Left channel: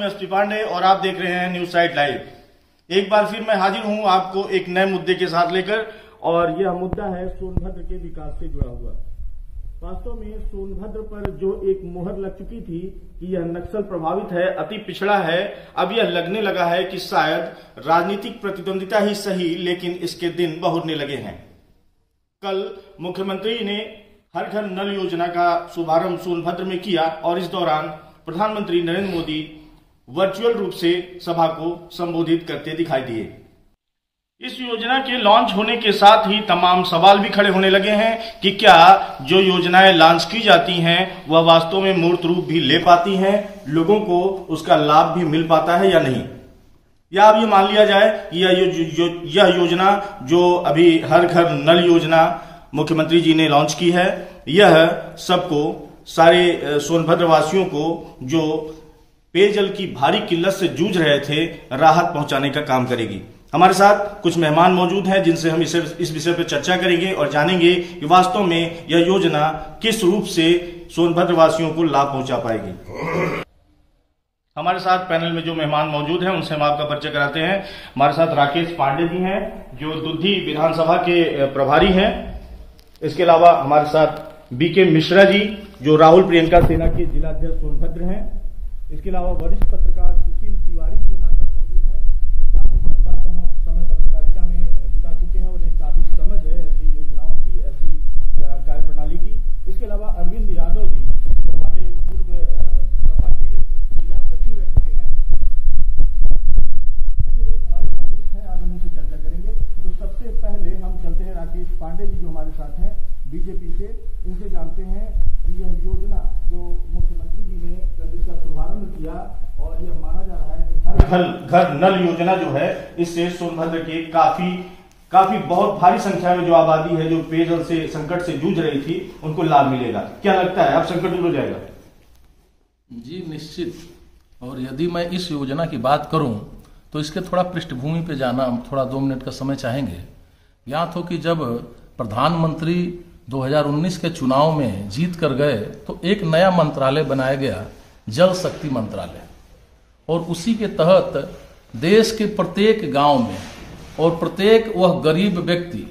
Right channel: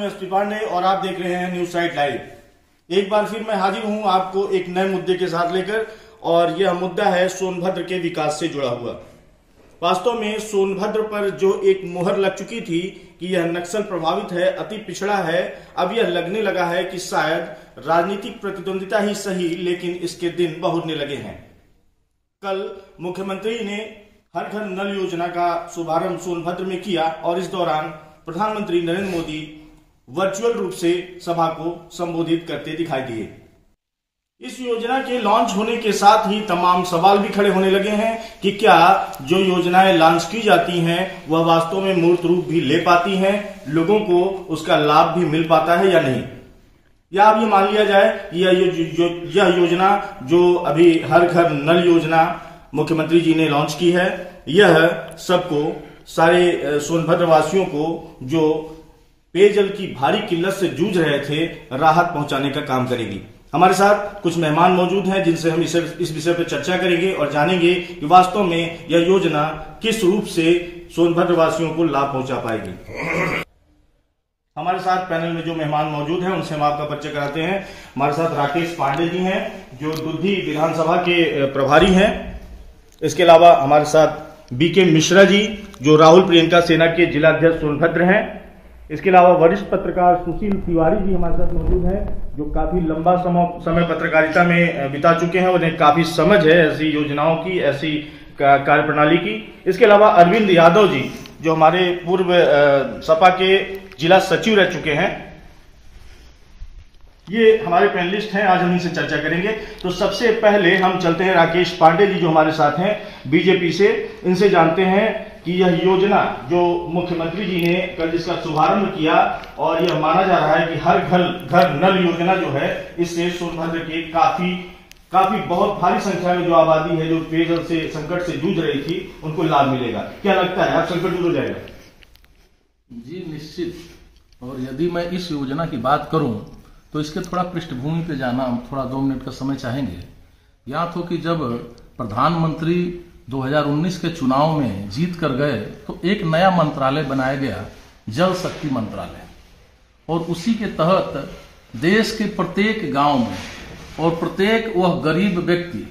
हूं एसपी पांडे और आप देख रहे हैं न्यूज साइट लाइव। एक बार फिर मैं हाजिर हूं आपको एक नए मुद्दे के साथ लेकर, और यह मुद्दा है सोनभद्र के विकास से जुड़ा हुआ। वास्तव में सोनभद्र पर जो एक मुहर लग चुकी थी कि यह नक्सल प्रभावित है, अति पिछड़ा है, अब यह लगने लगा है कि शायद राजनीतिक प्रतिद्वंदिता ही सही, लेकिन इसके दिन बहुरने लगे हैं। कल मुख्यमंत्री ने हर घर नल योजना का शुभारंभ सोनभद्र में किया और इस दौरान प्रधानमंत्री नरेंद्र मोदी वर्चुअल रूप से सभा को संबोधित करते दिखाई दिए। इस योजना के लॉन्च होने के साथ ही तमाम सवाल भी खड़े होने लगे हैं कि क्या जो योजनाएं लॉन्च की जाती हैं वह वास्तव में मूर्त रूप भी ले पाती हैं, लोगों को उसका लाभ भी मिल पाता है या नहीं। या अब ये मान लिया जाए कि यह योजना जो अभी हर घर नल योजना मुख्यमंत्री जी ने लॉन्च की है, यह सबको, सारे सोनभद्र वासियों को जो पेयजल की भारी किल्लत से जूझ रहे थे, राहत पहुंचाने का काम करेगी। हमारे साथ कुछ मेहमान मौजूद हैं जिनसे हम इस विषय पर चर्चा करेंगे और जानेंगे कि वास्तव में यह योजना किस रूप से सोनभद्र वासियों को लाभ पहुंचा पाएगी। हमारे साथ पैनल में जो मेहमान मौजूद हैं उनसे हम आपका परिचय कराते हैं। हमारे साथ राकेश पांडे जी हैं जो दुधी विधानसभा के प्रभारी हैं। इसके अलावा हमारे साथ बीके मिश्रा जी जो राहुल प्रियंका सेना के जिलाध्यक्ष सोनभद्र हैं। इसके अलावा वरिष्ठ पत्रकार सुशील तिवारी जी हमारे साथ मौजूद हैं जो काफी लंबा समय पत्रकारिता में बिता चुके हैं, उन्हें काफी समझ है ऐसी योजनाओं की, ऐसी कार्यप्रणाली की। इसके अलावा अरविंद यादव जी जो हमारे पूर्व सपा के जिला सचिव रह चुके हैं। ये हमारे पैनलिस्ट हैं, आज हम इनसे चर्चा करेंगे। तो सबसे पहले हम चलते हैं राकेश पांडे जी जो हमारे साथ हैं बीजेपी से। इनसे जानते हैं कि यह योजना जो मुख्यमंत्री जी ने कल जिसका शुभारंभ किया, और यह माना जा रहा है कि हर घर नल योजना जो है, इससे सोनभद्र के काफी बहुत भारी संख्या में जो आबादी है जो पेयजल से संकट से जूझ रही थी, उनको लाभ मिलेगा। क्या लगता है, अब संकट दूर हो जाएगा? जी निश्चित। और यदि मैं इस योजना की बात करूं तो इसके थोड़ा पृष्ठभूमि पे जाना, थोड़ा 2 मिनट का समय चाहेंगे। याद हो कि जब प्रधानमंत्री 2019 के चुनाव में जीत कर गए तो एक नया मंत्रालय बनाया गया, जल शक्ति मंत्रालय, और उसी के तहत देश के प्रत्येक गांव में और प्रत्येक वह गरीब व्यक्ति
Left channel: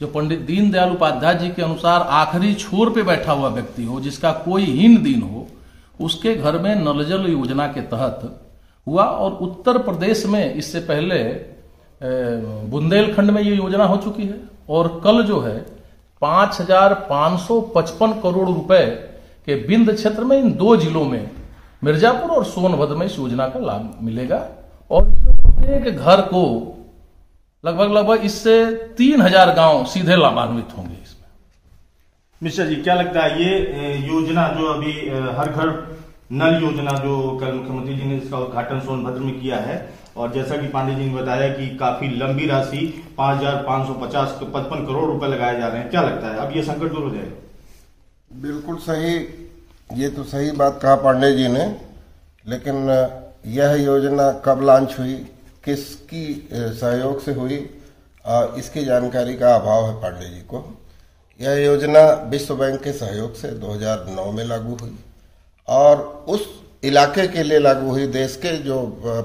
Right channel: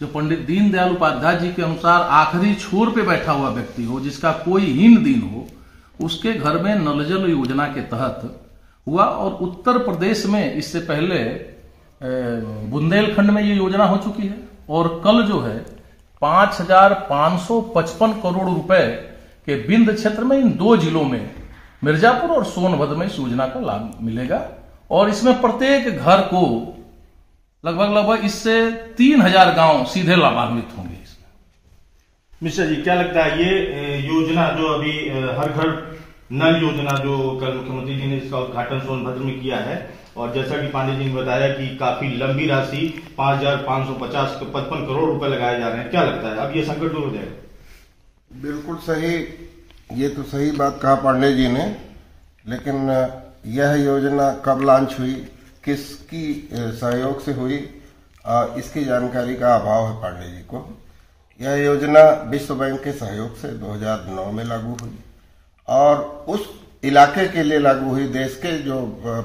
जो पंडित दीनदयाल उपाध्याय जी के अनुसार आखिरी छोर पे बैठा हुआ व्यक्ति हो, जिसका कोई हीन दिन हो, उसके घर में नल जल योजना के तहत हुआ। और उत्तर प्रदेश में इससे पहले बुंदेलखंड में ये योजना हो चुकी है, और कल जो है 5,555 करोड़ रुपए के विंध्य क्षेत्र में इन 2 जिलों में, मिर्जापुर और सोनभद्र में, इस योजना का लाभ मिलेगा। और इसमें प्रत्येक घर को लगभग इससे 3,000 गांव सीधे लाभान्वित होंगे। इसमें मिश्रा जी क्या लगता है, ये योजना जो अभी हर घर नल योजना जो कल मुख्यमंत्री जी ने इसका उद्घाटन सोनभद्र में किया है, और जैसा कि पांडे जी ने बताया कि काफी लंबी राशि 5,555 करोड़ रुपए लगाए जा रहे हैं, क्या लगता है अब ये संकट दूर हो जाएगा? बिल्कुल सही, ये तो सही बात कहा पांडे जी ने। लेकिन यह योजना कब लॉन्च हुई, किसकी सहयोग से हुई, इसकी जानकारी का अभाव है पांडे जी को। यह योजना विश्व बैंक के सहयोग से 2009 में लागू हुई और उस इलाके के लिए लागू हुई। देश के जो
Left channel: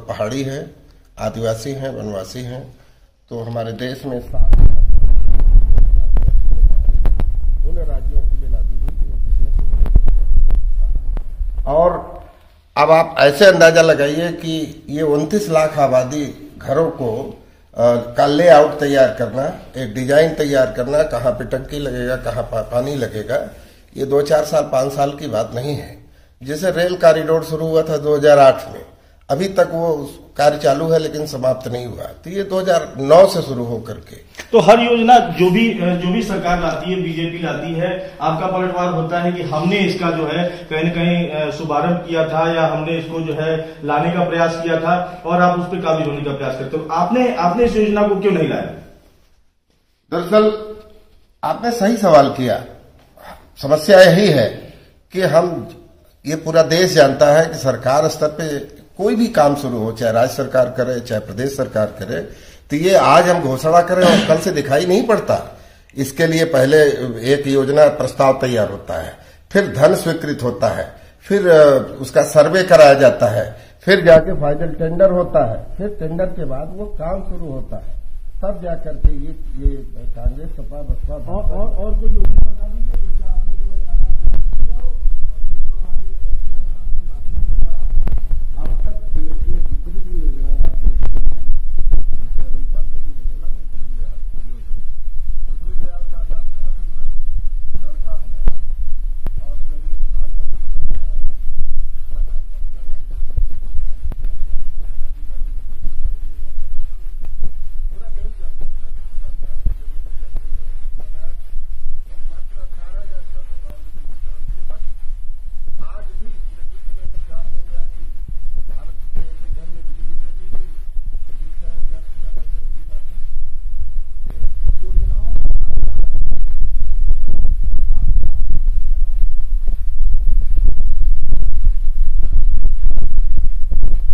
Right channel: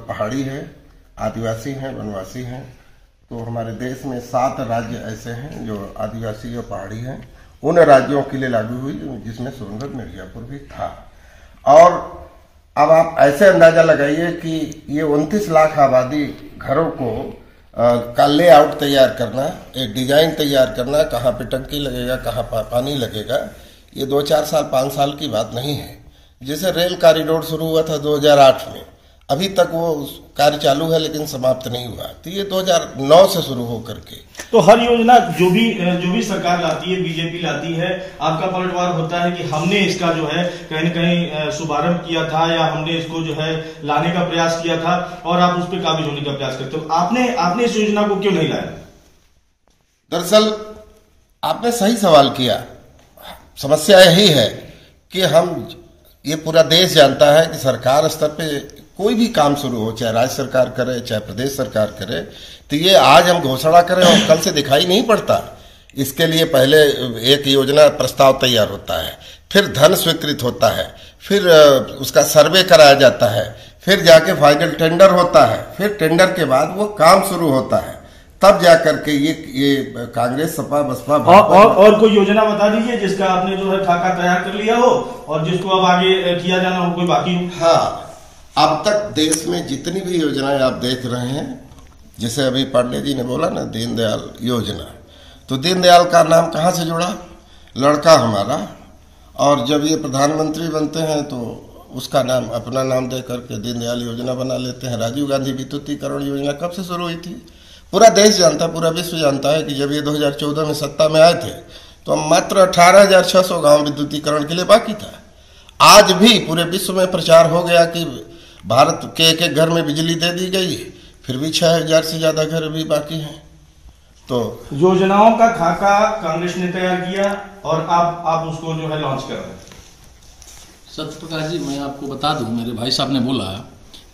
पहाड़ी है, आदिवासी हैं, वनवासी हैं, तो हमारे देश में 7 राज्य ऐसे हैं जो आदिवासी और पहाड़ी हैं, उन राज्यों के लिए लागू हुई जिसमें सोनभद्र मिर्जापुर भी था। और अब आप ऐसे अंदाजा लगाइए कि ये 29 लाख आबादी घरों को का लेआउट तैयार करना, एक डिजाइन तैयार करना, कहाँ पे टंकी लगेगा, कहाँ पानी लगेगा, ये 2-4 साल 5 साल की बात नहीं है। जैसे रेल कॉरिडोर शुरू हुआ था 2008 में, अभी तक वो कार्य चालू है लेकिन समाप्त नहीं हुआ, तो ये 2009 से शुरू होकर के। तो हर योजना जो भी सरकार लाती है, बीजेपी लाती है, आपका पलटवार होता है कि हमने इसका जो है कहीं न कहीं शुभारंभ किया था, या हमने इसको जो है लाने का प्रयास किया था, और आप उस पर काबिज होने का प्रयास करते हो। आपने इस योजना को क्यों नहीं लाया? दरअसल आपने सही सवाल किया। समस्या यही है कि ये पूरा देश जानता है कि सरकार स्तर पे कोई भी काम शुरू हो, चाहे राज्य सरकार करे चाहे प्रदेश सरकार करे, तो ये आज हम घोषणा करें और कल से दिखाई नहीं पड़ता। इसके लिए पहले एक योजना प्रस्ताव तैयार होता है, फिर धन स्वीकृत होता है, फिर उसका सर्वे कराया जाता है, फिर जाके फाइनल टेंडर होता है, फिर टेंडर के बाद वो काम शुरू होता है, तब जाकर के ये कांग्रेस सपा बसपा और कोई योजना बता दीजिए जिसका आपने जो है खाका तैयार कर लिया हो और जिसको अब आगे किया जाना हो, कोई बाकी हो। हाँ, अब तक देश में जितनी भी योजनाएं आप देख रहे हैं, जैसे अभी पांडे जी ने बोला ना दीनदयाल योजना, तो दीनदयाल का नाम कहाँ से जुड़ा? लड़का हमारा, और जब ये प्रधानमंत्री बनते हैं तो उसका नाम, अपना नाम दे करके दीनदयाल योजना बना लेते हैं। राजीव गांधी विद्युतीकरण योजना कब से शुरू हुई थी? पूरा देश जानता, पूरा विश्व जानता है कि जब ये 2014 में सत्ता में आए थे तो मात्र 18,600 गांव विद्युतीकरण के लिए बाकी था। आज भी पूरे विश्व में प्रचार हो गया कि भारत के एक एक घर में बिजली दे दी गई, फिर भी 6,000 से ज्यादा घर भी बाकी हैं। तो योजनाओं का खाका कांग्रेस ने तैयार किया और आप उसको जो है लॉन्च कर रहे हैं। सत्यप्रकाश जी, मैं आपको बता दूं, मेरे भाई साहब ने बोला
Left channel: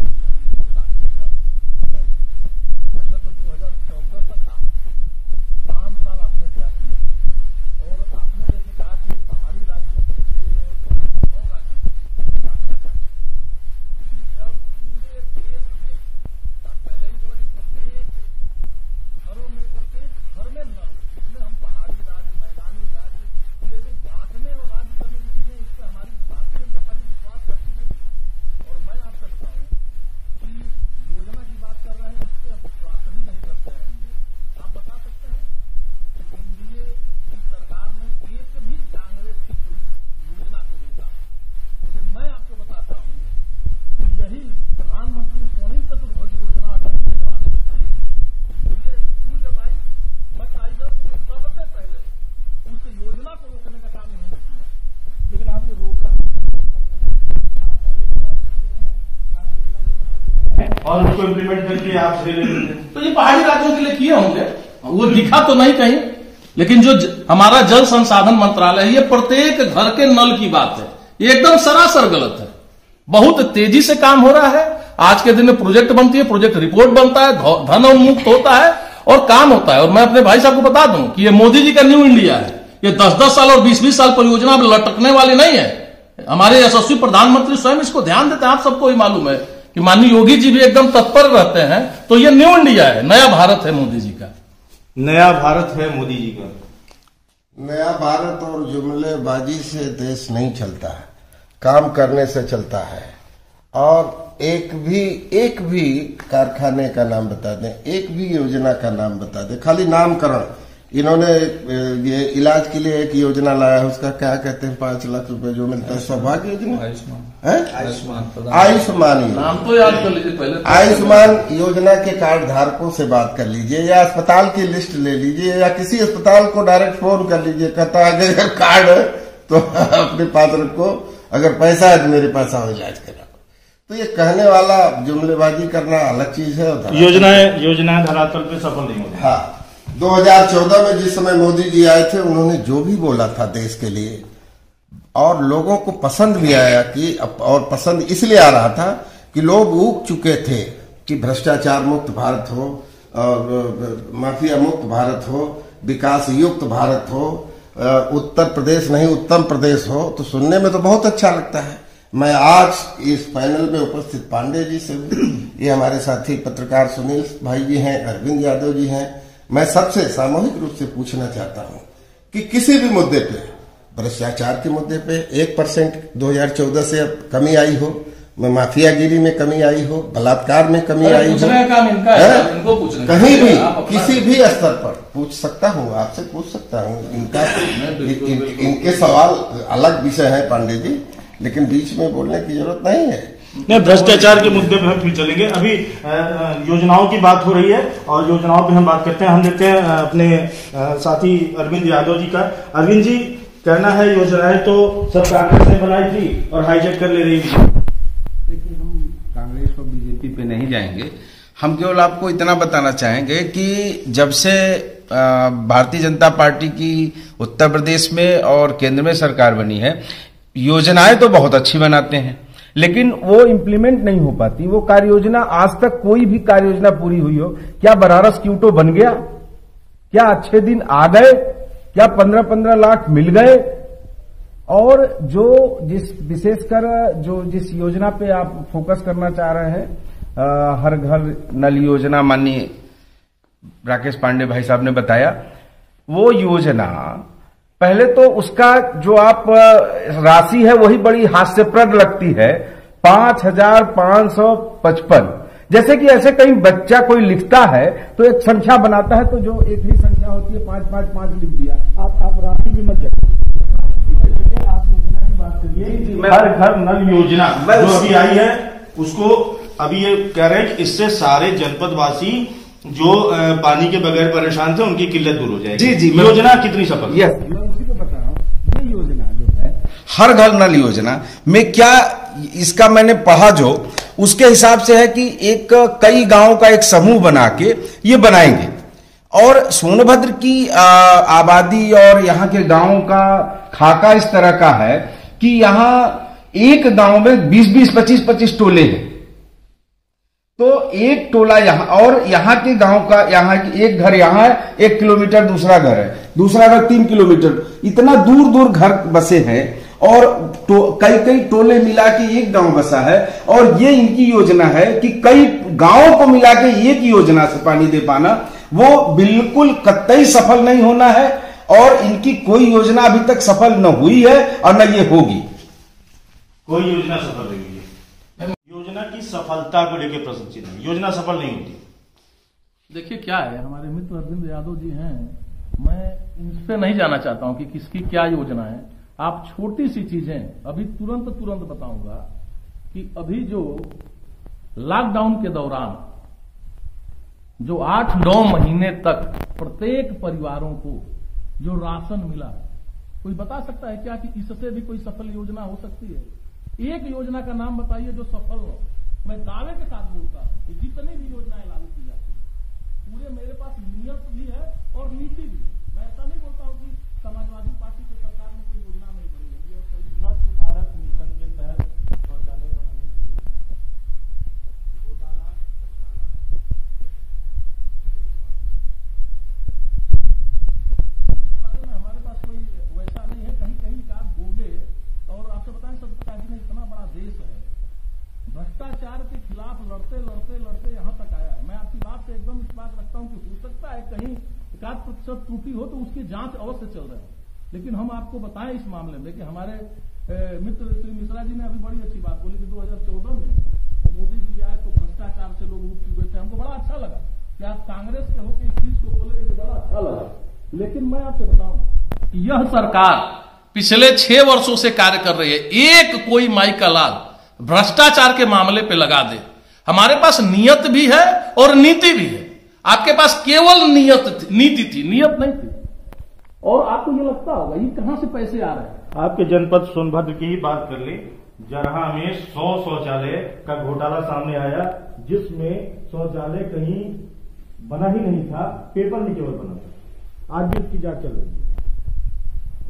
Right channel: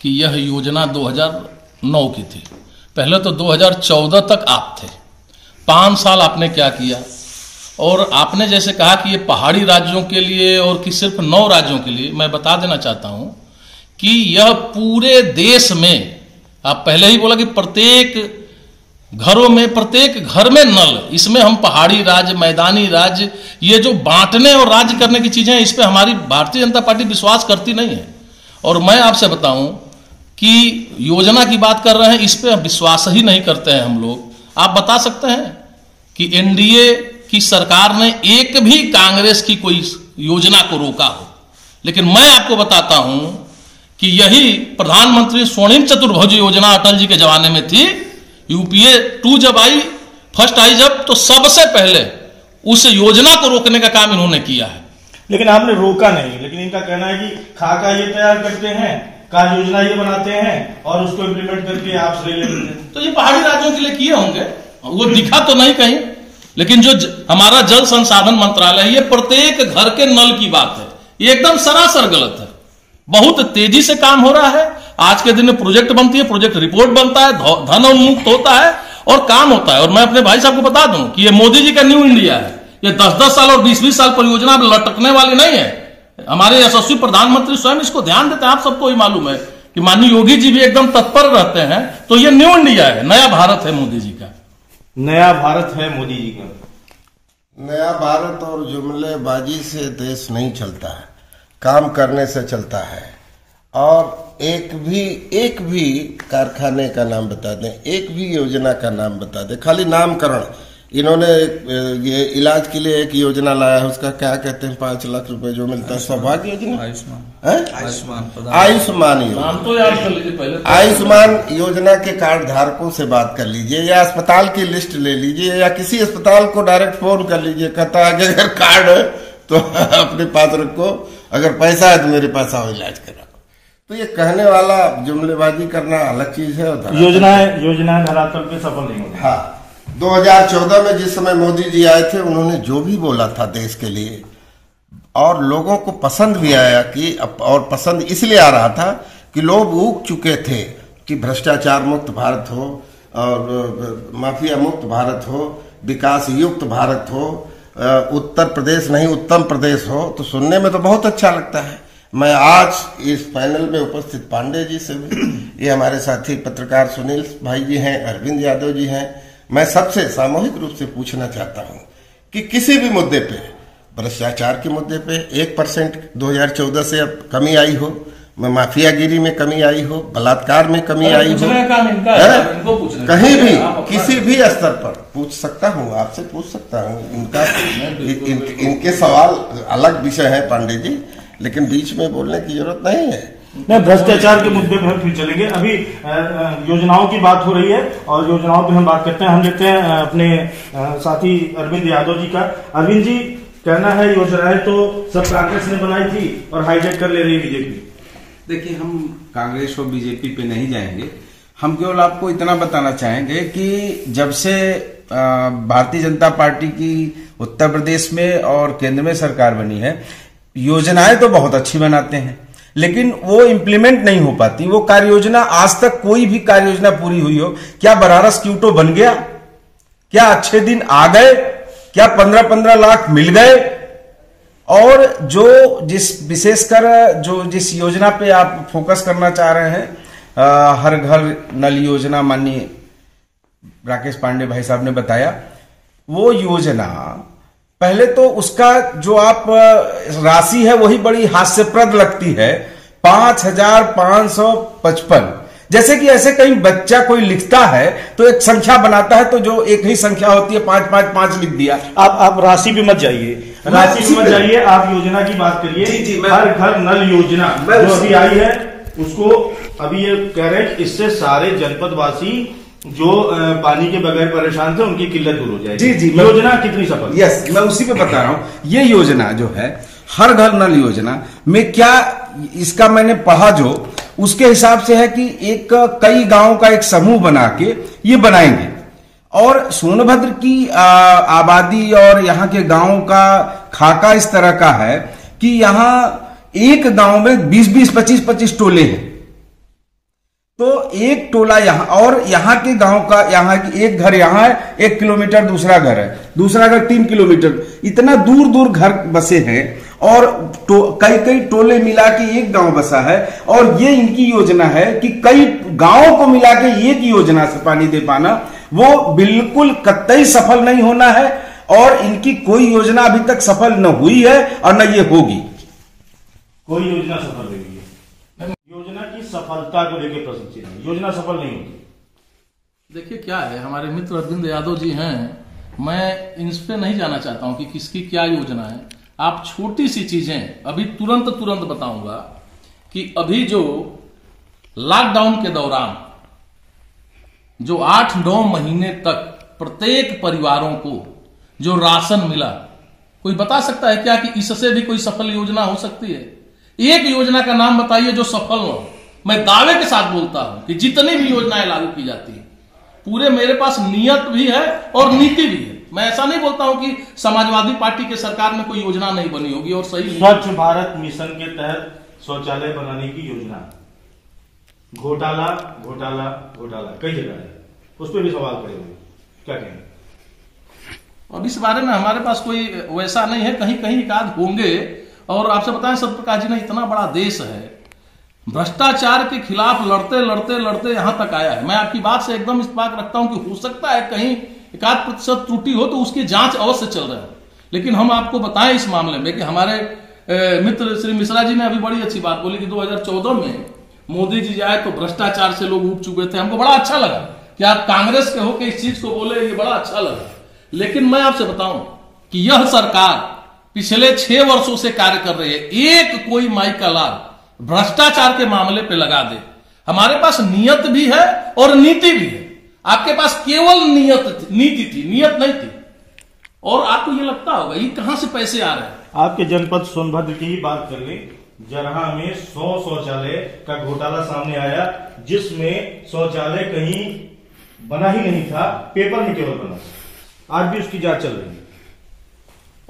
कि यह योजना 2009 की थी। पहले तो 2014 तक आप थे, 5 साल आपने क्या किया? और आपने जैसे कहा कि ये पहाड़ी राज्यों के लिए और कि सिर्फ 9 राज्यों के लिए, मैं बता देना चाहता हूं कि यह पूरे देश में, आप पहले ही बोला कि प्रत्येक घरों में, प्रत्येक घर में नल, इसमें हम पहाड़ी राज्य, मैदानी राज्य, ये जो बांटने और राज्य करने की चीजें हैं, इस पे हमारी भारतीय जनता पार्टी विश्वास करती नहीं है। और मैं आपसे बताऊं कि योजना की बात कर रहे हैं, इस पे विश्वास ही नहीं करते हैं हम लोग। आप बता सकते हैं कि एनडीए की सरकार ने एक भी कांग्रेस की कोई योजना को रोका हो? लेकिन मैं आपको बताता हूं कि यही प्रधानमंत्री स्वर्णिम चतुर्भुज योजना अटल जी के जमाने में थी। यूपीए 2 जब आई, फर्स्ट आई जब, तो सबसे पहले उस योजना को रोकने का काम इन्होंने किया है। लेकिन आपने रोका नहीं, लेकिन इनका कहना है कि खाका ये तैयार करते हैं, कार्य योजना ये बनाते हैं और उसको इम्प्लीमेंट करके आप ले लेते हैं। तो ये पहाड़ी राज्यों के लिए किए होंगे, वो दिखा तो नहीं कहीं। लेकिन जो हमारा जल संसाधन मंत्रालय है, ये प्रत्येक घर के नल की बात है, ये एकदम सरासर गलत है। बहुत तेजी से काम हो रहा है। आज के दिन में प्रोजेक्ट बनती है, प्रोजेक्ट रिपोर्ट बनता है, धन उन्मुक्त होता है और काम होता है। और मैं अपने भाई साहब को बता दूं कि ये मोदी जी का न्यू इंडिया है। ये 10-10 साल और 20-20 साल परियोजना लटकने वाली नहीं है। हमारे यशस्वी प्रधानमंत्री स्वयं इसको ध्यान देते हैं। आप सबको ही मालूम है कि माननीय योगी जी भी एकदम तत्पर रहते हैं। तो ये न्यू इंडिया है, नया भारत है मोदी जी का। नया भारत है मोदी जी का। नया भारत और जुमलेबाजी से देश नहीं चलता है, काम करने से चलता है। और एक भी कारखाने का नाम बता दें, एक भी योजना का नाम बता दें, खाली नामकरण। इन्होंने ये इलाज के लिए एक योजना लाया है, उसका क्या कहते हैं, 5 लाख रुपए जो मिलता है, सौभाग्य योजना, आयुष्मान योजना। आयुष्मान योजना के कार्ड धारकों से बात कर लीजिए, या अस्पताल की लिस्ट ले लीजिए, या किसी अस्पताल को डायरेक्ट फोन कर लीजिए, कहता है कि अगर कार्ड है तो अपने पास रखो, अगर पैसा है तो मेरे पास आओ इलाज करा। तो ये कहने वाला जुमलेबाजी करना अलग चीज है। योजनाएं धरातल पे सफल नहीं होती। हाँ, 2014 में जिस समय मोदी जी आए थे, उन्होंने जो भी बोला था देश के लिए, और लोगों को पसंद भी आया कि, और पसंद इसलिए आ रहा था कि लोग ऊब चुके थे कि भ्रष्टाचार मुक्त भारत हो और माफिया मुक्त भारत हो, विकास युक्त भारत हो, उत्तर प्रदेश नहीं उत्तम प्रदेश हो। तो सुनने में तो बहुत अच्छा लगता है। मैं आज इस पैनल में उपस्थित पांडे जी से भी, ये हमारे साथी पत्रकार सुनील भाई जी हैं, अरविंद यादव जी हैं, मैं सबसे सामूहिक रूप से पूछना चाहता हूं कि किसी भी मुद्दे पे, भ्रष्टाचार के मुद्दे पे 1% 2014 से अब कमी आई हो, माफियागिरी में कमी आई हो, बलात्कार में कमी आई हो, कहीं भी किसी भी स्तर पर पूछ सकता हूं, आपसे पूछ सकता हूं। इनके सवाल अलग विषय है पांडे जी, लेकिन बीच में बोलने की जरूरत नहीं है। नहीं, भ्रष्टाचार के मुद्दे पे हम फिर चलेंगे। अभी योजनाओं की बात हो रही है और योजनाओं पे हम बात करते हैं। हम लेते हैं अपने साथी अरविंद यादव जी का। अरविंद जी, कहना है योजनाएं तो सब कांग्रेस ने बनाई थी और हाईजैक कर ले रही है। देखिए, हम कांग्रेस और बीजेपी पे नहीं जाएंगे। हम केवल आपको इतना बताना चाहेंगे कि जब से भारतीय जनता पार्टी की उत्तर प्रदेश में और केंद्र में सरकार बनी है, योजनाएं तो बहुत अच्छी बनाते हैं, लेकिन वो इम्प्लीमेंट नहीं हो पाती। वो कार्य योजना, आज तक कोई भी कार्य योजना पूरी हुई हो? क्या बनारस क्यूटो बन गया? क्या अच्छे दिन आ गए? क्या 15-15 लाख मिल गए? और जिस विशेषकर जिस योजना पे आप फोकस करना चाह रहे हैं, हर घर नल योजना, माननीय राकेश पांडे भाई साहब ने बताया, वो योजना पहले तो उसका जो आप राशि है वही बड़ी हास्यप्रद लगती है, 5,555। जैसे कि ऐसे कहीं बच्चा कोई लिखता है तो एक संख्या बनाता है, तो जो एक ही संख्या होती है 555 लिख दिया। आप राशि पे मत जाइए, आप योजना की बात करिए। जी, हर घर नल योजना जो अभी आई है उसको अभी ये कह रहे हैं कि इससे सारे जनपदवासी जो पानी के बगैर परेशान थे उनकी किल्लत दूर हो जाएगी। जी, योजना कितनी सफल? यस, मैं उसी पे बता रहा हूं। ये योजना जो है हर घर नल योजना में क्या, इसका मैंने पढ़ा जो उसके हिसाब से है कि कई गांव का एक समूह बना के ये बनाएंगे, और सोनभद्र की आबादी और यहाँ के गांवों का खाका इस तरह का है कि यहाँ एक गांव में 20-20, 25-25 टोले हैं। तो एक टोला यहाँ, और यहाँ के गांव का, यहाँ की एक घर यहाँ है 1 किलोमीटर, दूसरा घर है, दूसरा घर 3 किलोमीटर, इतना दूर दूर घर बसे हैं, और कई टोले मिला के एक गांव बसा है। और ये इनकी योजना है कि कई गांवों को मिला के एक योजना से पानी दे पाना, वो बिल्कुल कतई सफल नहीं होना है, और इनकी कोई योजना अभी तक सफल न हुई है और न ये होगी। कोई योजना सफल नहीं हुई है। योजना की सफलता को लेकर प्रश्न चिन्ह है, योजना सफल नहीं होती। देखिए क्या है, हमारे मित्र अरविंद यादव जी हैं, मैं इन पे नहीं जाना चाहता हूं कि किसकी क्या योजना है। आप छोटी सी चीजें अभी तुरंत बताऊंगा कि अभी जो लॉकडाउन के दौरान जो 8-9 महीने तक प्रत्येक परिवारों को जो राशन मिला, कोई बता सकता है क्या कि इससे भी कोई सफल योजना हो सकती है? एक योजना का नाम बताइए जो सफल हो। मैं दावे के साथ बोलता हूं कि जितनी भी योजनाएं लागू की जाती है, पूरे मेरे पास नियत भी है और नीति भी है। मैं ऐसा नहीं बोलता हूं कि समाजवादी पार्टी के सरकार में कोई योजना नहीं बनी होगी और सही। स्वच्छ भारत मिशन के तहत शौचालय बनाने की योजना, घोटाला कई जगह है, उस पर भी सवाल खड़े हुए, क्या कहें? अब इस बारे में हमारे पास कोई वैसा नहीं है, कहीं कहीं एकाध होंगे। और आपसे बताएं, सत्यप्रकाश जी ने इतना बड़ा देश है, भ्रष्टाचार के खिलाफ लड़ते यहां तक आया है। मैं आपकी बात से एकदम इत्तेफाक रखता हूं कि हो सकता है कहीं 1% त्रुटि हो तो उसकी जांच अवश्य चल रहा है। लेकिन हम आपको बताएं इस मामले में कि हमारे मित्र श्री मिश्रा जी ने अभी बड़ी अच्छी बात बोली कि 2014 में मोदी जी जाए तो भ्रष्टाचार से लोग उब चुके थे। हमको बड़ा अच्छा लगा कि आप कांग्रेस के होकर इस चीज को बोले, ये बड़ा अच्छा लगा। लेकिन मैं आपसे बताऊं कि यह सरकार पिछले 6 वर्षों से कार्य कर रही है, एक कोई माई का लाल भ्रष्टाचार के मामले पे लगा दे। हमारे पास नियत भी है और नीति भी है। आपके पास केवल नीति थी, नियत नहीं थी। और आपको ये लगता होगा ये कहां से पैसे आ रहे हैं। आपके जनपद सोनभद्र की ही बात कर लें, जरहा में 100 शौचालय का घोटाला सामने आया, जिसमें शौचालय कहीं बना ही नहीं था, पेपर में केवल बना। आज भी उसकी जांच चल रही है।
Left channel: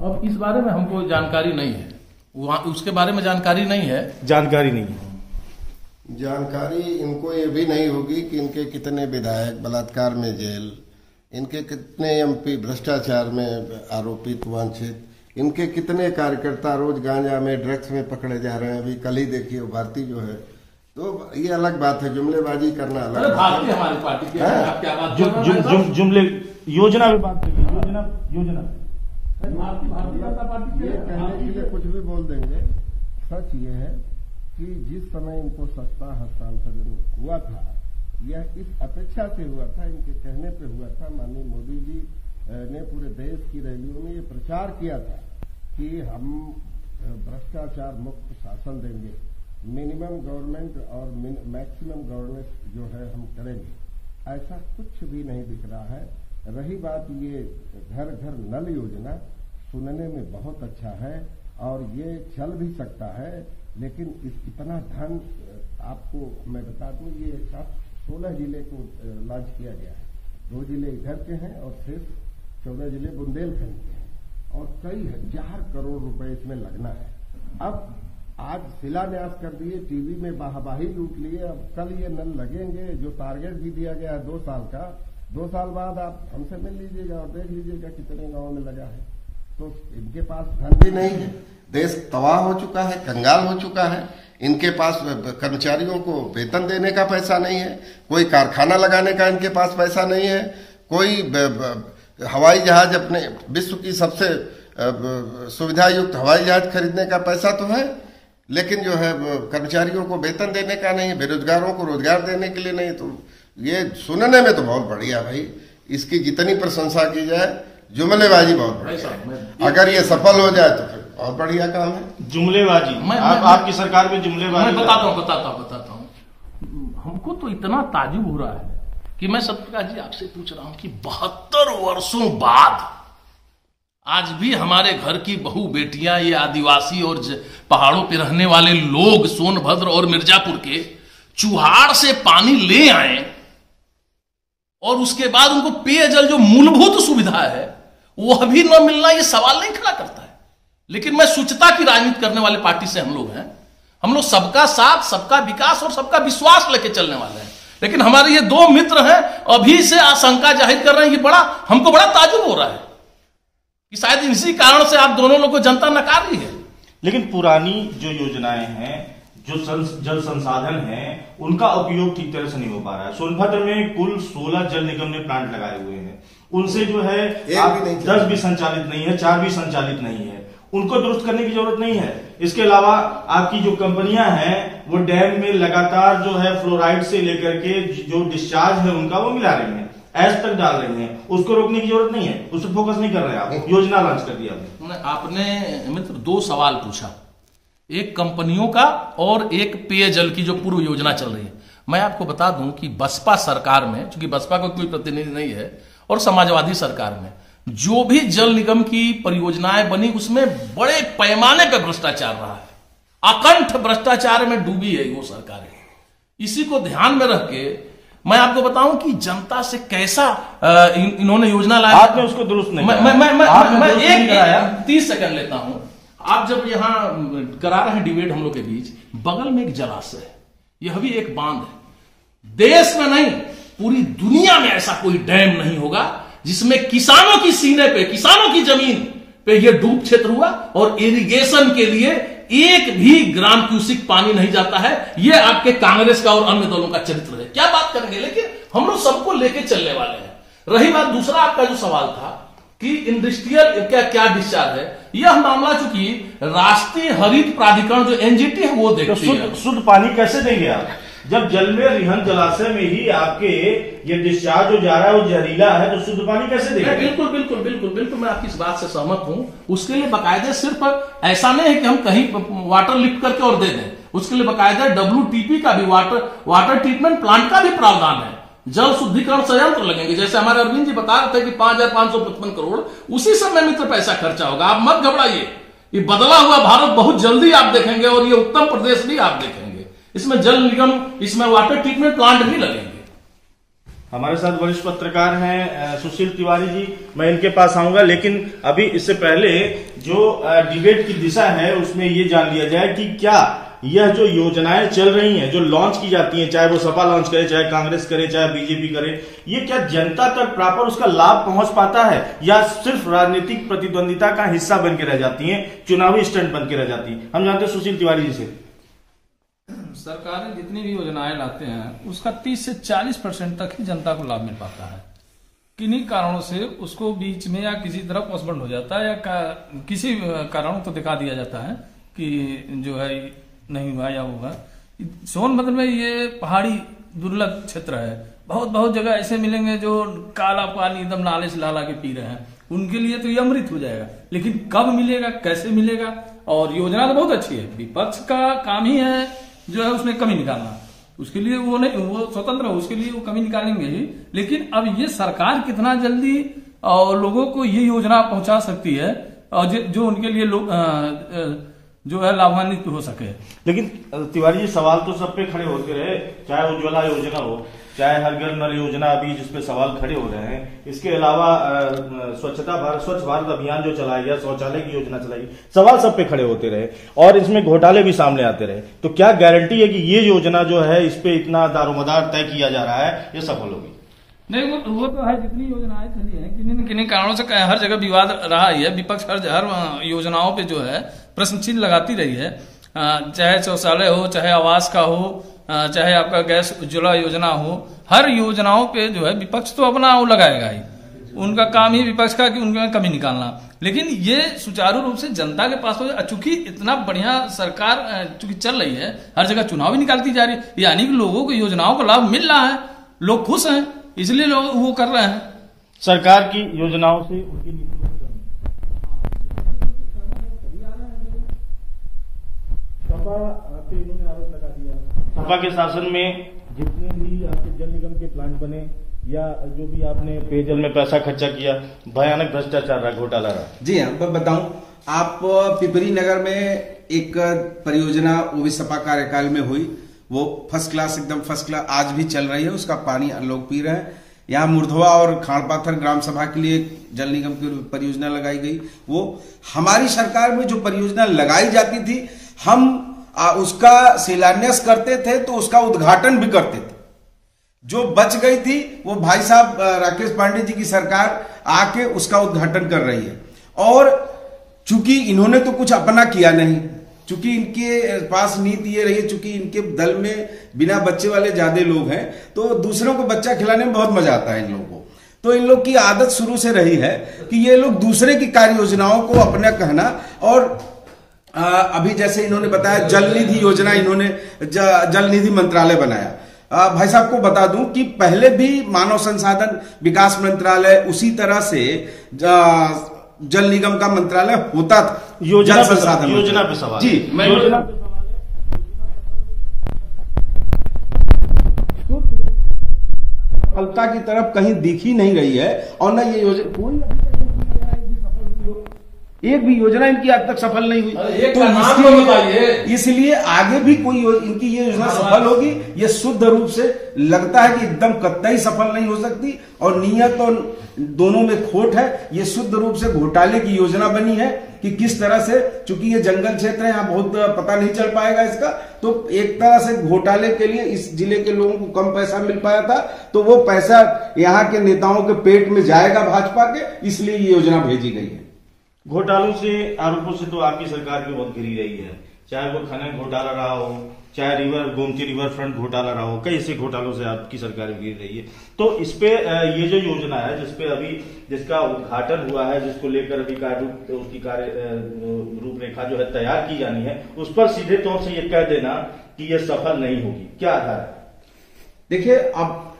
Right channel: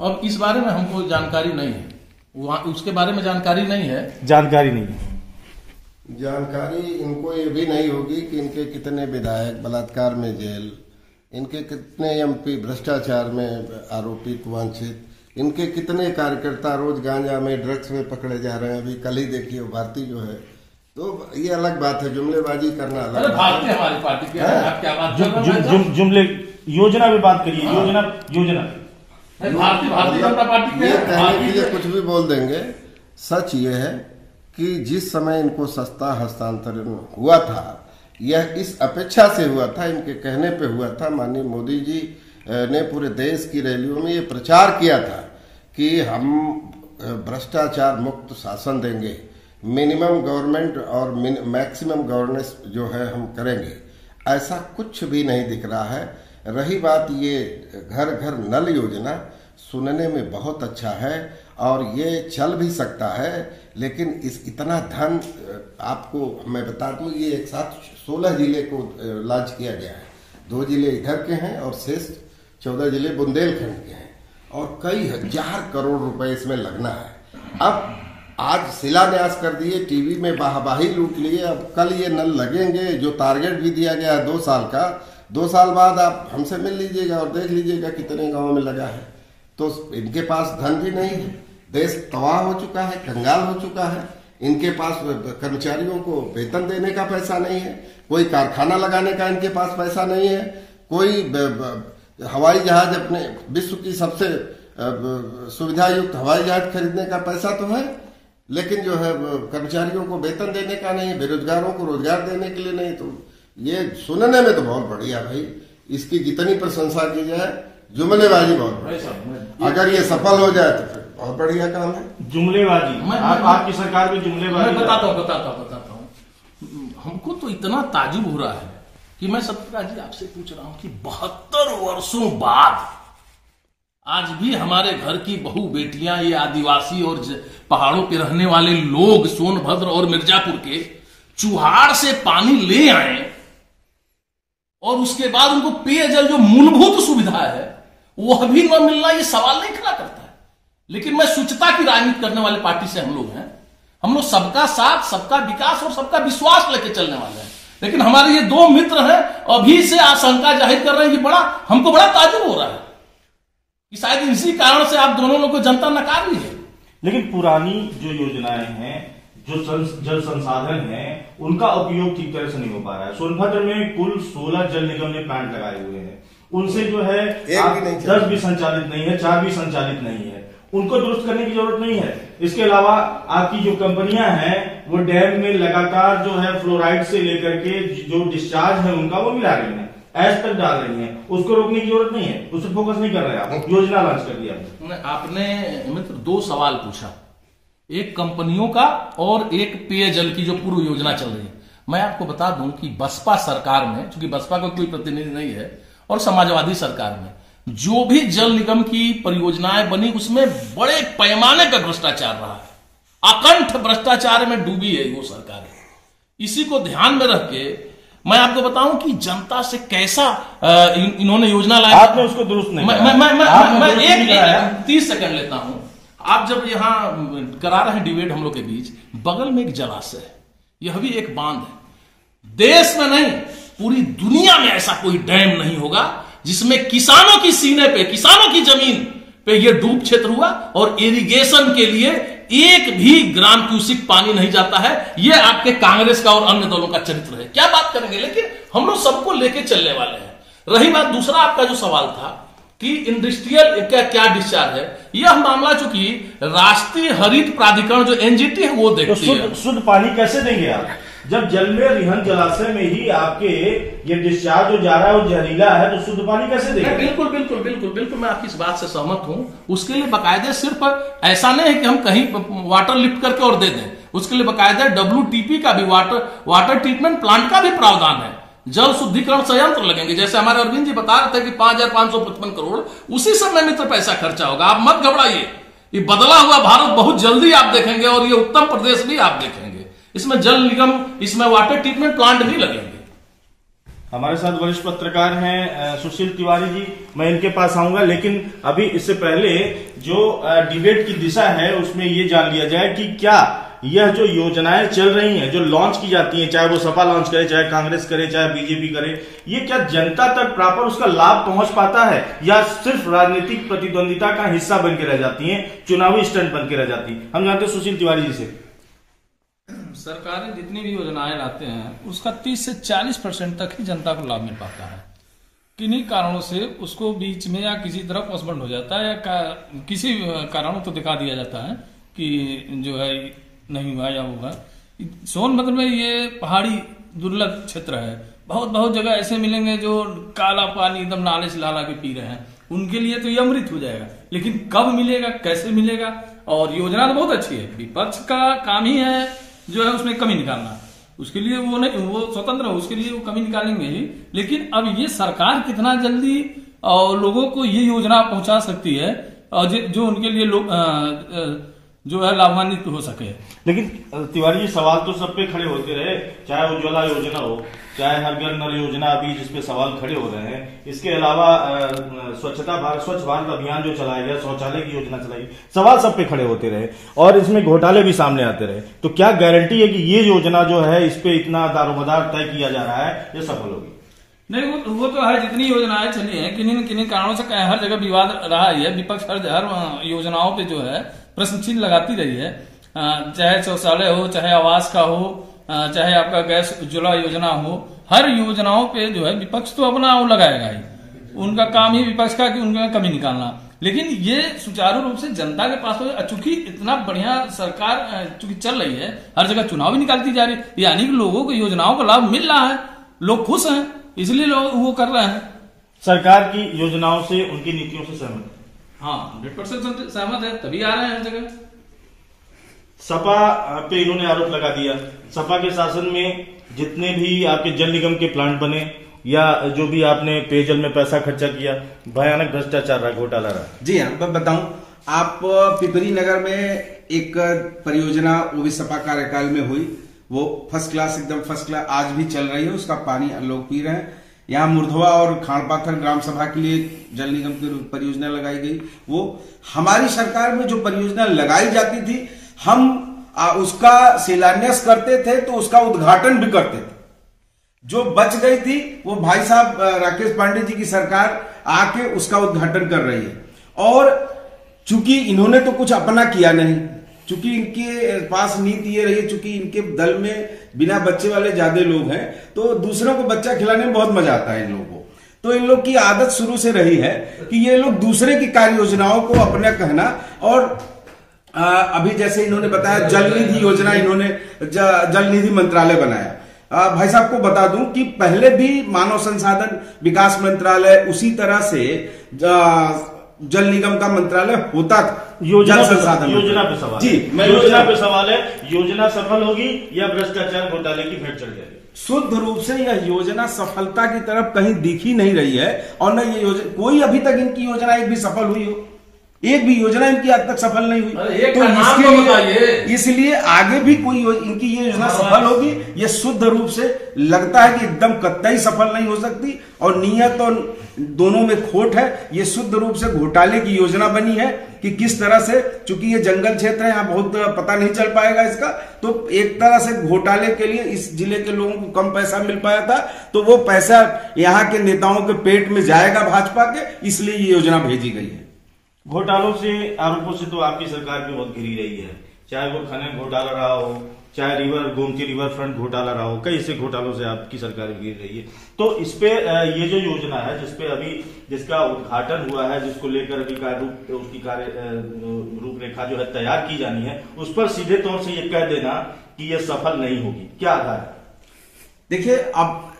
अब इस बारे में हमको जानकारी नहीं है, उसके बारे में जानकारी नहीं है। जानकारी इनको ये भी नहीं होगी कि इनके कितने विधायक बलात्कार में जेल, इनके कितने एमपी भ्रष्टाचार में आरोपित वांछित, इनके कितने कार्यकर्ता रोज गांजा में ड्रग्स में पकड़े जा रहे हैं। अभी कल ही देखिए भारती जो है, तो ये अलग बात है, जुमलेबाजी करना अलग बात है। हमारी पार्टी की क्या बात जुमले योजना भी बात करिए, योजना भारतीय जनता पार्टी ये कहने के लिए कुछ भी बोल देंगे। सच ये है कि जिस समय इनको सस्ता हस्तांतरण हुआ था, यह इस अपेक्षा से हुआ था, इनके कहने पे हुआ था। माननीय मोदी जी ने पूरे देश की रैलियों में ये प्रचार किया था कि हम भ्रष्टाचार मुक्त शासन देंगे, मिनिमम गवर्नमेंट और मैक्सिमम गवर्नेंस जो है हम करेंगे। ऐसा कुछ भी नहीं दिख रहा है। रही बात ये घर घर नल योजना, सुनने में बहुत अच्छा है और ये चल भी सकता है, लेकिन इतना धन आपको मैं बता दूं, ये एक साथ 16 जिले को लॉन्च किया गया है। 2 जिले इधर के हैं और शेष 14 जिले बुंदेलखंड के हैं, और कई हजार करोड़ रुपए इसमें लगना है। अब आज शिलान्यास कर दिए, टीवी में वाहवाही लूट लिए, अब कल ये नल लगेंगे। जो टारगेट भी दिया गया है 2 साल का, 2 साल बाद आप हमसे मिल लीजिएगा और देख लीजिएगा कितने गांवों में लगा है। तो इनके पास धन भी नहीं है, देश तबाह हो चुका है, कंगाल हो चुका है। इनके पास कर्मचारियों को वेतन देने का पैसा नहीं है, कोई कारखाना लगाने का इनके पास पैसा नहीं है, कोई हवाई जहाज, अपने विश्व की सबसे सुविधा युक्त हवाई जहाज खरीदने का पैसा तो है, लेकिन जो है कर्मचारियों को वेतन देने का नहीं, बेरोजगारों को रोजगार देने के लिए नहीं। तो ये सुनने में तो बहुत बढ़िया भाई, इसकी जितनी प्रशंसा की जाए, जुमलेबाजी बहुत बढ़िया। अगर ये सफल हो जाए तो फिर बहुत बढ़िया काम है। जुमलेबाजी, आपकी सरकार में जुमलेबाजी। बताता हूँ। हमको तो इतना ताजुब हो रहा है कि मैं सत्यप्रकाश जी आपसे पूछ रहा हूं कि 72 वर्षों बाद आज भी हमारे घर की बहू बेटियां, ये आदिवासी और पहाड़ों पे रहने वाले लोग सोनभद्र और मिर्जापुर के चुहाड़ से पानी ले आए और उसके बाद उनको पेयजल जो मूलभूत सुविधा है वह भी न मिलना, ये सवाल नहीं खड़ा करता है। लेकिन मैं शुचिता की राजनीति करने वाले पार्टी से हम लोग हैं। हम लोग सबका साथ, सबका विकास और सबका विश्वास लेके चलने वाले हैं। लेकिन हमारे ये दो मित्र हैं, अभी से आशंका जाहिर कर रहे हैं कि हमको बड़ा ताजुब हो रहा है कि शायद इसी कारण से आप दोनों लोगों को जनता नकार रही है। लेकिन पुरानी जो योजनाएं हैं, जो जल संसाधन है, उनका उपयोग ठीक तरह से नहीं हो पा रहा है। सोनभद्र में कुल 16 जल निगम ने प्लांट लगाए हुए हैं, उनसे जो है 10 भी संचालित नहीं है, 4 भी संचालित नहीं है। उनको दुरुस्त करने की जरूरत नहीं है। इसके अलावा आपकी जो कंपनियां हैं वो डैम में लगातार जो है फ्लोराइड से लेकर के जो डिस्चार्ज है उनका वो मिला रही है, एज तक डाल रही हैं। उसको रोकने की जरूरत नहीं है, उस पर फोकस नहीं कर रहे हैं। आप योजना लॉन्च कर दिया। आपने मित्र 2 सवाल पूछा, एक कंपनियों का और एक पेयजल की जो पूर्व योजना चल रही है। मैं आपको बता दूं कि बसपा सरकार में, चूंकि बसपा का कोई प्रतिनिधि नहीं है, और समाजवादी सरकार में जो भी जल निगम की परियोजनाएं बनी उसमें बड़े पैमाने पर भ्रष्टाचार रहा है। अकंठ भ्रष्टाचार में डूबी है वो सरकारें। इसी को ध्यान में रख के मैं आपको बताऊं कि जनता से कैसा इन्होंने योजना लाया। आपने उसको दुरुस्त नहीं मैं एक 30 सेकंड लेता हूं। आप जब यहां करा रहे हैं डिबेट हम लोग के बीच, बगल में एक जलाशय है, यह भी एक बांध है। देश में नहीं, पूरी दुनिया में ऐसा कोई डैम नहीं होगा जिसमें किसानों की सीने पे, किसानों की जमीन पे यह डूब क्षेत्र हुआ और इरिगेशन के लिए एक भी ग्राम क्यूसिक पानी नहीं जाता है। यह आपके कांग्रेस का और अन्य दलों का चरित्र है। क्या बात करेंगे, लेकिन हम लोग सबको लेके चलने वाले हैं। रही बात दूसरा आपका जो सवाल था कि इंडस्ट्रियल क्या डिस्चार्ज है, यह मामला चूंकि राष्ट्रीय हरित प्राधिकरण जो एनजीटी है वो देखती है। शुद्ध पानी कैसे देंगे आप जब जल में रिहन जलाशय में ही आपके ये डिस्चार्ज जो जा रहा है वो जहरीला है, तो शुद्ध पानी कैसे देंगे? बिल्कुल मैं आपकी इस बात से सहमत हूं। उसके लिए बकायदे सिर्फ ऐसा नहीं है कि हम कहीं वाटर लिफ्ट करके और दे दें, उसके लिए बकायदा WTP का भी वाटर ट्रीटमेंट प्लांट का भी प्रावधान है। जल शुद्धिकरण संयंत्र लगेंगे, जैसे हमारे अरविंद जी बता रहे थे कि 5,555 करोड़ उसी समय मित्र पैसा खर्चा होगा। आप मत घबराइए, ये बदला हुआ भारत बहुत जल्दी आप देखेंगे और ये उत्तर प्रदेश भी आप देखेंगे। इसमें जल निगम, इसमें वाटर ट्रीटमेंट प्लांट भी लगेंगे। हमारे साथ वरिष्ठ पत्रकार हैं सुशील तिवारी जी, मैं इनके पास आऊंगा, लेकिन अभी इससे पहले जो डिबेट की दिशा है उसमें ये जान लिया जाए कि क्या यह जो योजनाएं चल रही हैं, जो लॉन्च की जाती हैं, चाहे वो सपा लॉन्च करे, चाहे कांग्रेस करे, चाहे बीजेपी करे, ये क्या जनता तक प्रॉपर उसका लाभ पहुंच पाता है या सिर्फ राजनीतिक प्रतिद्वंदिता का हिस्सा बन के रह जाती है, चुनावी स्टंट बन के रह जाती है? हम जानते हैं सुशील तिवारी जी से। सरकारी जितनी भी योजनाएं लाते हैं उसका 30 से 40% तक ही जनता को लाभ मिल पाता है। किन्हीं कारणों से उसको बीच में या किसी तरह पोस्टपोन हो जाता है या किसी कारणों को दिखा दिया जाता है कि जो है नहीं हुआ या होगा। सोनभद्र में ये पहाड़ी दुर्लभ क्षेत्र है। बहुत जगह ऐसे मिलेंगे जो काला पानी एकदम नाले से ला के पी रहे हैं, उनके लिए तो ये अमृत हो जाएगा। लेकिन कब मिलेगा, कैसे मिलेगा? और योजना तो बहुत अच्छी है, विपक्ष का काम ही है जो है उसमें कमी निकालना। उसके लिए वो नहीं, वो स्वतंत्र है, उसके लिए वो कमी निकालेंगे ही। लेकिन अब ये सरकार कितना जल्दी और लोगों को ये योजना पहुंचा सकती है और जो उनके लिए लोग जो है लाभान्वित हो सके। लेकिन तिवारी जी, सवाल तो सब पे खड़े होते रहे, चाहे उज्ज्वला योजना हो, चाहे हर घर नल योजना अभी जिसपे सवाल खड़े हो रहे हैं। इसके अलावा स्वच्छ भारत अभियान जो चलाया गया, शौचालय की योजना चलाई, सवाल सब पे खड़े होते रहे और इसमें घोटाले भी सामने आते रहे। तो क्या गारंटी है कि ये योजना जो है इस पे इतना दारोमदार तय किया जा रहा है, ये सफल होगी? नहीं, वो तो है। जितनी योजनाएं चली हैं किन्हीं कारणों से हर जगह विवाद रहा ही है। विपक्ष हर योजनाओं पे जो है प्रश्न चिन्ह लगाती रही है, चाहे शौचालय हो, चाहे आवास का हो, चाहे आपका गैस उज्ज्वला योजना हो, हर योजनाओं पे जो है विपक्ष तो अपना वो लगाएगा ही, उनका काम ही विपक्ष का कि उनमें कमी निकालना। लेकिन ये सुचारू रूप से जनता के पास, चूंकि इतना बढ़िया सरकार चूंकि चल रही है, हर जगह चुनाव भी निकालती जा रही है, यानी कि लोगों को योजनाओं का लाभ मिल रहा है, लोग खुश हैं, इसलिए लोग वो कर रहे हैं। सरकार की योजनाओं से, उनकी नीतियों से सहमत? हाँ, 100% सहमत है, तभी आ रहे हैं हर जगह। सपा पे इन्होंने आरोप लगा दिया, सपा के शासन में जितने भी आपके जल निगम के प्लांट बने या जो भी आपने पेयजल में पैसा खर्चा किया, भयानक भ्रष्टाचार रहा, घोटाला रहा। जी हाँ, मैं बताऊं, आप पिपरी नगर में एक परियोजना वो भी सपा कार्यकाल में हुई, वो फर्स्ट क्लास, एकदम फर्स्ट क्लास, आज भी चल रही है, उसका पानी लोग पी रहे हैं। यहाँ मुर्धवा और खाड़पाथर ग्राम सभा के लिए जल निगम की परियोजना लगाई गई, वो हमारी सरकार में जो परियोजना लगाई जाती थी, हम उसका शिलान्यास करते थे तो उसका उद्घाटन भी करते थे। जो बच गई थी वो भाई साहब राकेश पांडे जी की सरकार आके उसका उद्घाटन कर रही है। और चूंकि इन्होंने तो कुछ अपना किया नहीं, चूंकि इनके पास नीति ये रही है, चूंकि इनके दल में बिना बच्चे वाले ज्यादा लोग हैं, तो दूसरों को बच्चा खिलाने में बहुत मजा आता है इन लोगों को। तो इन लोग की आदत शुरू से रही है कि ये लोग दूसरे की कार्य योजनाओं को अपना कहना। और अभी जैसे इन्होंने बताया जल निधि योजना, इन्होंने जल निधि मंत्रालय बनाया। भाई साहब को बता दूं कि पहले भी मानव संसाधन विकास मंत्रालय, उसी तरह से जल निगम का मंत्रालय होता था। योजना पे सवाल जी, योजना पे सवाल है, योजना सफल होगी या भ्रष्टाचार घोटाले की फिर चल जाएगी? शुद्ध रूप से यह योजना सफलता की तरफ कहीं दिख ही नहीं रही है, और न ये योजना, कोई अभी तक इनकी योजना एक भी सफल हुई हो, एक भी योजना इनकी आज तक सफल नहीं हुई। तो इसके लिए, इसलिए आगे भी कोई इनकी ये योजना सफल होगी, ये शुद्ध रूप से लगता है कि एकदम कतई सफल नहीं हो सकती, और नियत और दोनों में खोट है। ये शुद्ध रूप से घोटाले की योजना बनी है कि किस तरह से, चूंकि ये जंगल क्षेत्र है, यहाँ बहुत पता नहीं चल पाएगा इसका, तो एक तरह से घोटाले के लिए इस जिले के लोगों को कम पैसा मिल पाया था, तो वो पैसा यहाँ के नेताओं के पेट में जाएगा भाजपा के, इसलिए ये योजना भेजी गई है। घोटालों से, आरोपों से तो आपकी सरकार भी बहुत घिरी रही है, चाहे वो खनन घोटाला रहा हो, चाहे गोमती रिवर फ्रंट घोटाला रहा हो, कई ऐसे घोटालों से आपकी सरकार भी घिर रही है। तो इस पे ये जो योजना है, जिसपे अभी जिसका उद्घाटन हुआ है, जिसको लेकर अभी उसकी कार्य रूपरेखा जो है तैयार की जानी है, उस पर सीधे तौर से ये कह देना कि ये सफल नहीं होगी, क्या आधार है? देखिए, अब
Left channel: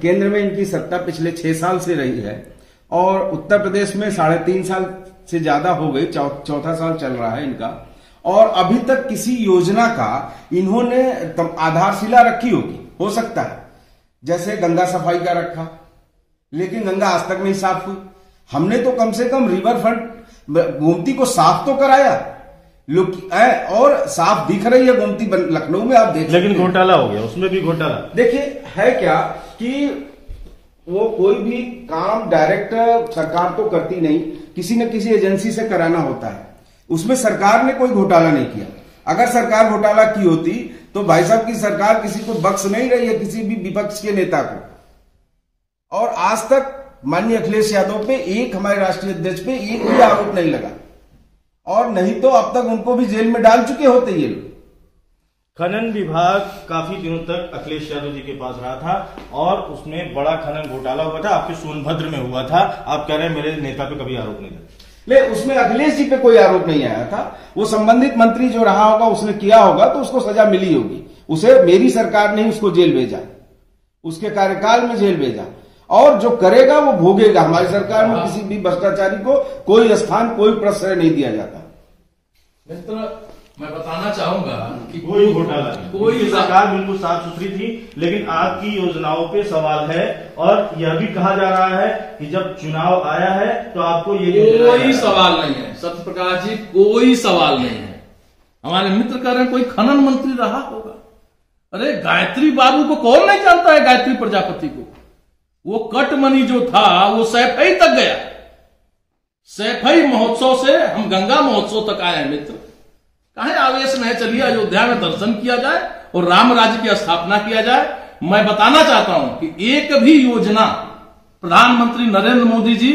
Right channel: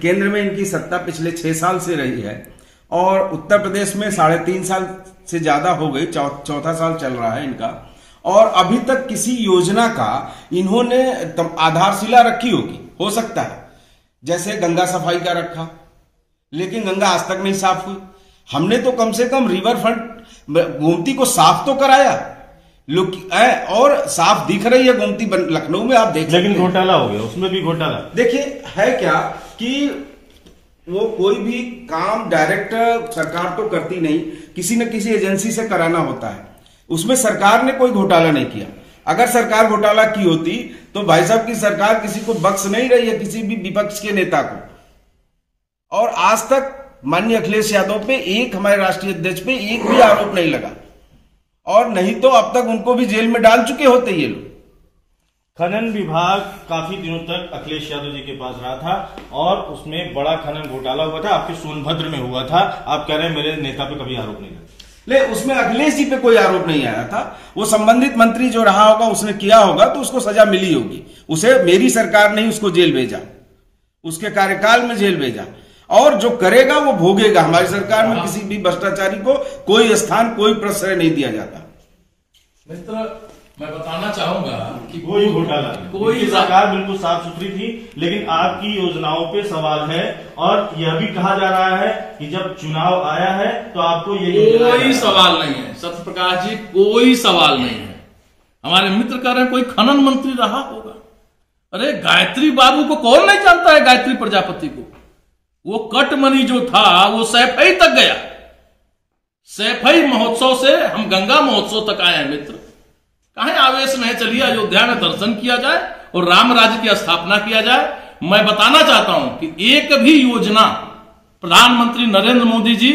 केंद्र में इनकी सत्ता पिछले 6 साल से रही है, और उत्तर प्रदेश में 3.5 साल से ज्यादा हो गई, चौथा साल चल रहा है इनका, और अभी तक किसी योजना का इन्होंने आधारशिला रखी होगी, हो सकता है जैसे गंगा सफाई का रखा, लेकिन गंगा आज तक नहीं साफ हुई। हमने तो कम से कम रिवर फ्रंट गोमती को साफ तो कराया, लोग और साफ दिख रही है गोमती लखनऊ में, आप देख, लेकिन घोटाला हो गया, उसमें भी घोटाला। देखिए, है क्या कि वो कोई भी काम डायरेक्ट सरकार तो करती नहीं, किसी न किसी एजेंसी से कराना होता है, उसमें सरकार ने कोई घोटाला नहीं किया। अगर सरकार घोटाला की होती तो भाई साहब की सरकार किसी को बख्श नहीं रही है, किसी भी विपक्ष के नेता को। और आज तक माननीय अखिलेश यादव पे, एक हमारे राष्ट्रीय अध्यक्ष पे एक भी आरोप नहीं लगा, और नहीं तो अब तक उनको भी जेल में डाल चुके होते ये लोग। खनन विभाग काफी दिनों तक अखिलेश यादव जी के पास रहा था, और उसमें बड़ा खनन घोटाला हुआ था, आपके सोनभद्र में हुआ था। आप कह रहे हैं मेरे नेता पे कभी आरोप नहीं लगा? ले, उसमें अखिलेश जी पे कोई आरोप नहीं आया था। वो संबंधित मंत्री जो रहा होगा, उसने किया होगा, तो उसको सजा मिली होगी। उसे मेरी सरकार ने उसको जेल भेजा, उसके कार्यकाल में जेल भेजा, और जो करेगा वो भोगेगा। हमारी सरकार में किसी भी भ्रष्टाचारी को कोई स्थान, कोई प्रश्रय नहीं दिया जाता। मित्र, मैं बताना चाहूंगा कि कोई घोटाला नहीं, कोई सरकार बिल्कुल साफ सुथरी थी, लेकिन आपकी योजनाओं पे सवाल है। और यह भी कहा जा रहा है कि जब चुनाव आया है तो आपको ये कोई सवाल नहीं है सत्य प्रकाश जी, कोई सवाल नहीं है। हमारे मित्र कह रहे हैं कोई खनन मंत्री रहा होगा। अरे गायत्री बाबू को कौन नहीं जानता है, गायत्री प्रजापति को। वो कटमनी जो था वो सैफई तक गया। सैफई महोत्सव से हम गंगा महोत्सव तक आए हैं मित्र। काहे आवेश नहीं, चलिए अयोध्या में दर्शन किया जाए और राम राज्य की स्थापना किया जाए। मैं बताना चाहता हूं कि एक भी योजना प्रधानमंत्री नरेंद्र मोदी जी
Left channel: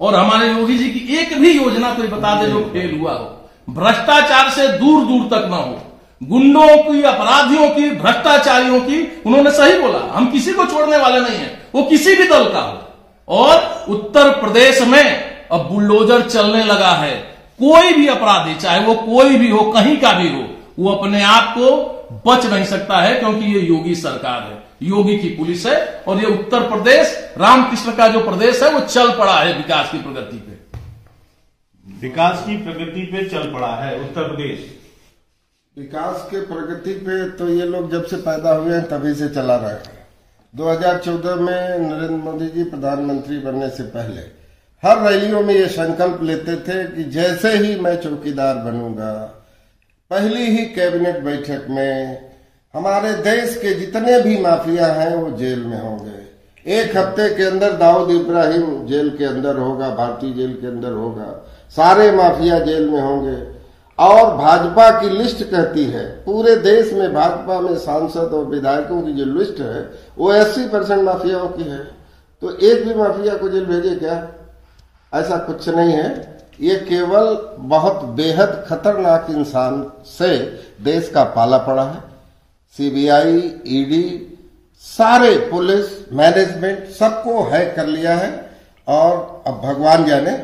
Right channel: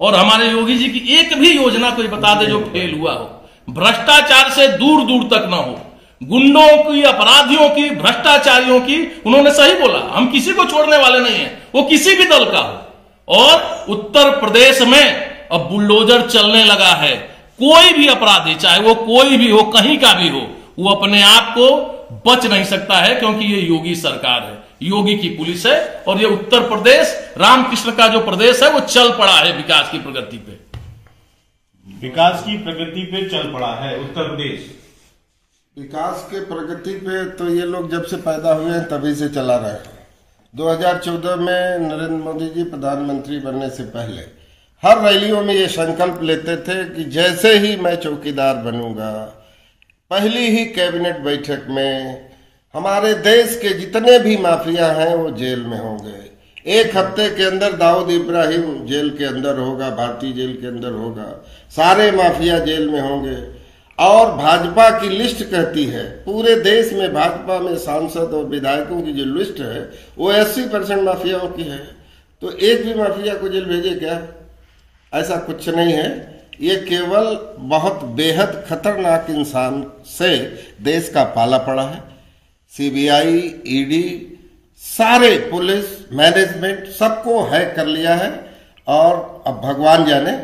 और हमारे योगी जी की एक भी योजना कोई बता दे जो फेल हुआ हो, भ्रष्टाचार से दूर दूर तक ना हो, गुंडों की, अपराधियों की, भ्रष्टाचारियों की। उन्होंने सही बोला, हम किसी को छोड़ने वाले नहीं हैं, वो किसी भी दल का हो। और उत्तर प्रदेश में अब बुलडोजर चलने लगा है। कोई भी अपराधी, चाहे वो कोई भी हो, कहीं का भी हो, वो अपने आप को बच नहीं सकता है, क्योंकि ये योगी सरकार है, योगी की पुलिस है। और ये उत्तर प्रदेश, रामकृष्ण का जो प्रदेश है, वो चल पड़ा है विकास की प्रगति पे। विकास की प्रगति पे चल पड़ा है उत्तर प्रदेश। विकास के प्रगति पे तो ये लोग जब से पैदा हुए हैं तभी से चला रहे हैं। 2014 में नरेंद्र मोदी जी प्रधानमंत्री बनने से पहले हर रैलियों में ये संकल्प लेते थे कि जैसे ही मैं चौकीदार बनूंगा, पहली ही कैबिनेट बैठक में हमारे देश के जितने भी माफिया हैं वो जेल में होंगे। 1 हफ्ते के अंदर दाऊद इब्राहिम जेल के अंदर होगा, भारतीय जेल के अंदर होगा, सारे माफिया जेल में होंगे। और भाजपा की लिस्ट कहती है पूरे देश में भाजपा में सांसद और विधायकों की जो लिस्ट है वो 80% माफियाओं की है। तो एक भी माफिया को जेल भेजे क्या? ऐसा कुछ नहीं है। ये केवल बहुत बेहद खतरनाक इंसान से देश का पाला पड़ा है। सीबीआई, ईडी, सारे पुलिस, मैनेजमेंट सबको हैक कर लिया है। और अब भगवान जाने,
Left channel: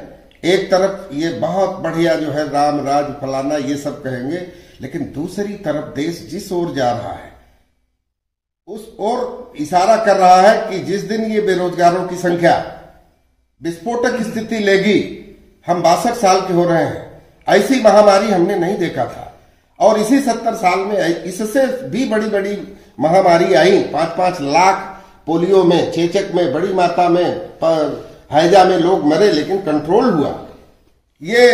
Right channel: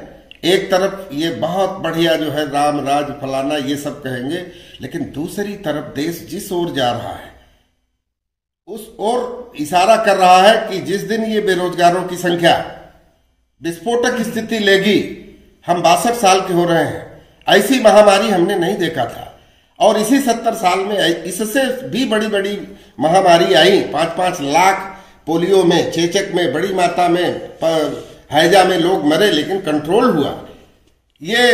एक तरफ ये बहुत बढ़िया जो है राम राज फलाना ये सब कहेंगे, लेकिन दूसरी तरफ देश जिस ओर जा रहा है उस ओर इशारा कर रहा है कि जिस दिन ये बेरोजगारों की संख्या विस्फोटक स्थिति लेगी, हम 62 साल के हो रहे हैं, ऐसी महामारी हमने नहीं देखा था। और इसी 70 साल में इससे भी बड़ी बड़ी महामारी आई। 5-5 लाख पोलियो में, चेचक में, बड़ी माता में, हैजा में लोग मरे, लेकिन कंट्रोल हुआ। ये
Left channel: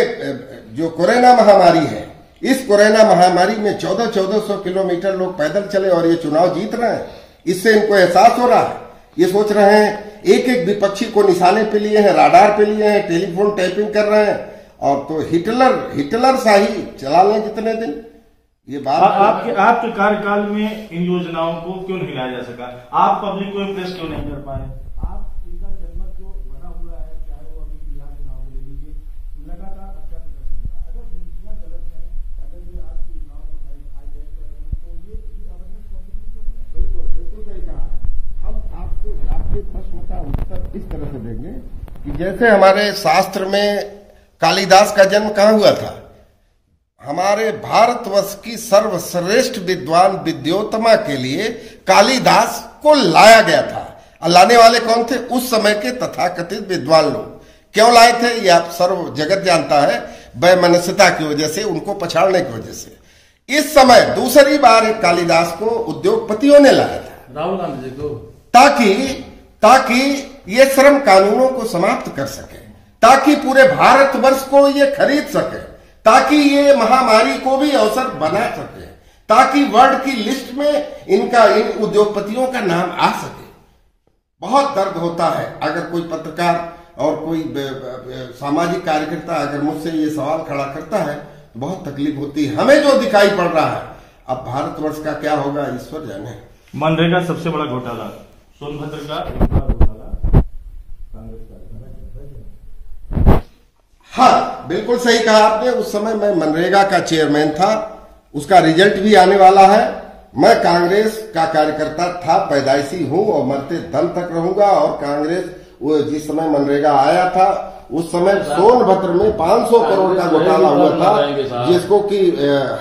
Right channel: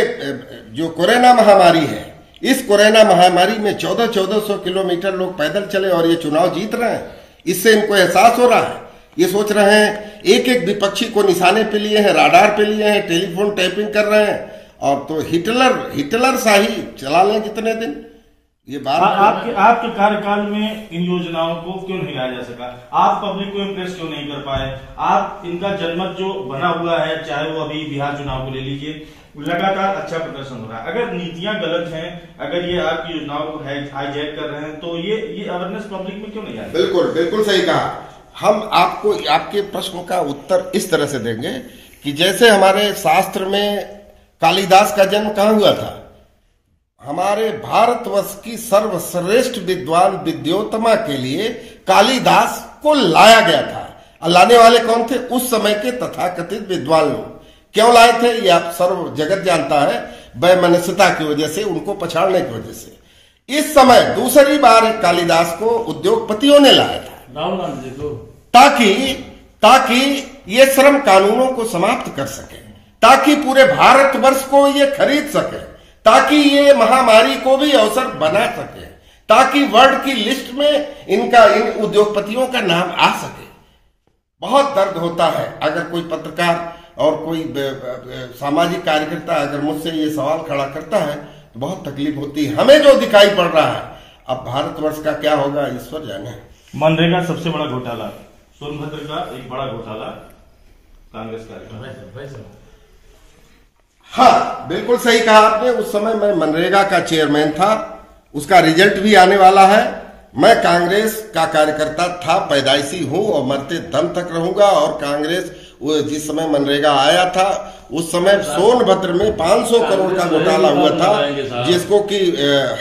जो कोरोना महामारी है, इस कोरोना महामारी में 1400 किलोमीटर लोग पैदल चले और ये चुनाव जीत रहे हैं। इससे इनको एहसास हो रहा है, ये सोच रहे हैं, एक एक विपक्षी को निशाने पे लिए हैं, राडार पे लिए हैं, टेलीफोन टैपिंग कर रहे हैं। और तो हिटलर शाही चला लें जितने दिन। ये बात आपके कार्यकाल में इन योजनाओं को क्यों नहीं लाया जा सका? आप पब्लिक को इम्प्रेस क्यों नहीं कर पाए? आप इनका जनमत जो बना हुआ है, चाहे वो अभी बिहार चुनाव को ले लीजिए, लगातार अच्छा प्रदर्शन हो रहा है। अगर नीतियां गलत हैं, अगर ये आपकी योजनाओं को हाईजैक कर रहे हैं, तो ये अवेयरनेस पब्लिक में क्यों नहीं आया? बिल्कुल सही कहा। हम आपको आपके प्रश्न का उत्तर इस तरह से देंगे कि जैसे हमारे शास्त्र में कालिदास का जन्म कहाँ हुआ था? हमारे भारतवर्ष की सर्वश्रेष्ठ विद्वान विद्योत्तमा के लिए कालिदास को लाया गया था। और लाने वाले कौन थे? उस समय के तथाकथित विद्वान लोग। क्यों लाए थे ये आप सर्व जगत जानता है, वैमनस्यता की वजह से, उनको पछाड़ने की वजह से। इस समय दूसरी बार कालिदास को उद्योगपतियों ने लाया था, राहुल गांधी को, ताकि ये श्रम कानूनों को समाप्त कर सके, ताकि पूरे भारतवर्ष को ये खरीद सके, ताकि ये महामारी को भी अवसर बना सके, ताकि वर्ल्ड की लिस्ट में इन उद्योगपतियों का नाम आ सके। बहुत दर्द होता है अगर कोई पत्रकार और कोई सामाजिक कार्यकर्ता अगर मुझसे ये सवाल खड़ा करता है तो बहुत तकलीफ होती है। हमें जो दिखाई पड़ रहा है, अब भारतवर्ष का क्या होगा ईश्वर जाने। मनरेगा सबसे बड़ा घोटाला, सोनभद्र का एक बड़ा घोटाला कांग्रेस का। हाँ, बिल्कुल सही कहा आपने। उस समय मैं मनरेगा का चेयरमैन था, उसका रिजल्ट भी आने वाला है। मैं कांग्रेस का कार्यकर्ता था, पैदाइशी हूं और मरते दम तक रहूंगा। और कांग्रेस जिस समय मनरेगा आया था उस समय सोनभद्र में 500 करोड़ का घोटाला हुआ था, जिसको कि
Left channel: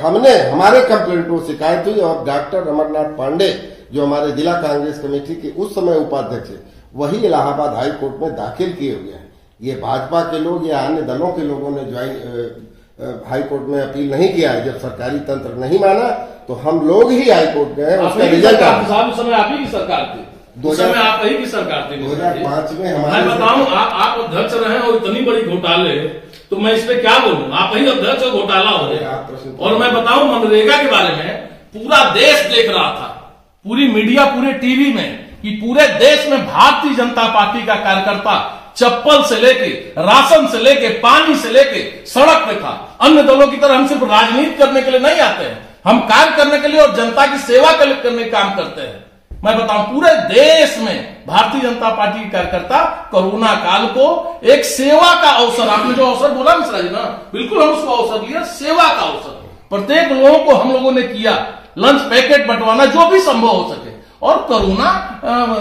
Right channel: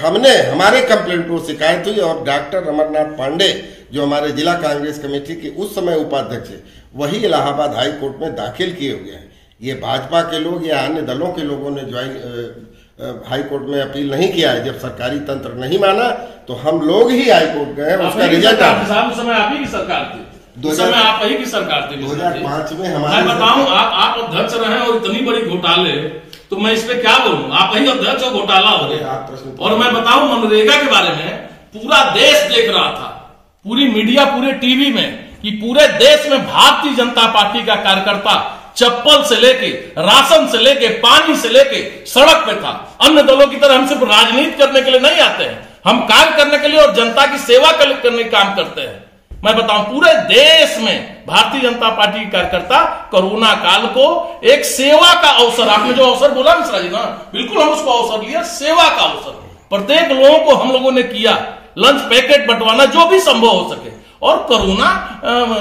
हमारे कंप्लेंट को शिकायत हुई। और डॉक्टर अमरनाथ पांडे जो हमारे जिला कांग्रेस कमेटी के उस समय उपाध्यक्ष है, वही इलाहाबाद हाई कोर्ट में दाखिल किए हुए हैं। ये भाजपा के लोग या अन्य दलों के लोगों ने हाई कोर्ट में अपील नहीं किया है। जब सरकारी तंत्र नहीं माना तो हम लोग ही हाई कोर्ट गए, उसका रिजल्ट उस समय आप ही की सरकार थी, उस समय आप ही की सरकार थी। 2005 में हमारे, मैं बताऊं, आप अध्यक्ष रहे और इतनी बड़ी घोटाले, तो मैं इस पे क्या बोलूं? आप ही अध्यक्ष और घोटाला हो गए। और मैं बताऊं मनरेगा के बारे में, पूरा देश देख रहा था, पूरी मीडिया, पूरे टीवी में, कि पूरे देश में भारतीय जनता पार्टी का कार्यकर्ता चप्पल से लेके, राशन से लेके, पानी से लेके सड़क पे था। अन्य दलों की तरह हम सिर्फ राजनीति करने के लिए नहीं आते हैं, हम कार्य करने के लिए और जनता की सेवा करने का काम करते हैं। मैं बताऊं, पूरे देश में भारतीय जनता पार्टी के कार्यकर्ता कोरोना काल को एक सेवा का अवसर, आपने जो अवसर बोला मिश्रा जी ना, बिल्कुल हम उसको अवसर लिया, सेवा का अवसर प्रत्येक लोगों को हम लोगों ने किया, लंच पैकेट बंटवाना जो भी संभव हो सके। और कोरोना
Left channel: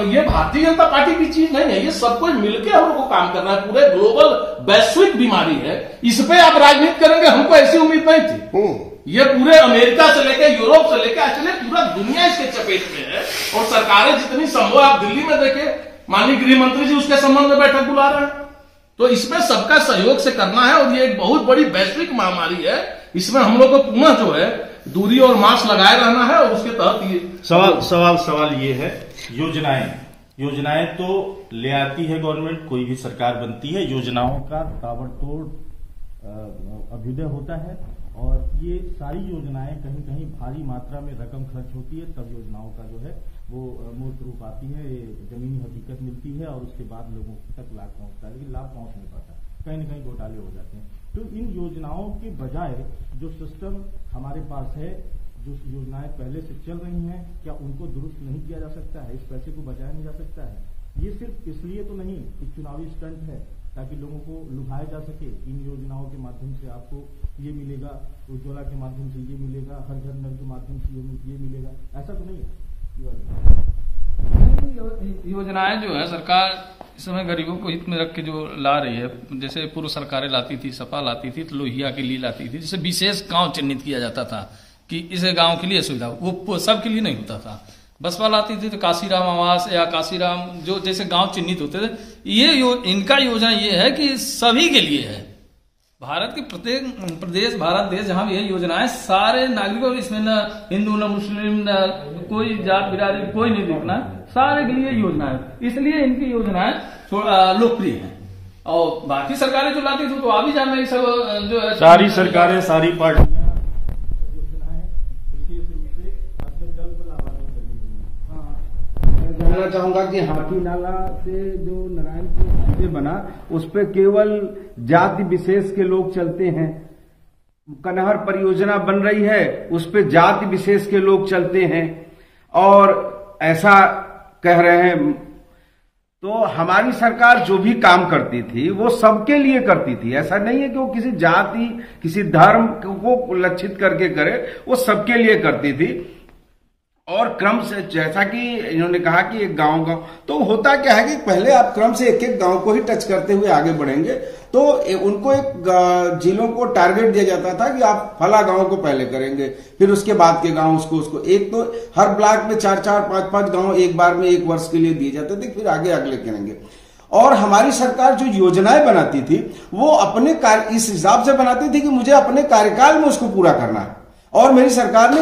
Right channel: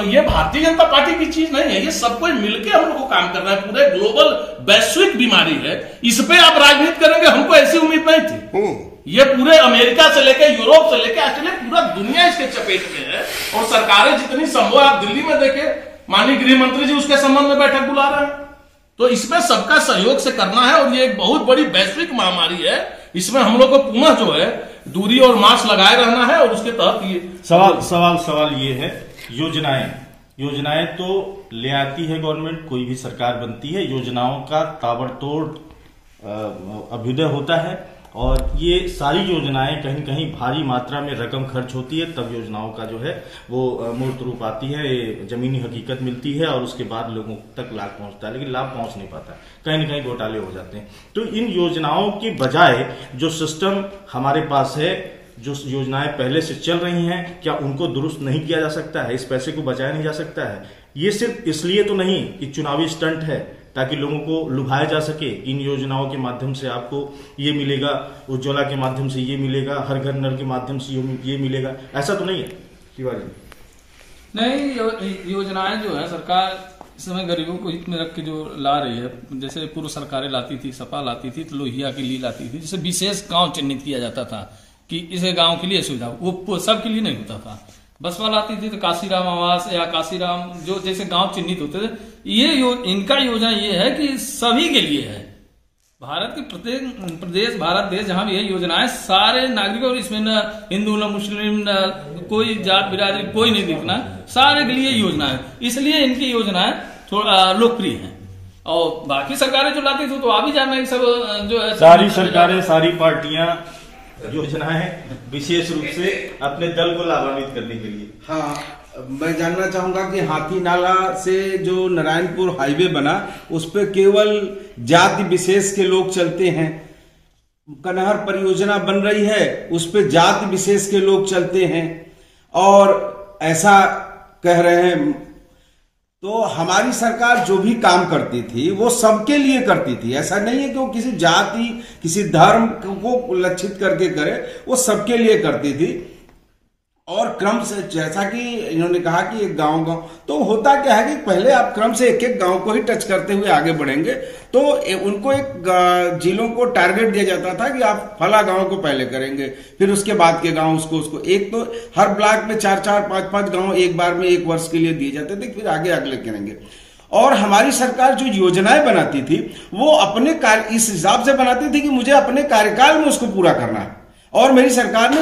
ये भारतीय जनता पार्टी की चीज नहीं है, ये सब कोई मिलकर हम लोग को काम करना है, पूरे ग्लोबल वैश्विक बीमारी है, इस पे आप राजनीति करेंगे, हमको ऐसी उम्मीद नहीं थी। ये पूरे अमेरिका से लेकर यूरोप से लेकर एक्चुअली पूरा दुनिया इसके चपेट में है, और सरकारें जितनी संभव, आप दिल्ली में देखे माननीय गृह मंत्री जी उसके संबंध में बैठक बुला रहे हैं, तो इसमें सबका सहयोग से करना है। और ये एक बहुत बड़ी वैश्विक महामारी है, इसमें हम लोग को पुनः जो है दूरी और मास्क लगाए रहना है। और उसके तहत ये सवाल ये है, योजनाएं तो ले आती है गवर्नमेंट, कोई भी सरकार बनती है, योजनाओं का ताबड़तोड़ अभ्युदय होता है, और ये सारी योजनाएं कहीं कहीं भारी मात्रा में रकम खर्च होती है, तब योजनाओं का जो है वो मूर्त रूप आती है, जमीनी हकीकत मिलती है, और उसके बाद लोगों तक लाभ पहुंचता है, लेकिन लाभ पहुंच नहीं पाता, कहीं न कहीं घोटाले हो जाते हैं। तो इन योजनाओं की बजाय जो सिस्टम हमारे पास है, जो योजनाएं पहले से चल रही हैं, क्या उनको दुरुस्त नहीं किया जा सकता है? इस पैसे को बचाया नहीं जा सकता है? ये सिर्फ इसलिए तो नहीं कि चुनावी स्टंट है, ताकि लोगों को लुभाया जा सके, इन योजनाओं के माध्यम से आपको ये मिलेगा, उज्ज्वला के माध्यम से ये मिलेगा, हर घर नल के माध्यम से ये मिलेगा, ऐसा तो नहीं है शिवाजी? नहीं, योजनाएं जो है सरकार इस समय गरीबों को हित में रख के जो ला रही है, जैसे पूर्व सरकारें लाती थी, सपा लाती थी, तो लोहिया के लिए लाती थी, जैसे विशेष गांव चिन्हित किया जाता था कि इस गांव के लिए सुविधा, वो सबके लिए नहीं होता था। बसपा लाती थी तो काशीराम आवास या काशीराम जो जैसे गांव चिन्हित होते थे, इनका योजना ये है कि सभी के लिए है, भारत के प्रत्येक प्रदेश, भारत देश जहां भी है योजनाएं सारे नागरिकों, और इसमें न हिंदू न मुस्लिम न कोई जात बिरादरी कोई नहीं दिखना, सारे के लिए योजना है, इसलिए इनकी योजनाएं थोड़ा लोकप्रिय है। और बाकी सरकारें जो लाती थी तो आप भी जानना है, सब जो सारी सरकारें, सारी पार्टियां योजनाएं विशेष रूप से अपने दल को लाभान्वित करने के लिए। हाँ, मैं जानना चाहूंगा कि हाथी नाला से जो नारायणपुर हाईवे बना, उस पे केवल जाति विशेष के लोग चलते हैं। कनहर परियोजना बन रही है, उस पे जाति विशेष के लोग चलते हैं, और ऐसा कह रहे हैं। तो हमारी सरकार जो भी काम करती थी वो सबके लिए करती थी, ऐसा नहीं है कि वो किसी जाति, किसी धर्म को लक्षित करके करे, वो सबके लिए करती थी। और क्रम से, जैसा कि इन्होंने कहा कि एक गांव तो होता क्या है कि पहले आप क्रम से एक एक गांव को ही टच करते हुए आगे बढ़ेंगे, तो उनको एक जिलों को टारगेट दिया जाता था कि आप फला गांव को पहले करेंगे, फिर उसके बाद के गांव उसको एक, तो हर ब्लॉक में 4-4, 5-5 गांव एक बार में एक वर्ष के लिए दिए जाते थे, फिर आगे अगले करेंगे। और हमारी सरकार जो योजनाएं बनाती थी वो अपने इस हिसाब से बनाती थी कि मुझे अपने कार्यकाल में उसको पूरा करना है, और मेरी सरकार ने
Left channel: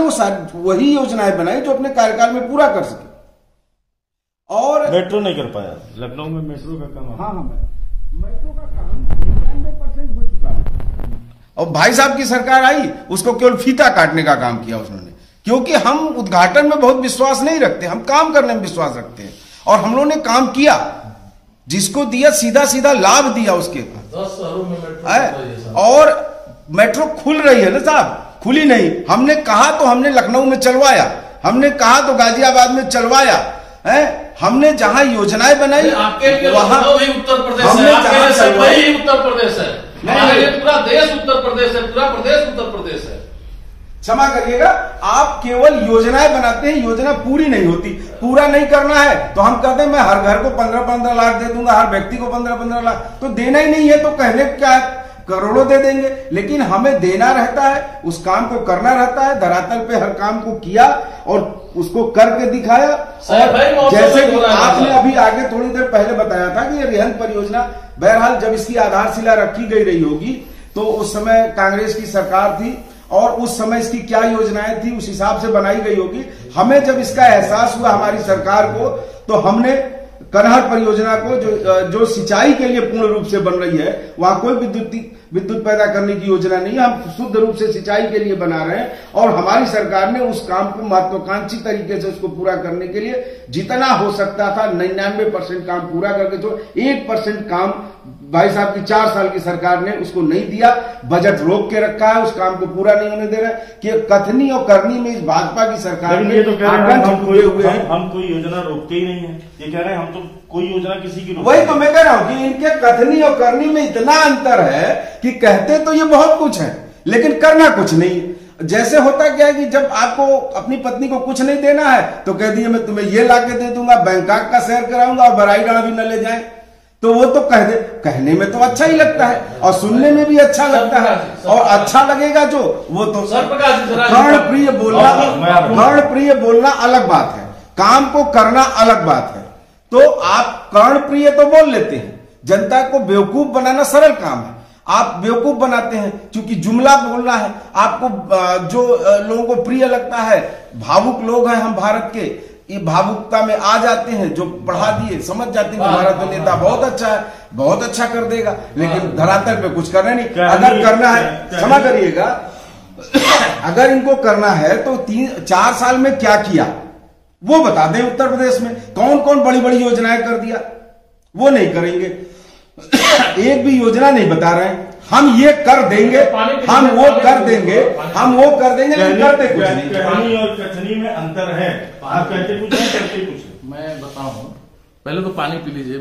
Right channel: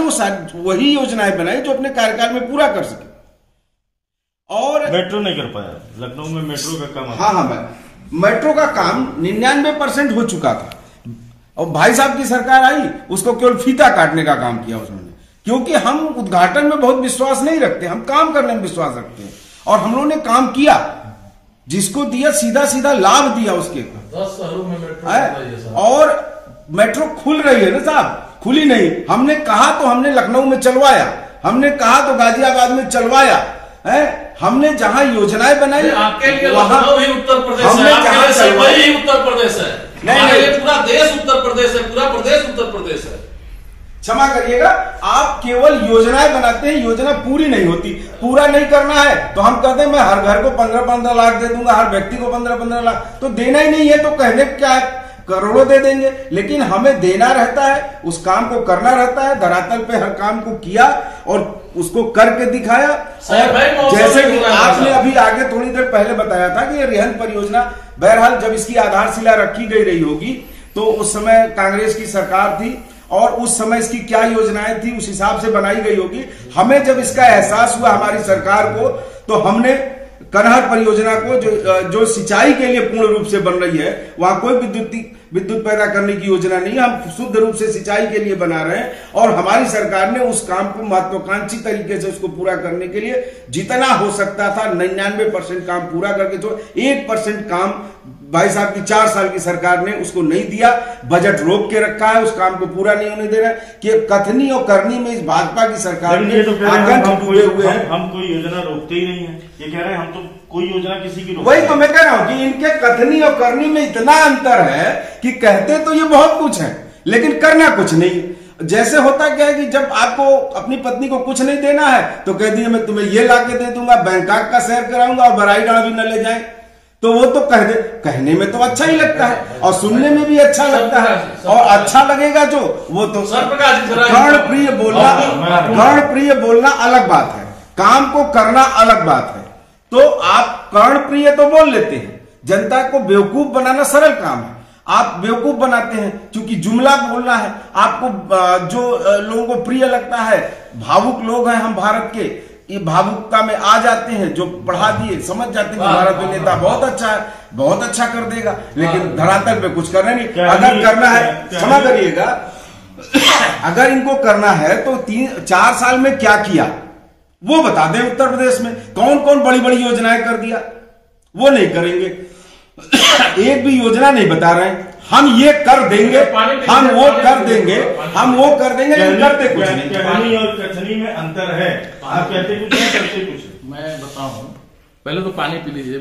वही योजनाएं बनाई जो अपने कार्यकाल में पूरा कर सके। और मेट्रो नहीं कर पाया, लखनऊ में मेट्रो का काम, हाँ, मेट्रो का काम 99% हो चुका था, और भाई साहब की सरकार आई, उसको केवल फीता काटने का काम किया उसने, क्योंकि हम उद्घाटन में बहुत विश्वास नहीं रखते, हम काम करने में विश्वास रखते हैं, और हम लोगों ने काम किया, जिसको दिया सीधा सीधा लाभ दिया उसके 10 शहरों में मेट्रो, और मेट्रो खुल रही है ना साहब, खुली नहीं। हमने कहा तो हमने लखनऊ में चलवाया, हमने कहा तो गाजियाबाद में चलवाया है, हमने जहां योजनाएं बनाई वहां भी उत्तर प्रदेश है, वही उत्तर प्रदेश है, नहीं, पूरा देश उत्तर प्रदेश है, पूरा प्रदेश उत्तर प्रदेश है। क्षमा करिएगा, आप केवल योजनाएं बनाते हैं, योजना पूरी नहीं होती। पूरा नहीं करना है तो हम कहते हैं मैं हर घर को 15-15 लाख दे दूंगा, हर व्यक्ति को 15-15 लाख, तो देना ही नहीं है तो कहने क्या करोड़ों दे देंगे, लेकिन हमें देना रहता है, उस काम को करना रहता है, धरातल पे हर काम को किया और उसको करके दिखाया। और जैसे कि आपने अभी आगे थोड़ी देर पहले बताया था कि ये रेहन परियोजना, बहरहाल जब इसकी आधारशिला रखी गई रही होगी तो उस समय कांग्रेस की सरकार थी, और उस समय इसकी क्या योजनाएं थी उस हिसाब से बनाई गई होगी। हमें जब इसका एहसास हुआ हमारी सरकार को, तो हमने कनहर परियोजना को जो सिंचाई के लिए पूर्ण रूप से बन रही है, वहां कोई विद्युत पैदा करने की योजना नहीं है। हम शुद्ध रूप से सिंचाई के लिए बना रहे हैं और हमारी सरकार ने उस काम को महत्वाकांक्षी तरीके से उसको पूरा करने के लिए जितना हो सकता था 99% काम पूरा करके छोड़ 1% काम भाई साहब की 4 साल की सरकार ने उसको नहीं दिया। बजट रोक के रखा है, उस काम को पूरा नहीं होने दे रहा है कि कथनी और करनी में इस भाजपा की सरकार ने ये तो कह रहे हैं हम कोई योजना रोकते ही नहीं है। ये कह रहे हैं हम तो कोई योजना किसी की वही तो मैं कह रहा हूं कि इनके कथनी और करनी में इतना अंतर है कि कहते तो ये बहुत कुछ है लेकिन करना कुछ नहीं। जैसे होता क्या है कि जब आपको अपनी पत्नी को कुछ नहीं देना है तो कह दिए मैं तुम्हें ये लाके दे दूंगा, बैंकॉक का सैर कराऊंगा और बराईडाड़ा भी न ले जाए, तो वो तो कह दे, कहने में तो अच्छा ही लगता है और सुनने में भी अच्छा लगता है और अच्छा लगेगा जो वो तो कर्णप्रिय बोलना अलग बात है, काम को करना अलग बात है। तो आप कर्णप्रिय तो बोल लेते हैं, जनता को बेवकूफ बनाना सरल काम है, आप बेवकूफ बनाते हैं क्योंकि जुमला बोलना है आपको। जो लोगों को प्रिय लगता है, भावुक लोग हैं हम भारत के, ये भावुकता में आ जाते हैं, जो बढ़ा दिए समझ जाते हैं हमारा तो नेता बहुत अच्छा है, बहुत अच्छा कर देगा, लेकिन धरातल पे कुछ करना नहीं। अगर करना है, क्षमा करिएगा, अगर इनको करना है तो 3-4 साल में क्या किया वो बता दें। उत्तर प्रदेश में कौन कौन बड़ी बड़ी योजनाएं कर दिया, वो नहीं करेंगे। एक भी योजना नहीं बता रहे हैं, हम ये कर देंगे, हम वो कर देंगे, हम वो कर देंगे, लेकिन करते कुछ नहीं। कहनी और कथनी में अंतर है, आप कहते कुछ है, करते कुछ है। मैं बताऊं, पहले तो पानी पी लीजिए,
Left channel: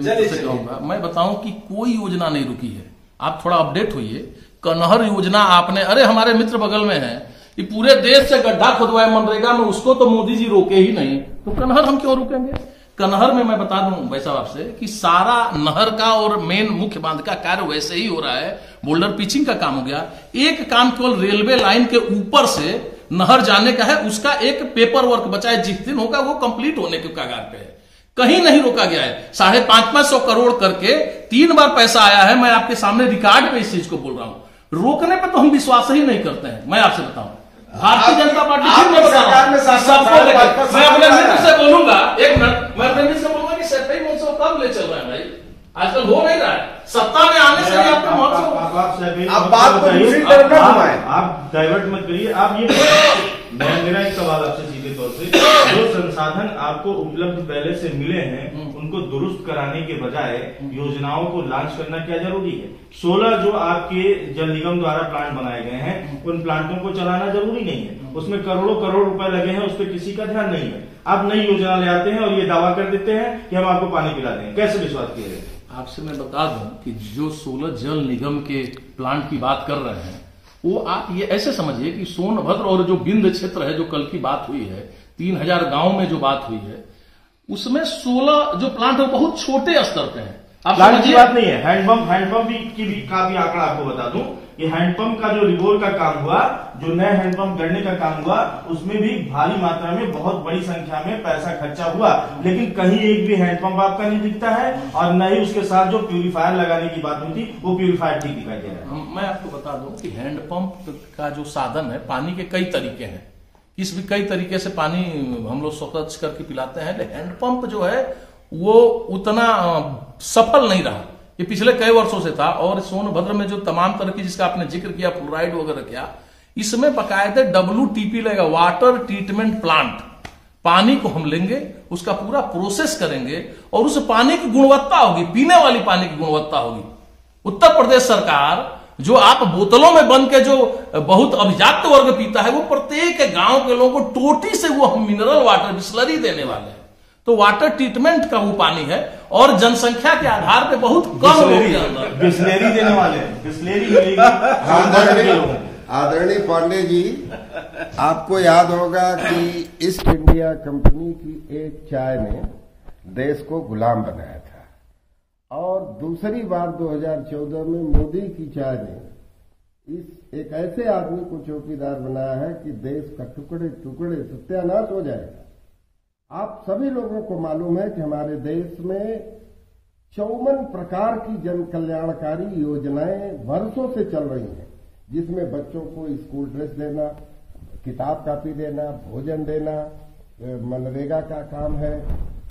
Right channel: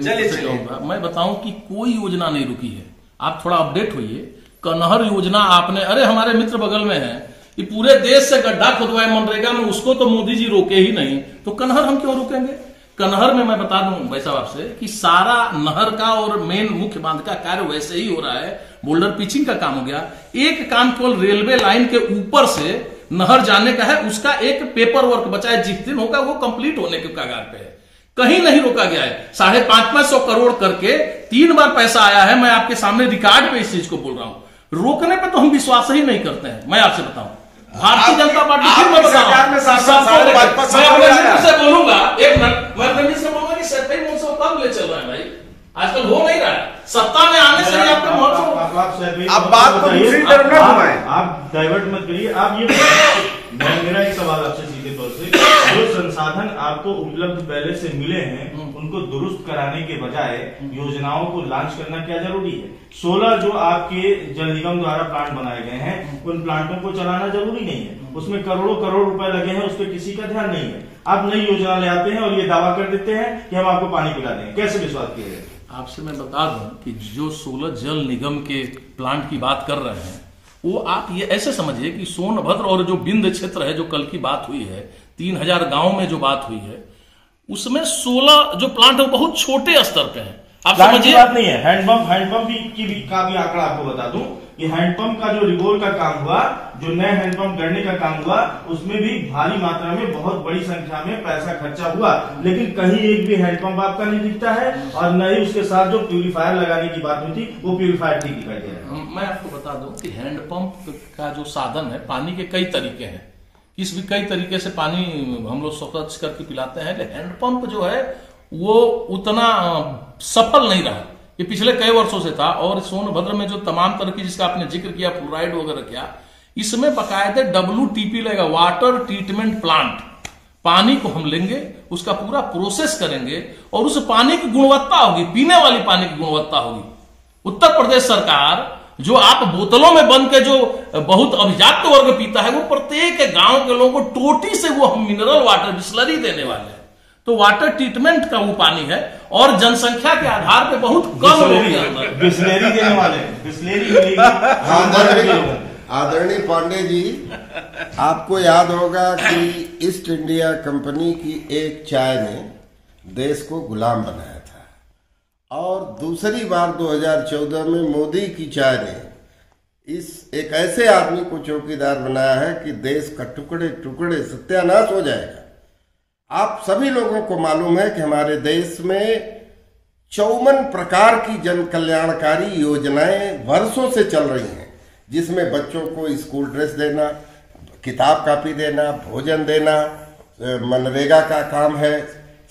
मैं बताऊं कि कोई योजना नहीं रुकी है। आप थोड़ा अपडेट होइए। कनहर योजना आपने, अरे हमारे मित्र बगल में है, ये पूरे देश से गड्ढा खुदवाए मनरेगा में, उसको तो मोदी जी रोके ही नहीं, तो कनहर हम क्यों रुकेंगे। कनहर में मैं बता दूं भाई साहब आपसे कि सारा नहर का और मेन मुख्य बांध का कार्य वैसे ही हो रहा है, बोल्डर पिचिंग का काम हो गया। एक काम केवल रेलवे लाइन के ऊपर से नहर जाने का है, उसका एक पेपर वर्क बचा है, जिस दिन होगा वो कंप्लीट होने के कगार पे है, कहीं नहीं रोका गया है। 550 करोड़ करके 3 बार पैसा आया है, मैं आपके सामने रिकॉर्ड पे इस चीज को बोल रहा हूं। रोकने पे तो हम विश्वास ही नहीं करते हैं। मैं आपसे बताऊं, भारतीय जनता पार्टी, फिर मैं बता रहा हूं, सबको लेकर मैं अपने मित्र से बोलूंगा, एक मिनट मैं अपने मित्र से बोलूंगा कि सत्ता ही महोत्सव कब ले चल रहा है भाई, आजकल हो नहीं रहा है। सत्ता में आने से ही आपका महोत्सव, आप बात को दूसरी तरफ ना घुमाएं, आप डाइवर्ट मत करिए। आप ये मेरा एक सवाल आपसे सीधे तौर से, जो संसाधन आपको उपलब्ध पहले से मिले हैं उनको दुरुस्त कराने के बजाय योजनाओं को लॉन्च करना क्या जरूरी है। 16 जो आपके जल निगम द्वारा प्लांट बनाए गए हैं, उन प्लांटों को चलाना जरूरी नहीं है, उसमें करोड़ों करोड़ रुपए लगे हैं, उस पर किसी का ध्यान नहीं है। आप नई योजना ले आते हैं और ये दावा कर देते हैं कि हम आपको पानी पिला देंगे, कैसे विश्वास किया जाए। आपसे मैं बता दूं कि जो 16 जल निगम के प्लांट की बात कर रहे हैं, वो आप ये ऐसे समझिए कि सोनभद्र और जो बिंद क्षेत्र है, जो कल की बात हुई है, 3000 गांव में जो बात हुई है, उसमें 16 जो प्लांट है वो बहुत छोटे स्तर पे है। आप समझिए, बात नहीं है। हैंडपंप का भी आंकड़ा आपको बता दूं कि हैंडपंप का जो रिगोर का काम हुआ, जो नए हैंडपंप गढ़ने का काम हुआ, उसमें भी भारी मात्रा में बहुत बड़ी संख्या में पैसा खर्चा हुआ, लेकिन कहीं एक भी हैंडपंप आपका नहीं दिखता है और न ही उसके साथ जो प्यूरिफायर लगाने की बात हुई थी वो प्यूरिफायर ठीक दिखाई दे रहा है। मैं आपको बता दूं कि हैंडपंप का जो साधन है, पानी के कई तरीके हैं, किस भी कई तरीके से पानी हम लोग स्वच्छ करके पिलाते हैं, लेकिन हैंडपंप जो है वो उतना सफल नहीं रहा। ये पिछले कई वर्षों से था और सोनभद्र में जो तमाम तरह की, जिसका आपने जिक्र किया, फ्लोराइड वगैरह किया, इसमें बाकायदे WTP लगेगा, वाटर ट्रीटमेंट प्लांट। पानी को हम लेंगे, उसका पूरा प्रोसेस करेंगे और उस पानी की गुणवत्ता होगी, पीने वाली पानी की गुणवत्ता होगी। उत्तर प्रदेश सरकार जो आप बोतलों में बंद के जो बहुत अभिजात वर्ग पीता है, वो प्रत्येक गांव के लोगों को टोटी से वो हम मिनरल वाटर बिस्लरी देने वाले हैं। तो वाटर ट्रीटमेंट का वो पानी है और जनसंख्या के आधार पे बहुत कम लोग के अंदर बिस्लेरी देने वाले हैं, बिस्लेरी मिलेगी। आदरणीय पांडे जी, आपको याद होगा कि ईस्ट इंडिया कंपनी की एक चाय ने देश को गुलाम बनाया था, और दूसरी बार 2014 में मोदी की चाय ने इस एक ऐसे आदमी को चौकीदार बनाया है कि देश का टुकड़े टुकड़े सत्यानाश हो जाएगा। आप सभी लोगों को मालूम है कि हमारे देश में 54 प्रकार की जन कल्याणकारी योजनाएं वर्षों से चल रही हैं, जिसमें बच्चों को स्कूल ड्रेस देना, किताब कापी देना, भोजन देना, मनरेगा का काम है,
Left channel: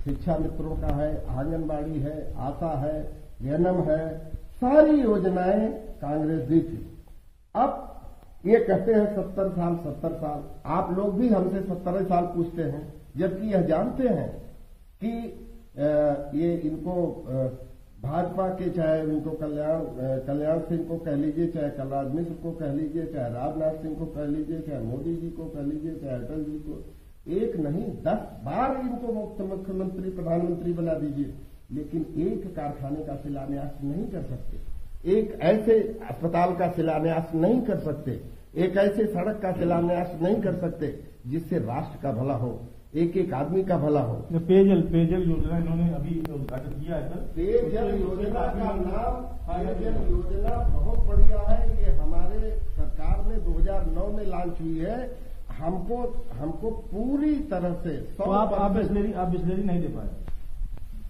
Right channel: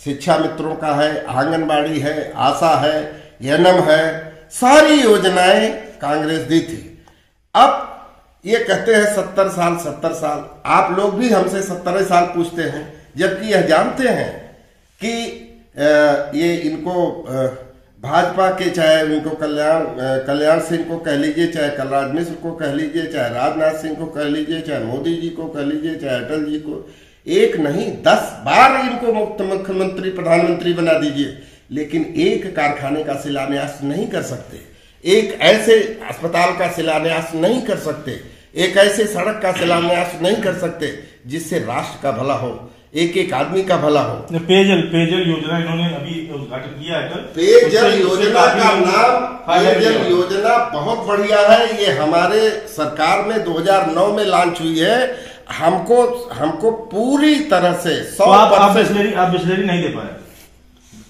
शिक्षा मित्रों का है, आंगनबाड़ी है, आशा है, एनएम है, सारी योजनाएं कांग्रेस दी थी। अब ये कहते हैं 70 साल 70 साल, आप लोग भी हमसे 70 साल पूछते हैं, जबकि यह जानते हैं कि ये इनको भाजपा के, चाहे उनको कल्याण सिंह को कह लीजिए, चाहे कलराज मिश्र को कह लीजिए, चाहे राजनाथ सिंह को कह लीजिए, चाहे मोदी जी को कह लीजिए, चाहे अटल जी को, एक नहीं 10 बार इनको मुख्यमंत्री प्रधानमंत्री बना दीजिए, लेकिन एक कारखाने का शिलान्यास नहीं कर सकते, एक ऐसे अस्पताल का शिलान्यास नहीं कर सकते, एक ऐसे सड़क का शिलान्यास नहीं कर सकते जिससे राष्ट्र का भला हो, एक एक आदमी का भला हो। पेयजल योजना इन्होंने अभी उद्घाटन किया है। पेयजल योजना का नाम, पेयजल योजना बहुत बढ़िया है। ये हमारे सरकार में 2009 में लॉन्च हुई है। हमको पूरी तरह से 100% आप बिस्लेरी नहीं दे पाए।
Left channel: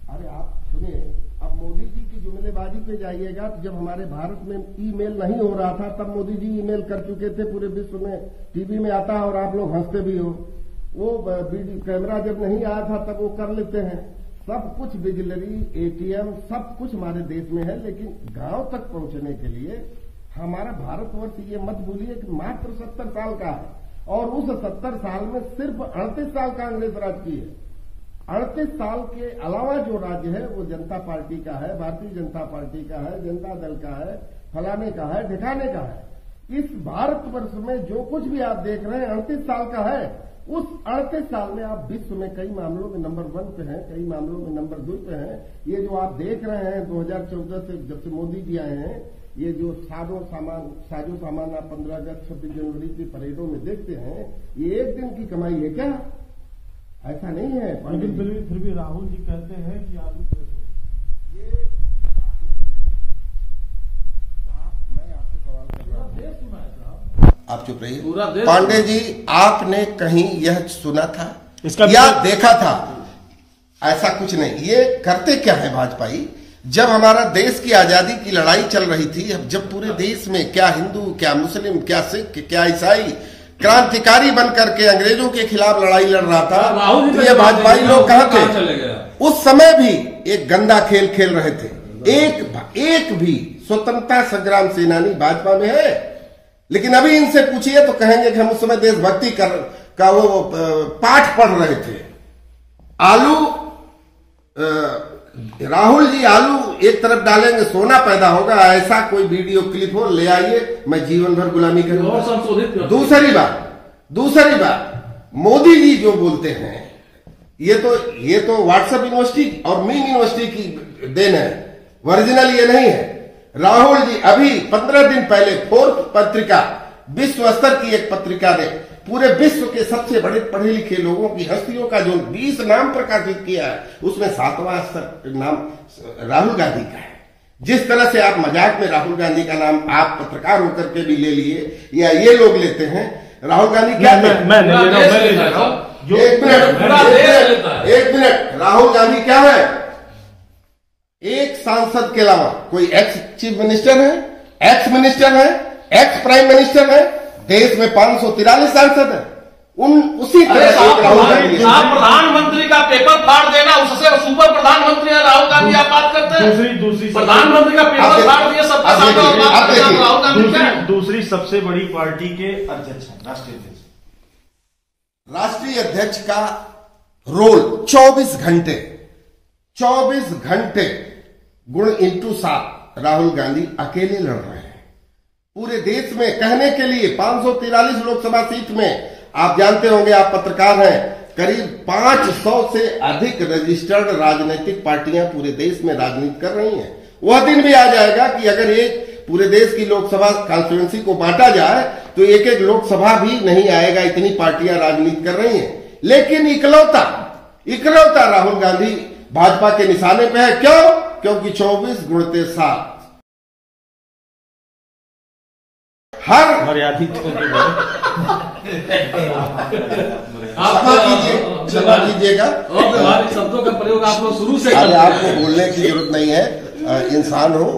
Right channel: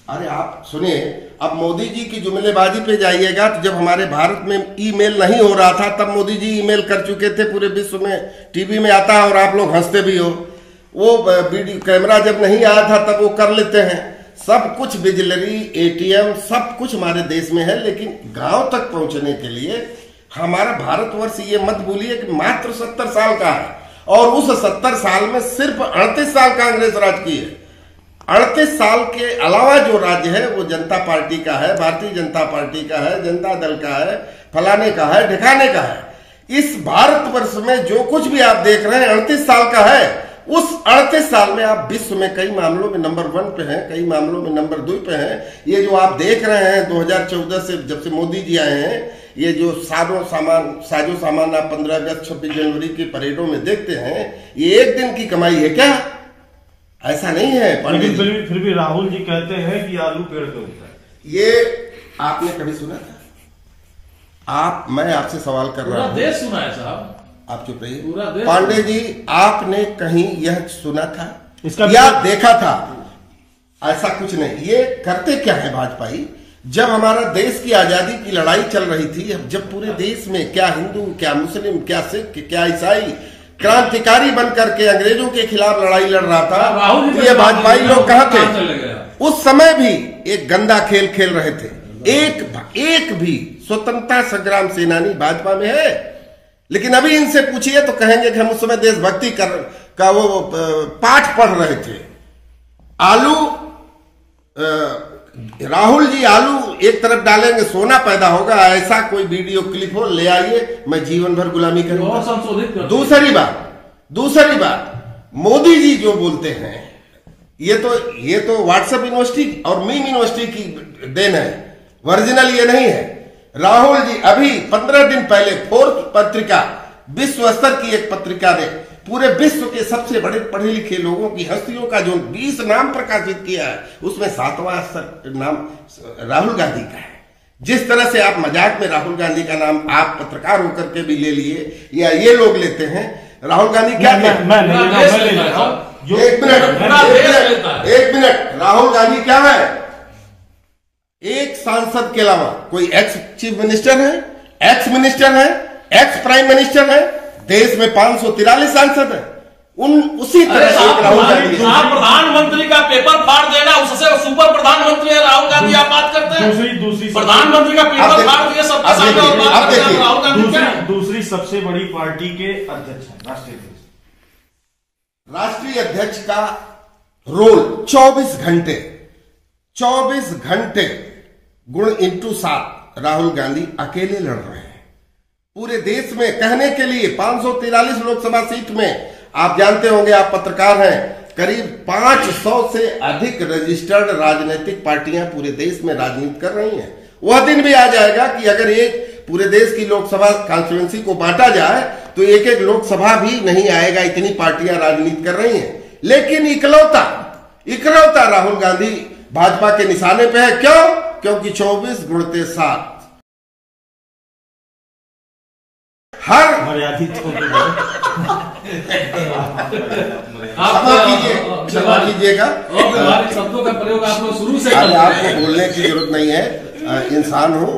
अरे आप सुनिए, अब मोदी जी की जुमलेबाजी पे जाइएगा तो जब हमारे भारत में ईमेल नहीं हो रहा था तब मोदी जी ईमेल कर चुके थे, पूरे विश्व में टीवी में आता है और आप लोग हंसते भी हो। वो वीडियो कैमरा जब नहीं आया था तब वो कर लेते हैं। सब कुछ बिजली, एटीएम, सब कुछ हमारे देश में है, लेकिन गांव तक पहुंचने के लिए हमारा भारतवर्ष, ये मत भूलिए कि मात्र 70 साल का है, और उस 70 साल में सिर्फ 38 साल कांग्रेस राज की है। 38 साल के अलावा जो राज्य है वो जनता पार्टी का है, भारतीय जनता पार्टी का है, जनता दल का है, फलाने का है, ढिकाने का है। इस भारतवर्ष में जो कुछ भी आप देख रहे हैं 38 साल का है। उस 38 साल में आप विश्व में कई मामलों में नंबर 1 पे हैं, कई मामलों में नंबर 2 पे हैं। ये जो आप देख रहे हैं 2014 से जब से मोदी जी आए हैं, ये जो साजो सामान आप 15 अगस्त 26 जनवरी की परेडों में देखते हैं, ये एक दिन की कमाई है क्या? ऐसा नहीं है। लेकिन फिर भी राहुल जी कहते हैं कि आलू पेड़ पे होता है। ये आपने कभी सुना था? मैं आपसे सवाल कर रहा हूँ। देश सुना है साहब, आप चुप रहिए। पांडे जी, आपने कहीं यह सुना था इसका या देखा था? ऐसा कुछ नहीं। ये करते क्या है भाजपाई? जब हमारा देश की आजादी की लड़ाई चल रही थी, जब पूरे देश में क्या हिंदू, क्या मुस्लिम, क्या सिख, क्या ईसाई क्रांतिकारी बन करके अंग्रेजों के खिलाफ लड़ाई लड़ रहा था, तो ये भाजपाई लोग कहाँ थे? उस समय भी एक गंदा खेल खेल रहे थे। एक भी स्वतंत्रता संग्राम सेनानी भाजपा में है? लेकिन अभी इनसे पूछिए तो कहेंगे कि हम उस समय देशभक्ति का वो पाठ पढ़ रहे थे। राहुल जी आलू एक तरफ डालेंगे सोना पैदा होगा, ऐसा कोई वीडियो क्लिप हो ले आइए, मैं जीवन भर गुलामी करूंगा। दूसरी बात, मोदी जी जो बोलते हैं ये तो व्हाट्सएप यूनिवर्सिटी और मीम यूनिवर्सिटी की देन है, ओरिजिनल ये नहीं है। राहुल जी अभी 15 दिन पहले फोर्थ पत्रिका, विश्व स्तर की एक पत्रिका ने पूरे विश्व के सबसे बड़े पढ़े लिखे लोगों की हस्तियों का जो 20 नाम प्रकाशित किया है, उसमें 7वां नाम राहुल गांधी का है। जिस तरह से आप मजाक में राहुल गांधी का नाम आप पत्रकार होकर के भी ले लिए या ये लोग लेते हैं, राहुल गांधी क्या थे? एक मिनट, राहुल गांधी क्या है? एक सांसद के अलावा कोई एक्स चीफ मिनिस्टर है, एक्स मिनिस्टर है, एक्स प्राइम मिनिस्टर है। देश में 543 सांसद है। उसी तरह एक राहुल गांधी, प्रधानमंत्री का पेपर फाड़ देना, उससे सुपर प्रधानमंत्री है राहुल गांधी। आप बात करते हैं दूसरी प्रधानमंत्री का पेपर फाड़ दिया सबके सामने। राहुल गांधी दूसरी सबसे बड़ी पार्टी के अध्यक्ष हैं, राष्ट्रीय अध्यक्ष का रोल 24 घंटे गुण इंटू 7 राहुल गांधी अकेले लड़ रहे हैं पूरे देश में। कहने के लिए 543 लोकसभा सीट में, आप जानते होंगे, आप पत्रकार हैं, करीब 500 से अधिक रजिस्टर्ड राजनीतिक पार्टियां पूरे देश में राजनीति कर रही हैं। वह दिन भी आ जाएगा कि अगर एक पूरे देश की लोकसभा कॉन्स्टिट्यूएंसी को बांटा जाए तो एक एक लोकसभा भी नहीं आएगा, इतनी पार्टियां राजनीति कर रही हैं। लेकिन इकलौता राहुल गांधी भाजपा के निशाने पे है। क्यों? क्योंकि 24 गुणते 7 हर क्षमा कीजिएगा, शब्दों का प्रयोग आप लोग शुरू से आपको बोलने की जरूरत नहीं है। इंसान हूं,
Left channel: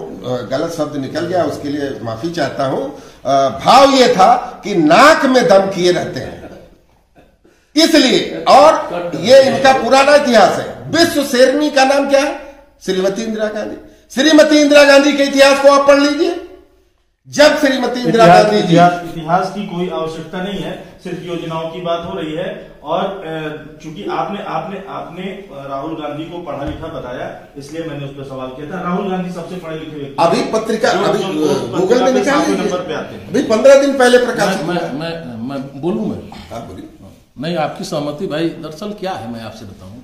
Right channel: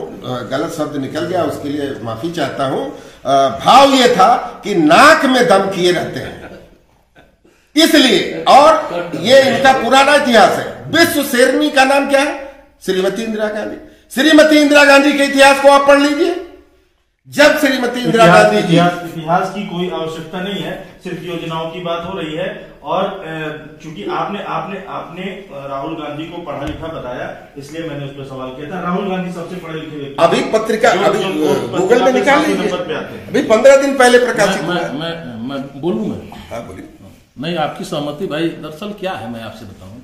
गलत शब्द निकल गया, उसके लिए माफी चाहता हूं। भाव ये था कि नाक में दम किए रहते हैं इसलिए, और ये इनका पुराना इतिहास है। विश्व शेरनी का नाम क्या है? श्रीमती इंदिरा गांधी। श्रीमती इंदिरा गांधी के इतिहास को आप पढ़ लीजिए। जब श्रीमती इंदिरा गांधी जी, इतिहास की कोई आवश्यकता नहीं है, सिर्फ योजनाओं की बात हो रही है। और चूंकि आपने राहुल गांधी को पढ़ा लिखा बताया, इसलिए मैंने उस पर सवाल किया था। राहुल गांधी सबसे पढ़े लिखे व्यक्ति अभी पत्रिका गूगल में निकाल नंबर पे आते हैं। अभी 15 दिन पहले प्रकाशित। मैं बोलूं मैं? हाँ बोलिए। नहीं, आपकी सहमति भाई। दरअसल क्या है, मैं आपसे बताऊं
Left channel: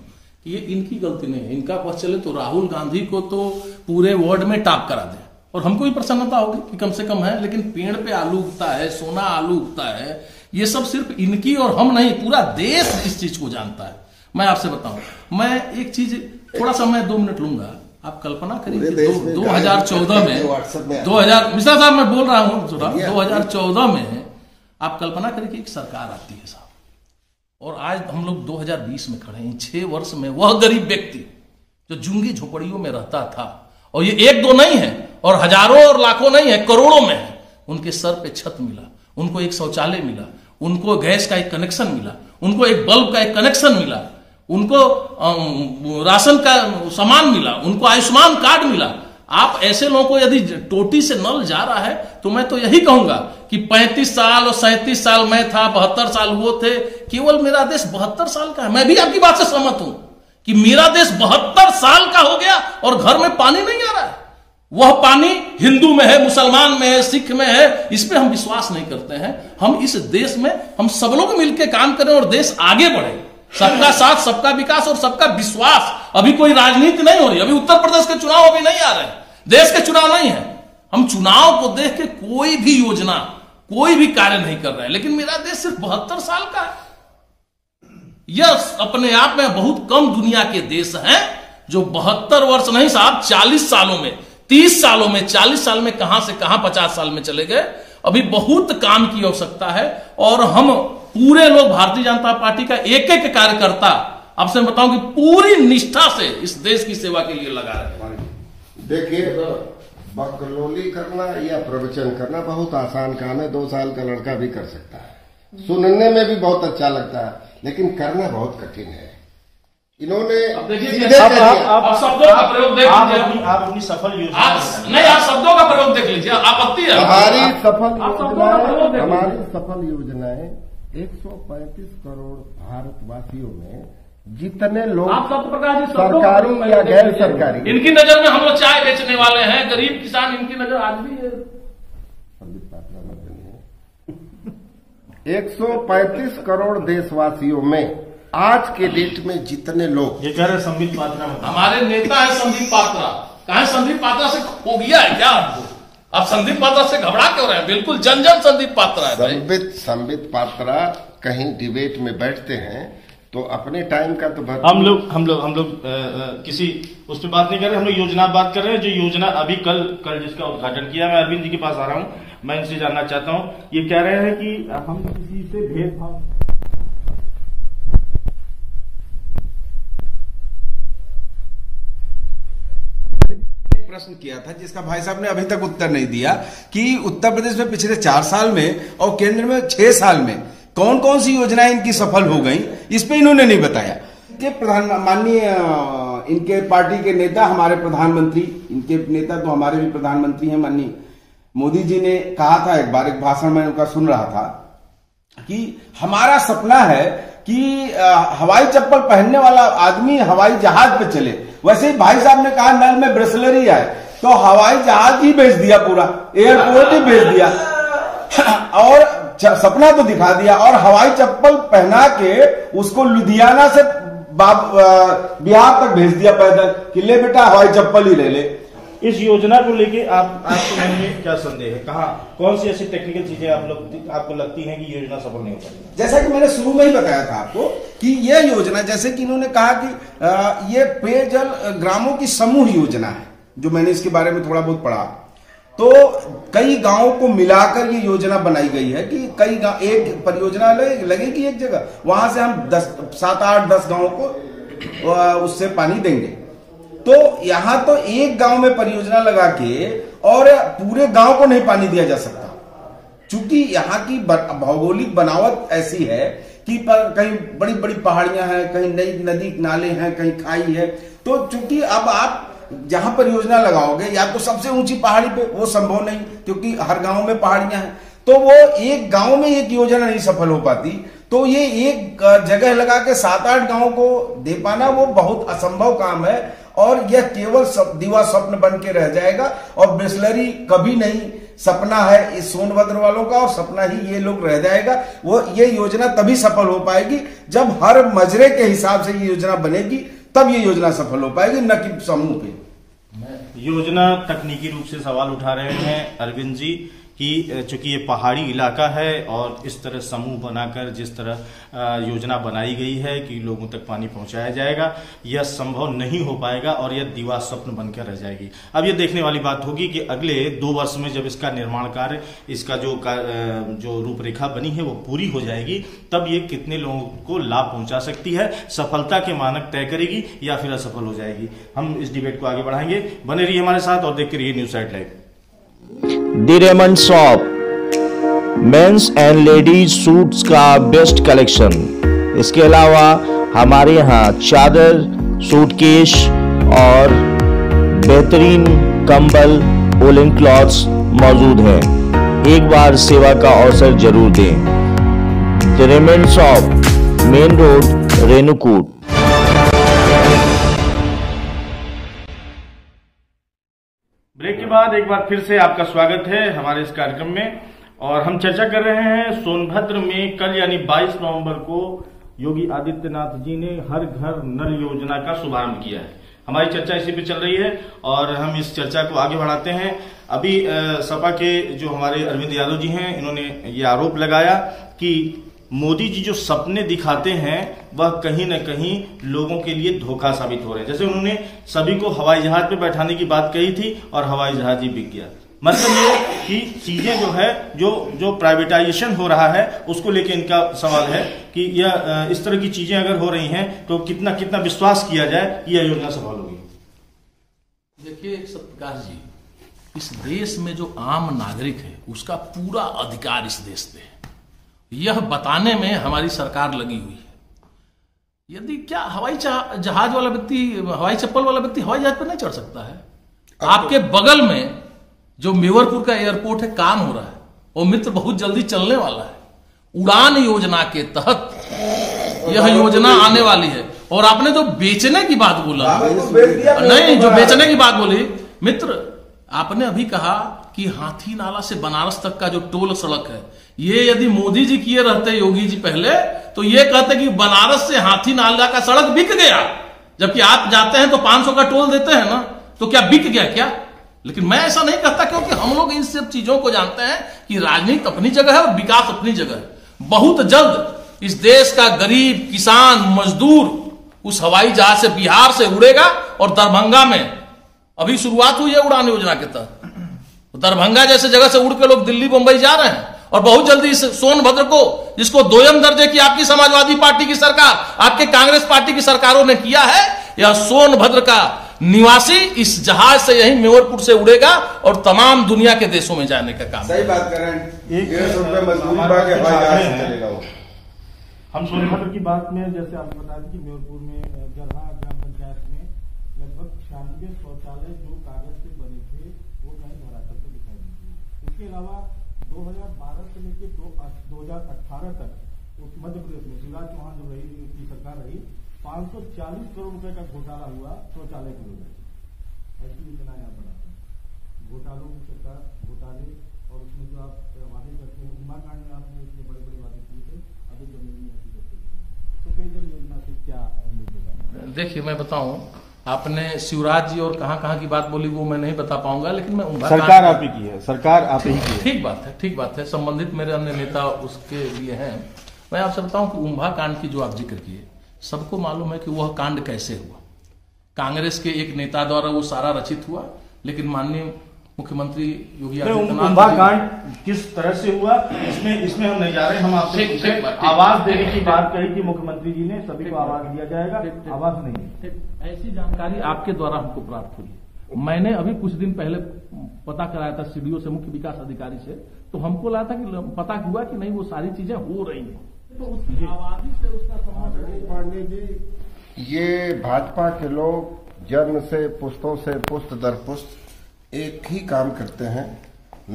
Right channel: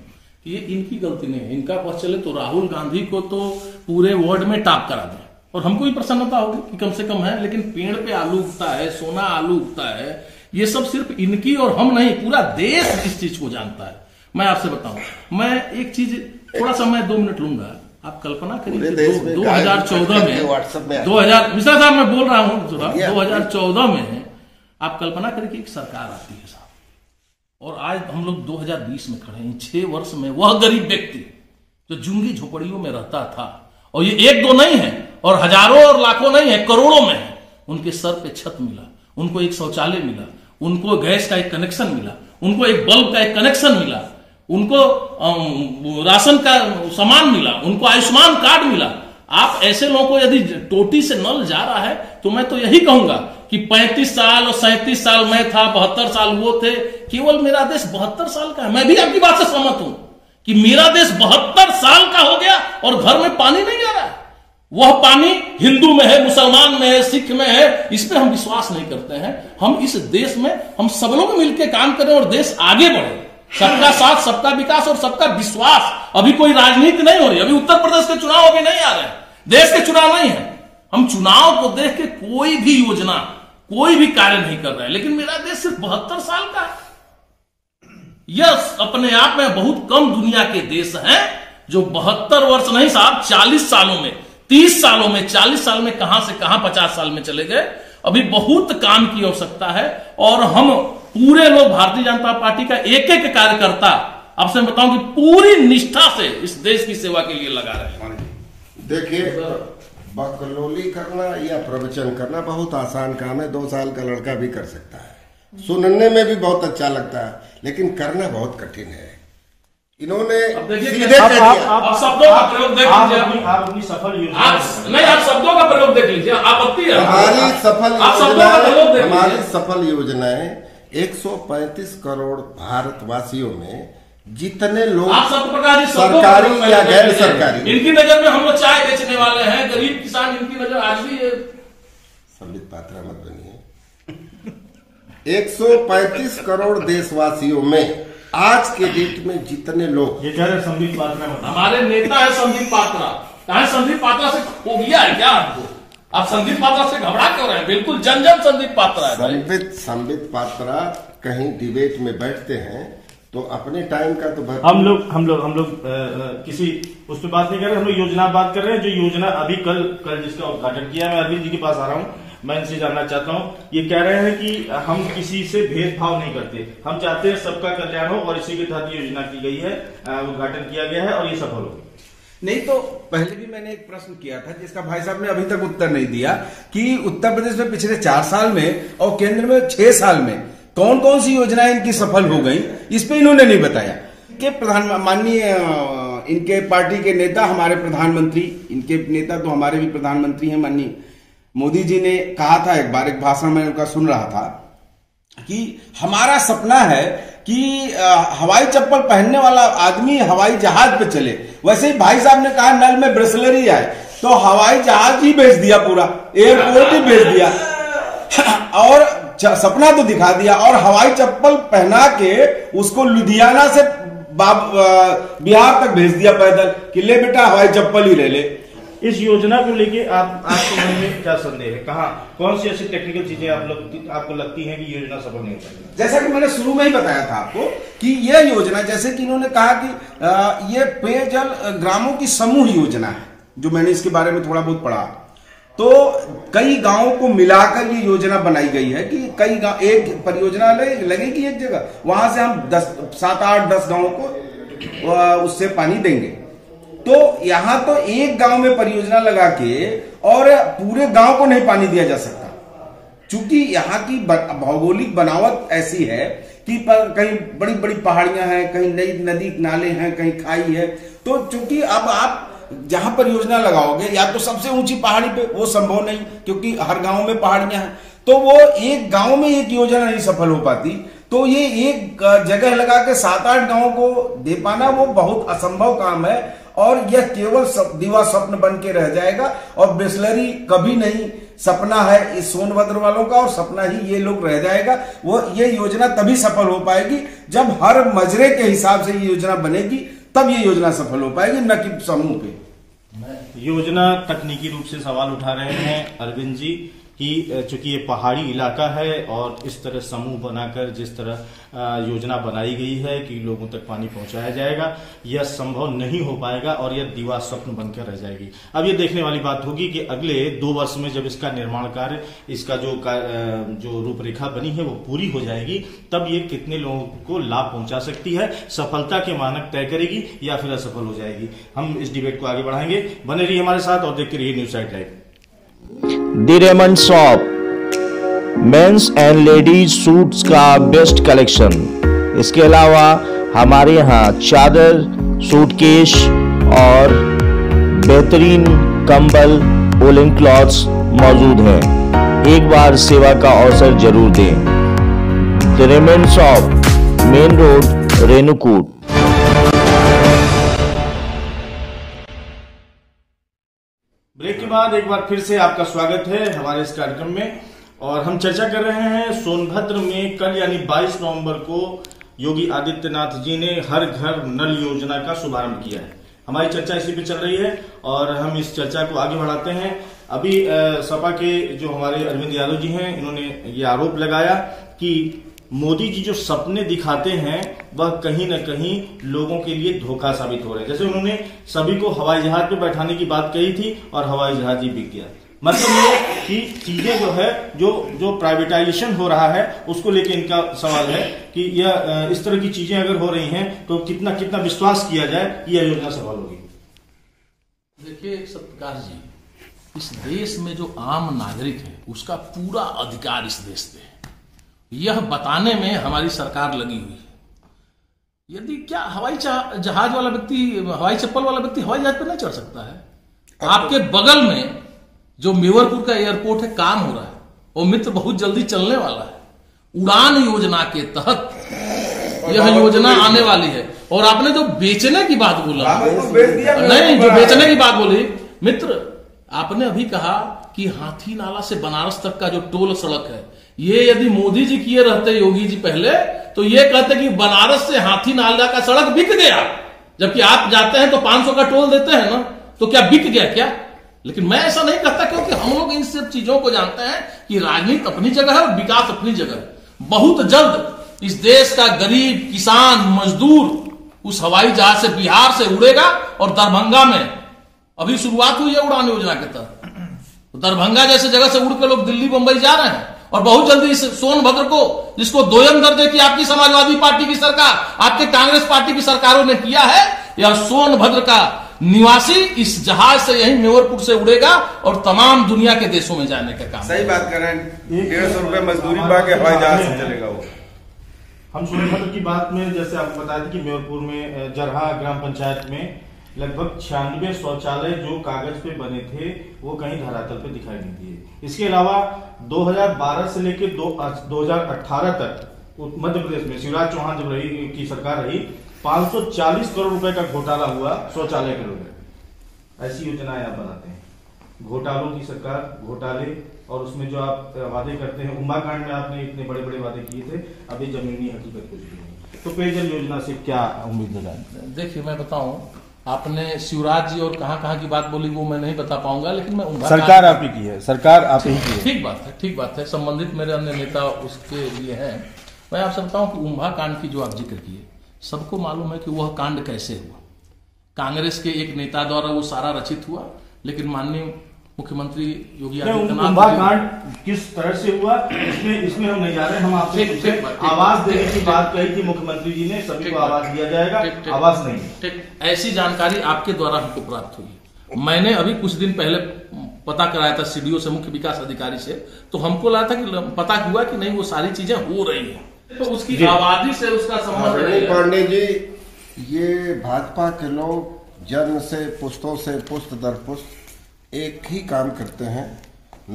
कि ये इनकी गलती नहीं है। इनका पक्ष चले तो राहुल गांधी को तो पूरे वर्ल्ड में टॉप करा दें और हमको भी प्रसन्नता होगी कि कम से कम है। लेकिन पेड़ पे आलू उगता है, सोना आलू उगता है, ये सब सिर्फ इनकी और हम नहीं, पूरा देश इस चीज को जानता है। मैं आपसे बताऊं, मैं एक चीज थोड़ा सा मैं 2 मिनट लूंगा। आप कल्पना करिए 2014 में 2000 मिश्रा साहब मैं बोल रहा हूं 2014 में आप कल्पना करिए कि एक सरकार आती है साहब, और आज हम लोग 2020 में खड़े हैं। 6 वर्ष में वह गरीब व्यक्ति जो झुग्गी झोपड़ियों में रहता था, और ये 1-2 नहीं है और हजारों और लाखों नहीं है, करोड़ों में है, उनके सर पे छत मिला, उनको एक शौचालय मिला, उनको गैस का एक कनेक्शन मिला, उनको एक बल्ब का एक कनेक्शन मिला, उनको राशन का सामान मिला, उनको आयुष्मान कार्ड मिला। आप ऐसे लोगों को यदि टोटी से नल जा रहा है तो मैं तो यही कहूंगा कि 35 साल और 37 साल मैं था, 72 साल वो थे, केवल मेरा देश 72 साल का है। मैं भी आपकी बात से सहमत हूं कि मेरा देश 72 साल का हो गया और घर में पानी नहीं आ रहा है। वह पानी हिंदू में है, मुसलमान में है, सिख में है, इस पे हम विश्वास नहीं करते हैं। हम इस देश में हम सब लोग मिलकर काम करें और देश आगे बढ़े। सबका साथ, सबका विकास और सबका विश्वास। अभी कोई राजनीति नहीं हो रही, अभी उत्तर प्रदेश के चुनाव अभी नहीं आ रहे, देश के चुनाव नहीं है। हम चुनाव को देख के कोई भी योजना, कोई भी कार्य नहीं कर रहे हैं। लेकिन मेरा देश सिर्फ 72 साल का है। यह अपने आप में बहुत कम दुनिया के देश हैं जो 72 वर्ष नहीं साहब, 40 सालों में, 30 सालों में, 40 साल में कहां से कहां 50 साल में चले गए। अभी बहुत काम की आवश्यकता है और हम पूरे लोग भारतीय जनता पार्टी का एक एक कार्यकर्ता, आपसे बताऊं कि पूरी निष्ठा से इस देश की सेवा के लिए लगा रहे हैं। देखिए, बकलोली करना या प्रवचन करना बहुत आसान काम है, 2 साल का लड़का भी कर सकता है। सुनने में भी बहुत अच्छा लगता है, लेकिन करना बहुत कठिन है। इन्होंने सीधे आप शब्दों का प्रयोग देख लीजिए, आप अपनी सफल योजना नहीं, आप शब्दों का प्रयोग देख लीजिए, आपत्ति है। हमारी सफल योजनाएं 135 करोड़ भारतवासियों में जितने लोग सरकारी या गैर सरकारी, इनकी नजर में हम लोग चाय बेचने वाले हैं, गरीब किसान, इनकी नजर आज भी है। संबित पात्रा मत बनिए। 135 करोड़ देशवासियों में आज के डेट में जितने लोग, ये कह रहे संबित पात्रा, हमारे नेता है संदीप पात्रा। कहा संदीप पात्रा से हो गया है क्या आपको? आप संदीप पात्रा से घबरा क्यों रहे हैं? बिल्कुल जन जन संदीप पात्रा है। संबित पात्रा कहीं डिबेट में बैठते हैं तो अपने टाइम का तो हम लोग किसी उस पर बात नहीं कर रहे, हम लोग योजना बात कर रहे हैं। जो योजना अभी कल जिसका उद्घाटन किया, मैं अरविंद जी के पास आ रहा हूँ, मैं इनसे जानना चाहता हूँ। ये कह रहे हैं कि हम किसी से भेदभाव नहीं करते, हम चाहते हैं सबका कल्याण हो, और इसी के तहत योजना की गई है, उद्घाटन किया गया है और ये सफल हो। नहीं तो पहले भी मैंने एक प्रश्न किया था जिसका भाई साहब ने अभी तक उत्तर नहीं दिया कि उत्तर प्रदेश में पिछले 4 साल में और केंद्र में 6 साल में कौन कौन सी योजनाएं इनकी सफल हो गई, इस पे इन्होंने नहीं बताया। कि माननीय इनके पार्टी के नेता, हमारे प्रधानमंत्री, इनके नेता तो हमारे भी प्रधानमंत्री हैं, माननीय मोदी जी ने कहा था एक बार, एक भाषण में उनका सुन रहा था कि हमारा सपना है कि हवाई चप्पल पहनने वाला आदमी हवाई जहाज पे चले। वैसे ही भाई साहब ने कहा नल में ब्रेसलेरी आए, तो हवाई जहाज ही भेज दिया, पूरा एयरपोर्ट ही भेज दिया और सपना तो दिखा दिया, और हवाई चप्पल पहना के उसको लुधियाना से बिहार तक भेज दिया पैदल कि ले बेटा हवाई चप्पल ही ले ले। इस योजना को लेके आपके मन में क्या संदेह है? कहाँ कौन सी ऐसी टेक्निकल चीजें आपको लगती हैं कि योजना सफल नहीं हो पाएगी? जैसा कि मैंने शुरू में ही बताया था आपको कि यह योजना, जैसे कि इन्होंने कहा कि ये पेयजल ग्रामों की समूह योजना है, जो मैंने इसके बारे में थोड़ा बहुत पढ़ा, तो कई गांवों को मिलाकर ये योजना बनाई गई है कि कई गांव, एक परियोजना लगेगी एक जगह, वहां से हम 7, 8, 10 गांवों को उससे पानी देंगे। तो यहां तो एक गांव में परियोजना लगा के और पूरे गांव को नहीं पानी दिया जा सकता, क्योंकि यहां की भौगोलिक बनावट ऐसी है कि कहीं बड़ी बड़ी पहाड़ियां हैं, कहीं नई नदी नाले हैं, कहीं खाई है। तो चूंकि अब आप जहां पर योजना लगाओगे या तो सबसे ऊंची पहाड़ी पे, वो संभव नहीं क्योंकि हर गांव में पहाड़ियां हैं, तो वो एक गांव में एक योजना नहीं सफल हो पाती। तो ये एक जगह लगा के 7-8 गांवों को दे पाना वो बहुत असंभव काम है और यह केवल दीवा स्वप्न बन के रह जाएगा और बिस्लरी कभी नहीं। सपना है इस सोनभद्र वालों का और सपना ही ये लोग रह जाएगा। वो ये योजना तभी सफल हो पाएगी जब हर मजरे के हिसाब से ये योजना बनेगी, तब ये योजना सफल हो पाएगी, न कि समूह पे। योजना तकनीकी रूप से सवाल उठा रहे हैं अरविंद जी कि चूंकि ये पहाड़ी इलाका है और इस तरह समूह बनाकर जिस तरह योजना बनाई गई है कि लोगों तक पानी पहुंचाया जाएगा, यह संभव नहीं हो पाएगा और यह दीवा स्वप्न बनकर रह जाएगी। अब ये देखने वाली बात होगी कि अगले 2 वर्ष में जब इसका निर्माण कार्य, इसका जो रूपरेखा बनी है वो पूरी हो जाएगी, तब ये कितने लोगों को लाभ पहुंचा सकती है, सफलता के मानक तय करेगी या फिर असफल हो जाएगी। हम इस डिबेट को आगे बढ़ाएंगे। बने रहिए हमारे साथ और देखते रहिए news site live. The Raymond shop, men's and ladies suits का बेस्ट कलेक्शन। इसके अलावा हमारे यहाँ चादर, सूटकेस और बेहतरीन कंबल, वूलन क्लॉथ्स मौजूद हैं। एक बार सेवा का अवसर जरूर दें। The Raymond shop, main road, Renukoot. Break के बाद एक बार फिर से आपका स्वागत है हमारे इस कार्यक्रम में और हम चर्चा कर रहे हैं सोनभद्र में कल यानी 22 नवंबर को योगी आदित्यनाथ जी ने हर घर नल योजना का शुभारंभ किया है। हमारी चर्चा इसी पे चल रही है और हम इस चर्चा को आगे बढ़ाते हैं। अभी सपा के जो हमारे अरविंद यादव जी हैं, इन्होंने ये आरोप लगाया कि मोदी जी जो सपने दिखाते हैं वह कहीं न कहीं लोगों के लिए धोखा साबित हो रहे हैं। जैसे उन्होंने सभी को हवाई जहाज पे बैठाने की बात कही थी और हवाई जहाज ही बिक गया। मतलब ये कि चीजें जो है जो प्राइवेटाइजेशन हो रहा है उसको लेके इनका सवाल है कि यह इस तरह की चीजें अगर हो रही हैं तो कितना कितना विश्वास किया जाए कि यह योजना सफल होगी। देखिए सत्प्रकाश जी, इस देश में जो आम नागरिक है उसका पूरा अधिकार इस देश पे है, यह बताने में हमारी सरकार लगी हुई है। यदि क्या हवाई जहाज वाला व्यक्ति, हवाई चप्पल वाला व्यक्ति हवाई जहाज पर नहीं चढ़ सकता है? आपके बगल में जो मेवरपुर का एयरपोर्ट है, काम हो रहा है और मित्र बहुत जल्दी चलने वाला है। उड़ान योजना के तहत यह योजना आने वाली है। और आपने जो बेचने की बात बोला, नहीं, जो बेचने की बात बोली मित्र, आपने अभी कहा कि हाथी नाला से बनारस तक का जो टोल सड़क है, ये यदि मोदी जी किए रहते, योगी जी पहले, तो ये कहते कि बनारस से हाथी नाला का सड़क बिक गया। जबकि आप जाते हैं तो 500 का टोल देते हैं ना, तो क्या बिक गया क्या? लेकिन मैं ऐसा नहीं कहता, क्योंकि हम लोग इन सब चीजों को जानते हैं कि राजनीति अपनी जगह है और विकास अपनी जगह है। बहुत जल्द इस देश का गरीब किसान मजदूर उस हवाई जहाज से बिहार से उड़ेगा और दरभंगा में अभी शुरुआत हुई है उड़ान योजना के तहत। दरभंगा जैसे जगह से उड़ के लोग दिल्ली बंबई जा रहे हैं और बहुत जल्दी इस सोनभद्र को, जिसको दोयम दर्जे की आपकी समाजवादी पार्टी की सरकार, आपके कांग्रेस पार्टी की सरकारों ने किया है, यह सोनभद्र का निवासी इस जहाज से यही मेवरपुर से उड़ेगा और तमाम दुनिया के देशों में जाने का काम। सही बात कर रहे हैं। 150 रुपए मजदूरी बाकी हवाई जहाज से चलेगा वो। हम सोनभद्र की बात में जैसे आपको बताया था कि मेवरपुर में जरहा ग्राम पंचायत में लगभग 96 शौचालय जो कागज पे बने थे वो कहीं धरातल पे दिखाई नहीं दिए। इसके अलावा 2012 से लेकर 2018 तक मध्य प्रदेश में शिवराज चौहान जब की सरकार रही, 540 करोड़ रुपए का घोटाला हुआ शौचालय के लेकर। ऐसी योजनाएं आप बनाते हैं, घोटालों की सरकार, घोटाले, और उसमें जो आप वादे करते हैं, उम्बा कांड में आपने इतने बड़े बड़े वादे किए थे, अभी जमीनी हकीकत कुछ नहीं है। तो पेयजल योजना से क्या उम्मीद लगाएं? देखिए मैं बताऊं, आपने शिवराज जी और कहां की बात बोली वो मैं नहीं बता पाऊंगा, लेकिन मैं सरकार आप ही की है, सरकार आप ही की है। ठीक बात है, संबंधित मेरे अन्य नेता उसके लिए हैं। मैं आपसे बताऊं कि उम्भा कांड की जो आप जिक्र किए, सबको मालूम है कि वह कांड कैसे हुआ। कांग्रेस के एक नेता द्वारा वो सारा रचित हुआ, लेकिन माननीय मुख्यमंत्री योगी आदित्यनाथ कांड किस तरह से हुआ इसमें हम नहीं जा रहे। हम आपसे आवाज देने की बात कही थी मुख्यमंत्री जी ने, सभी को आवाज दिया जाएगा, आवाज नहीं। ऐसी जानकारी आपके द्वारा हमको प्राप्त हुई। मैंने अभी कुछ दिन पहले पता कराया था सीडीओ से, मुख्य विकास अधिकारी से, तो हमको लगा था कि पता हुआ कि नहीं वो सारी चीजें हो रही हैं। तो उसकी आबादी से उसका संबंध नहीं है। पांडे जी, ये भाजपा के लोग जन्म से पुश्तों से पुश्त दर पुश्त एक ही काम करते हैं,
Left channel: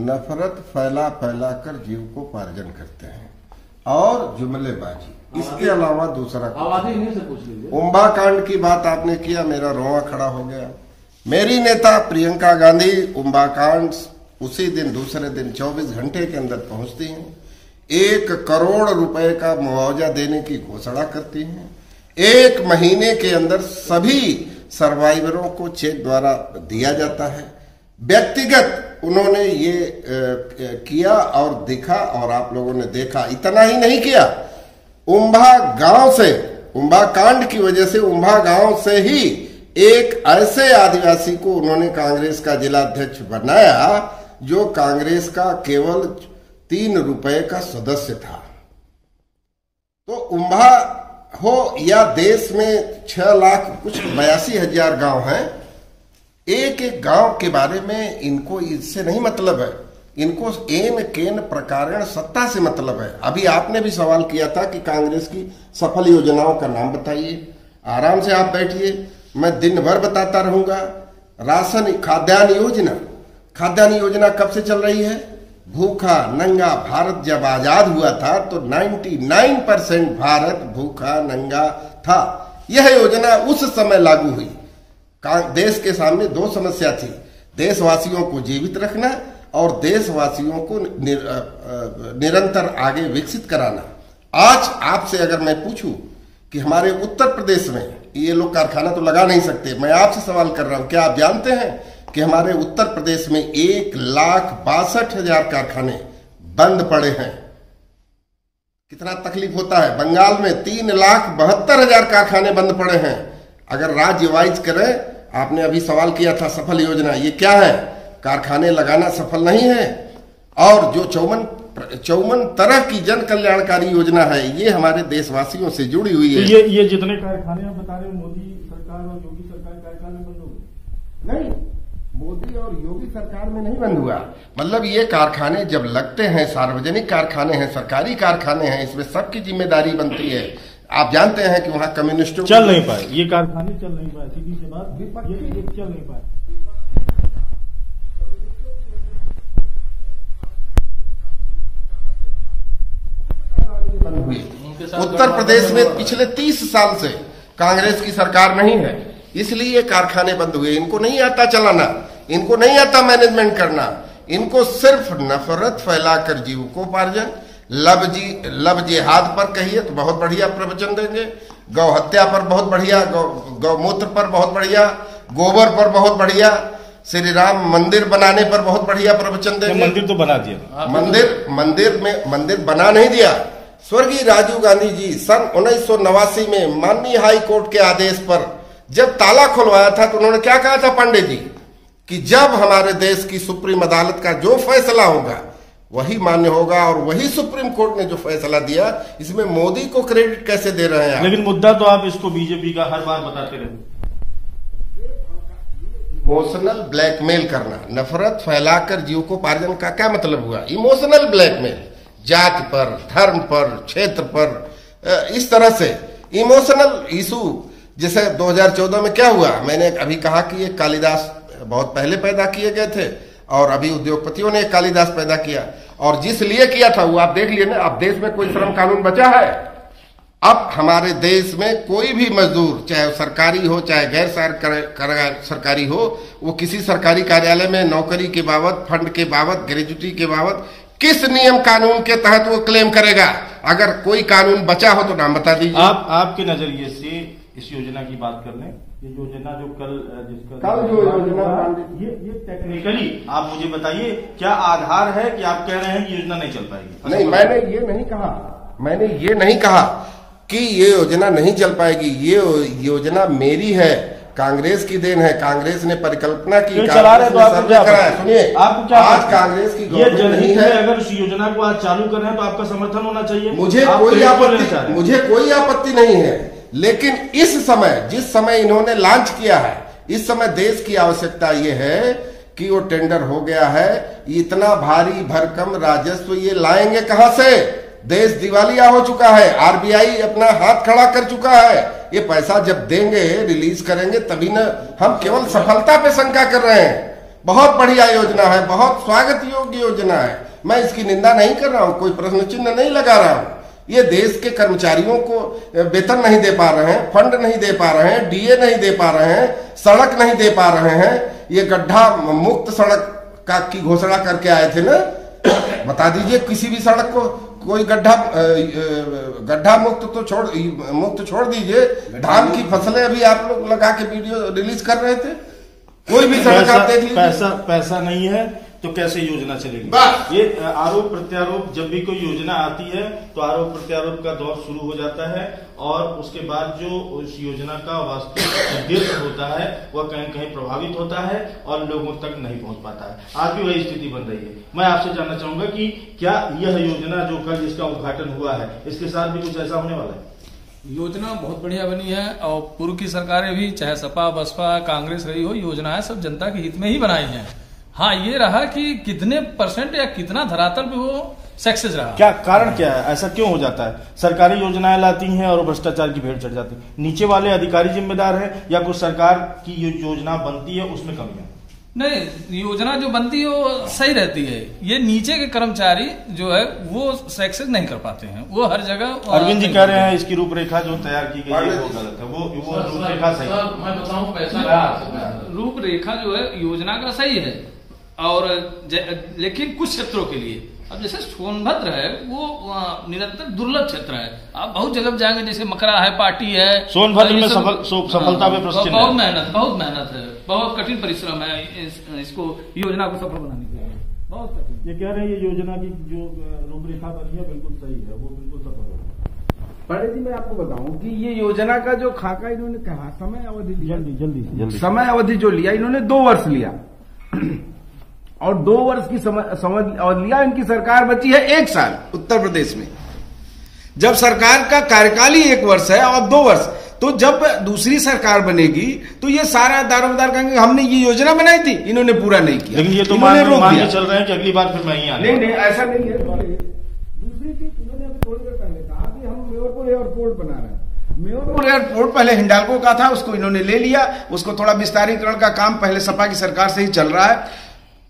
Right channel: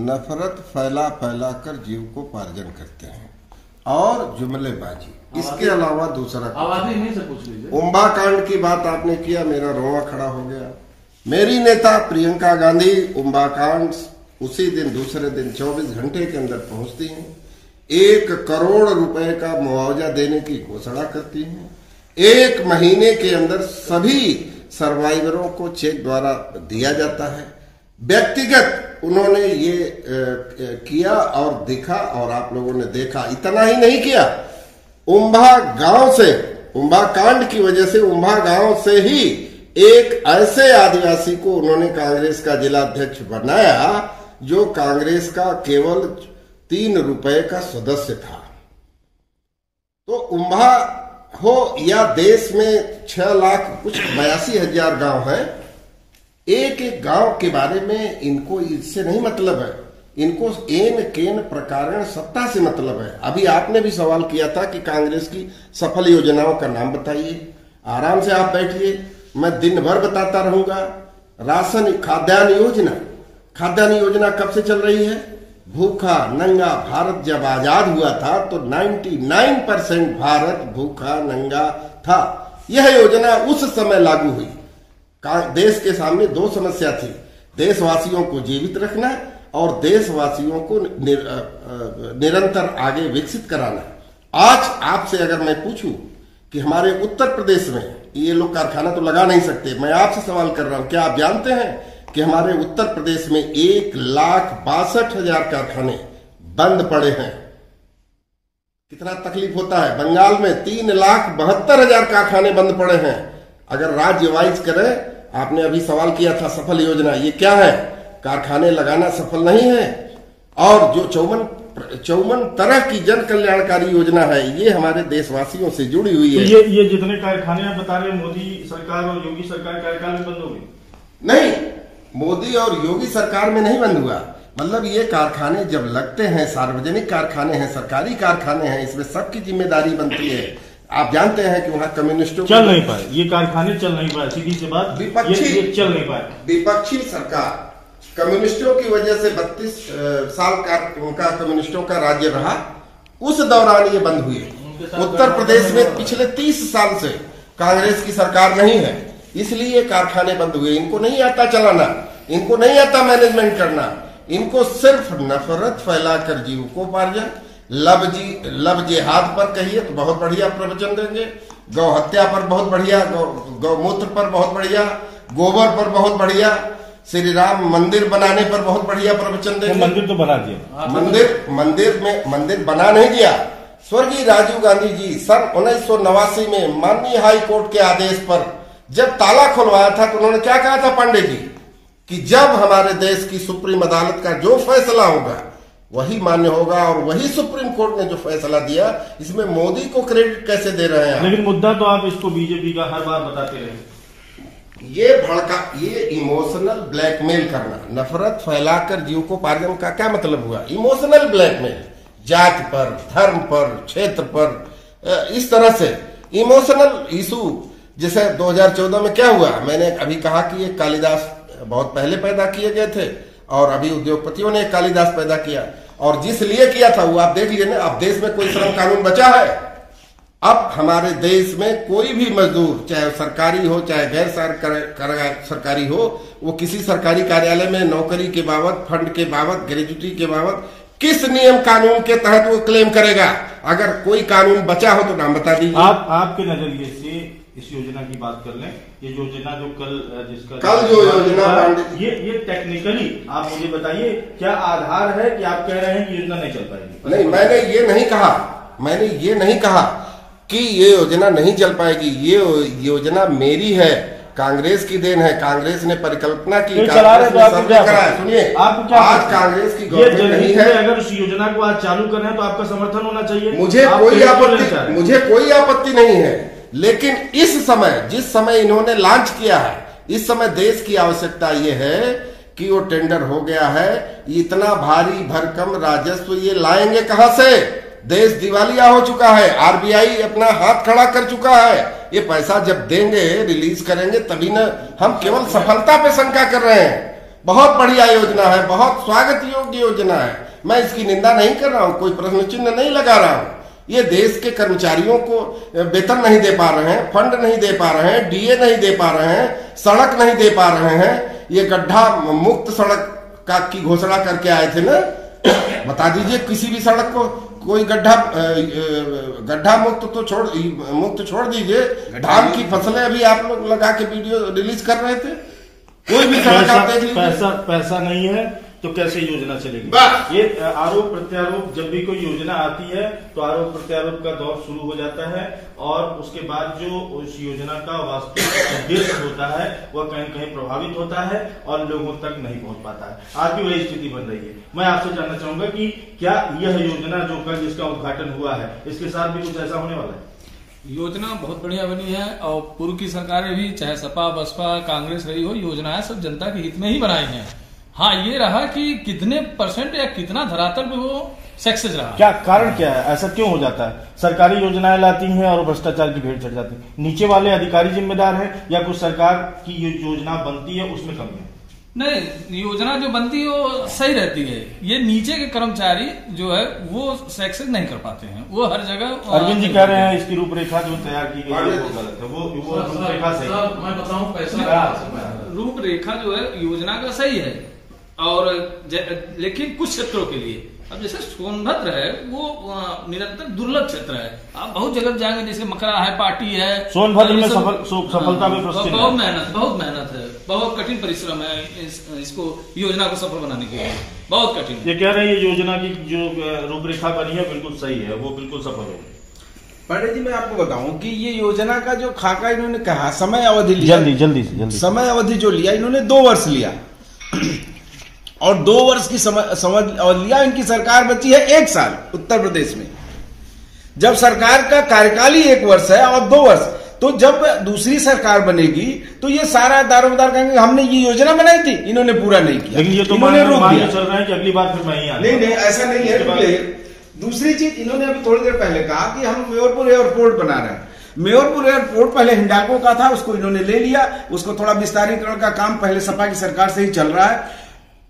नफरत फैला फैला कर जीव को पार्जन करते हैं और जुमलेबाजी, इसके अलावा दूसरा आबादी नहीं से पूछ लीजिए। उम्बा कांड की बात आपने किया, मेरा रोआ खड़ा हो गया। मेरी नेता प्रियंका गांधी उम्बा कांड उसी दिन दूसरे दिन 24 घंटे के अंदर पहुंचती हैं, 1 करोड़ रुपए का मुआवजा देने की घोषणा करती हैं, 1 महीने के अंदर सभी सर्वाइवरों को चेक द्वारा दिया जाता है। व्यक्तिगत उन्होंने ये किया और दिखा और आप लोगों ने देखा। इतना ही नहीं किया, उम्भा गांव से, उम्भा कांड की वजह से उम्भा गांव से ही एक ऐसे आदिवासी को उन्होंने कांग्रेस का जिला अध्यक्ष बनाया जो कांग्रेस का केवल 3 रुपए का सदस्य था। तो उम्भा हो या देश में 6,82,000 गांव हैं, एक एक गांव के बारे में इनको इससे नहीं मतलब है, इनको एन केन प्रकारण सत्ता से मतलब है। अभी आपने भी सवाल किया था कि कांग्रेस की सफल योजनाओं का नाम बताइए। आराम से आप बैठिए, मैं दिन भर बताता रहूंगा। राशन खाद्यान्न योजना कब से चल रही है? भूखा नंगा भारत जब आजाद हुआ था तो 99% भारत भूखा नंगा था। यह योजना उस समय लागू हुई। देश के सामने 2 समस्या थी, देशवासियों को जीवित रखना और देशवासियों को निरंतर आगे विकसित कराना। आज आपसे अगर मैं पूछूं कि हमारे उत्तर प्रदेश में ये लोग कारखाना तो लगा नहीं सकते, मैं आपसे सवाल कर रहा हूं, क्या आप जानते हैं कि हमारे उत्तर प्रदेश में 1,62,000 कारखाने बंद पड़े हैं? कितना तकलीफ होता है। बंगाल में 3,72,000 कारखाने बंद पड़े हैं। अगर राज्य वाइज करें, आपने अभी सवाल किया था सफल योजना, ये क्या है? कारखाने लगाना सफल नहीं है। और जो 54 तरह की जन कल्याणकारी योजना है, ये हमारे देशवासियों से जुड़ी हुई है। तो ये जितने कारखाने आप बता रहे हैं मोदी सरकार और योगी सरकार कार्यकाल में बंद हो गए? नहीं, मोदी और योगी सरकार में नहीं बंद हुआ। मतलब ये कारखाने जब लगते हैं, सार्वजनिक कारखाने हैं, सरकारी कारखाने हैं, इसमें सबकी जिम्मेदारी बनती है। आप जानते हैं कि वहाँ कम्युनिस्टों चल नहीं पाए, ये कारखाने चल नहीं पाए, सीधी सी बात, विपक्षी चल नहीं पाए। विपक्षी सरकार कम्युनिस्टों की वजह से 32 साल का उनका कम्युनिस्टों का राज्य रहा, उस दौरान ये बंद हुए। उत्तर प्रदेश में पिछले 30 साल से कांग्रेस की सरकार नहीं है, इसलिए कारखाने बंद हुए। इनको नहीं आता चलाना, इनको नहीं आता मैनेजमेंट करना, इनको सिर्फ नफरत फैलाकर जीविकोपार्जन, लब जिहाद पर कहिए तो बहुत बढ़िया प्रवचन देंगे, गौ हत्या पर बहुत बढ़िया, गौमूत्र पर बहुत बढ़िया, गोबर पर बहुत बढ़िया, श्री राम मंदिर बनाने पर बहुत बढ़िया प्रवचन देंगे। मंदिर तो बना दिया, मंदिर बना नहीं दिया। स्वर्गीय राजीव गांधी जी सन 1989 में माननीय हाई कोर्ट के आदेश पर जब ताला खुलवाया था तो उन्होंने क्या कहा था पांडे जी, कि जब हमारे देश की सुप्रीम अदालत का जो फैसला होगा वही मान्य होगा, और वही सुप्रीम कोर्ट ने जो फैसला दिया, इसमें मोदी को क्रेडिट कैसे दे रहे हैं? लेकिन मुद्दा तो आप इसको बीजेपी का हर बार बताते रहे। ये इमोशनल ब्लैकमेल करना, नफरत फैलाकर जीविकोपार्जन का क्या मतलब हुआ? इमोशनल ब्लैकमेल, जात पर, धर्म पर, क्षेत्र पर, इस तरह से इमोशनल इशू। जैसे 2014 में क्या हुआ, मैंने अभी कहा कि ये कालिदास बहुत पहले पैदा किए गए थे और अभी उद्योगपतियों ने कालिदास पैदा किया, और जिस लिए किया था वो आप देख लिए ना। अब देश में कोई श्रम कानून बचा है? अब हमारे देश में कोई भी मजदूर, चाहे सरकारी हो चाहे गैर सरकारी हो, वो किसी सरकारी कार्यालय में नौकरी के बाबत, फंड के बाबत, ग्रेजुटी के बाबत किस नियम कानून के तहत वो क्लेम करेगा? अगर कोई कानून बचा हो तो नाम बता दीजिए। आपके नजरिए से इस योजना की बात कर लें, ये योजना जो कल जो योजना, ये टेक्निकली आप मुझे बताइए क्या आधार है कि आप कह रहे हैं कि योजना नहीं चल पाएगी? नहीं, मैंने ये नहीं कहा कि ये योजना नहीं चल पाएगी। ये योजना मेरी है, कांग्रेस की देन है, कांग्रेस ने परिकल्पना की, चला रहे तो आपको क्या सुनिए, आपको क्या आज कांग्रेस की गवर्नमेंट नहीं है। अगर इस योजना को आज चालू कर रहे हैं तो आपका समर्थन होना चाहिए। मुझे कोई आपत्ति नहीं है, लेकिन इस समय, जिस समय इन्होंने लॉन्च किया है, इस समय देश की आवश्यकता ये है कि वो टेंडर हो गया है, इतना भारी भरकम राजस्व ये लाएंगे कहां से? देश दिवालिया हो चुका है, आरबीआई अपना हाथ खड़ा कर चुका है। ये पैसा जब देंगे, रिलीज करेंगे, तभी न। हम केवल सफलता पे शंका कर रहे हैं। बहुत बढ़िया योजना है, बहुत स्वागत योग्य योजना है, मैं इसकी निंदा नहीं कर रहा हूं, कोई प्रश्न चिन्ह नहीं लगा रहा हूं। ये देश के कर्मचारियों को वेतन नहीं दे पा रहे हैं, फंड नहीं दे पा रहे हैं, डीए नहीं दे पा रहे हैं, सड़क नहीं दे पा रहे हैं। ये गड्ढा मुक्त सड़क का की घोषणा करके आए थे ना, बता दीजिए किसी भी सड़क को कोई गड्ढा मुक्त तो छोड़ दीजिए, धान की फसलें अभी आप लोग लगा के वीडियो रिलीज कर रहे थे। कोई भी सड़क आप देख लीजिए, पैसा नहीं है तो कैसे योजना चलेगी। ये आरोप प्रत्यारोप, जब भी कोई योजना आती है तो आरोप प्रत्यारोप का दौर शुरू हो जाता है और उसके बाद जो उस योजना का वास्तविक उद्देश्य होता है वह कहीं कहीं प्रभावित होता है और लोगों तक नहीं पहुंच पाता है। आज भी वही स्थिति बन रही है। मैं आपसे जानना चाहूंगा कि क्या यह योजना जो कल जिसका उद्घाटन हुआ है, इसके साथ भी कुछ ऐसा होने वाला है? योजना बहुत बढ़िया बनी है और पूर्व की सरकारें भी, चाहे सपा बसपा कांग्रेस रही हो, योजनाएं सब जनता के हित में ही बनाई हैं। हाँ, ये रहा कि कितने % या कितना धरातल पे वो सक्सेस रहा। क्या कारण क्या है, ऐसा क्यों हो जाता है? सरकारी योजनाएं लाती हैं और भ्रष्टाचार की भेंट चढ़ जाती है। नीचे वाले अधिकारी जिम्मेदार हैं या कुछ सरकार की योजना बनती है उसमें कमियां? नहीं, योजना जो बनती है वो सही रहती है। ये नीचे के कर्मचारी जो है वो सक्सेस नहीं कर पाते हैं, वो हर जगह। अरविंद जी कह रहे हैं इसकी रूपरेखा जो तैयार की गई है वो गलत है, वो रूपरेखा सही है। मैं बताऊं, पैसा रूपरेखा जो है योजना का सही है और लेकिन कुछ क्षेत्रों के लिए, अब जैसे सोनभद्र है वो निरंतर दुर्लभ क्षेत्र है। आप बहुत जगह जाएंगे, जैसे मकरा है, पार्टी है, सोनभद्र में सफलता में बहुत मेहनत है, बहुत कठिन परिश्रम है इसको योजना को सफल बनाने के लिए, बहुत कठिन। ये कह रहे हैं ये योजना की जो रूपरेखा बनी है बिल्कुल सही है, वो बिल्कुल सफल होगी। पंडित जी, मैं आपको बताऊं कि ये योजना का जो खाका इन्होंने कहा, समय अवधि लिया, जल्दी समय अवधि जो लिया इन्होंने 2 वर्ष लिया और 2 वर्ष की समझ और लिया। इनकी सरकार बची है 1 साल उत्तर प्रदेश में, जब सरकार का कार्यकाल ही 1 वर्ष है और 2 वर्ष, तो जब दूसरी सरकार बनेगी तो ये सारा दारोमदार कहेंगे हमने ये योजना बनाई थी, इन्होंने पूरा नहीं किया। लेकिन ये तो मान के चल रहे हैं कि अगली बार फिर मैं ही आऊंगा। नहीं, ऐसा नहीं है। दूसरी चीज इन्होंने अभी थोड़ी देर पहले कहा कि हम मेयरपुर एयरपोर्ट बना रहे हैं। मेयरपुर एयरपोर्ट पहले हिंडाल्को का था, उसको इन्होंने ले लिया, उसको थोड़ा विस्तारीकरण का काम पहले सपा की सरकार से ही चल रहा है।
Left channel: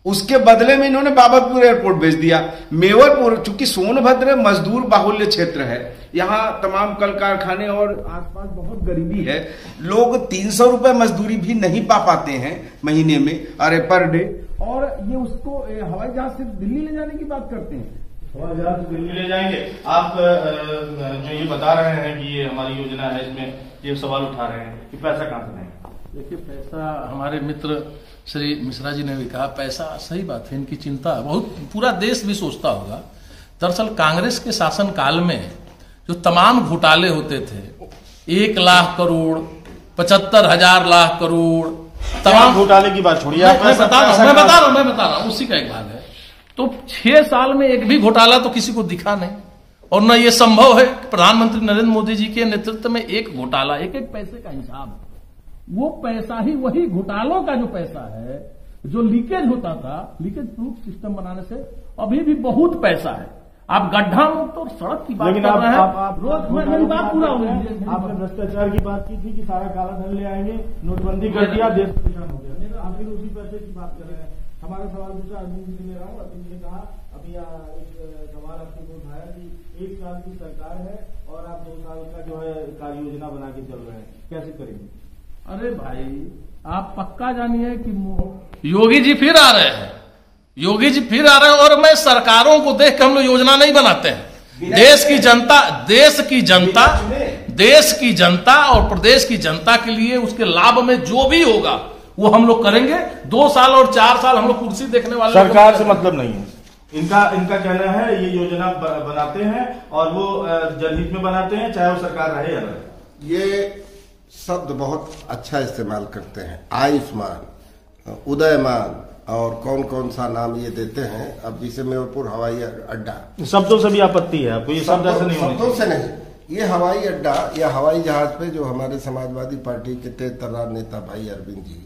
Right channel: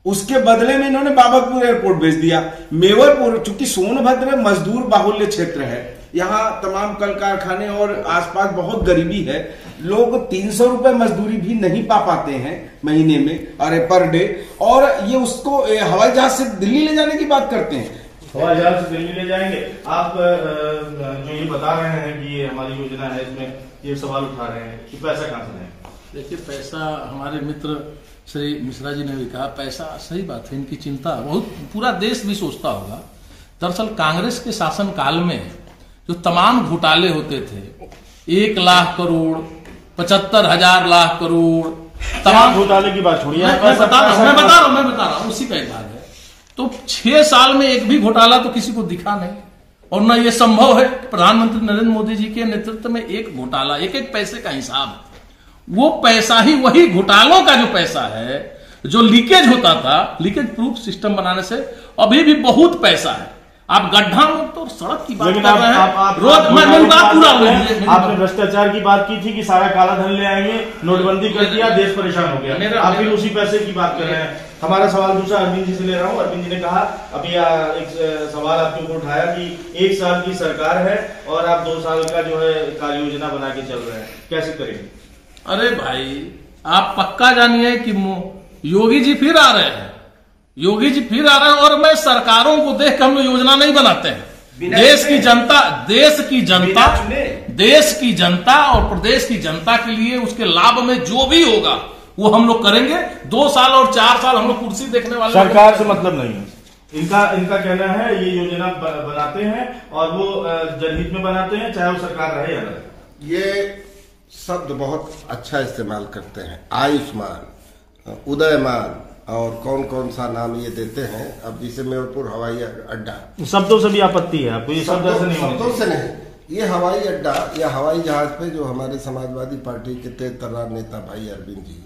उसके बदले में इन्होंने बाबतपुर एयरपोर्ट भेज दिया। मेवरपुर, चूंकि सोनभद्र मजदूर बाहुल्य क्षेत्र है, यहाँ तमाम कल कारखाने और आसपास बहुत गरीबी है, लोग 300 रुपए मजदूरी भी नहीं पा पाते हैं महीने में, अरे पर डे, और ये उसको हवाई जहाज से दिल्ली ले जाने की बात करते हैं। हवाई जहाज से दिल्ली ले जाएंगे। आप जो ये बता रहे हैं कि ये हमारी योजना है, इसमें ये सवाल उठा रहे हैं कि पैसा कहां से लाएंगे? देखिए, पैसा हमारे मित्र श्री मिश्रा जी ने भी कहा, पैसा सही बात है, इनकी चिंता बहुत पूरा देश भी सोचता होगा। दरअसल कांग्रेस के शासन काल में जो तमाम घोटाले होते थे, 1 लाख करोड़, 75,000 लाख करोड़, तमाम घोटाले की बात छोड़िए, मैं बता रहा हूँ उसी का एक भाग है। तो 6 साल में एक भी घोटाला तो किसी को दिखा नहीं, और न ये संभव है प्रधानमंत्री नरेंद्र मोदी जी के नेतृत्व में एक घोटाला, एक पैसे का हिसाब, वो पैसा ही वही घोटालों का जो पैसा है, जो लीकेज होता था, लीकेज प्रूफ सिस्टम बनाने से अभी भी बहुत पैसा है। आप गड्ढा मुक्त और सड़क की बात कर रहे हैं, रोज मेरी बात पूरा हो रही है। आपने भ्रष्टाचार की बात की थी कि सारा काला धन ले आएंगे, नोटबंदी कर दिया, देश परेशान हो गया, आप फिर उसी पैसे की बात कर रहे हैं। हमारा सवाल दूसरा अरविंद जी से ले रहा हूँ। अरविंद जी ने कहा, अभी एक सवाल आपके ऊपर उठाया कि 1 साल की सरकार है और आप 2 साल का जो है कार्य योजना बना के चल रहे हैं, कैसे करेंगे? अरे भाई, आप पक्का जानिए कि योगी जी फिर आ रहे हैं, योगी जी फिर आ रहे हैं, और मैं सरकारों को देख के हम लोग योजना नहीं बनाते हैं। देश की जनता और प्रदेश की जनता के लिए उसके लाभ में जो भी होगा वो हम लोग करेंगे। 2 साल और 4 साल हम लोग कुर्सी देखने वाले, सरकार से मतलब नहीं है। इनका कहना है ये योजना बनाते हैं और वो जनहित में बनाते हैं, चाहे वो सरकार रहे या न। ये शब्द बहुत अच्छा इस्तेमाल करते हैं, आयुष्मान, उदयमान और कौन सा नाम ये देते हैं। अब जैसे मेयरपुर हवाई अड्डा, शब्दों से भी आपत्ति है आपको? ये शब्द ऐसे नहीं, शब्दों से नहीं, ये हवाई अड्डा या हवाई जहाज पे जो हमारे समाजवादी पार्टी के तेज तर्रार नेता भाई अरविंद जी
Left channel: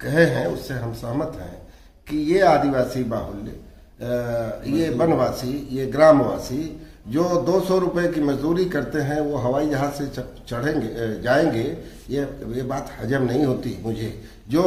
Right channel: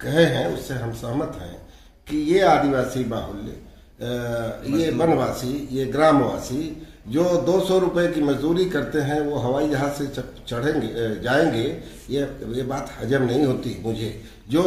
कहे हैं, उससे हम सहमत हैं कि ये आदिवासी बाहुल्य, ये वनवासी, ये ग्रामवासी जो 200 रुपए की मजदूरी करते हैं वो हवाई जहाज से जाएंगे, ये बात हजम नहीं होती मुझे। जो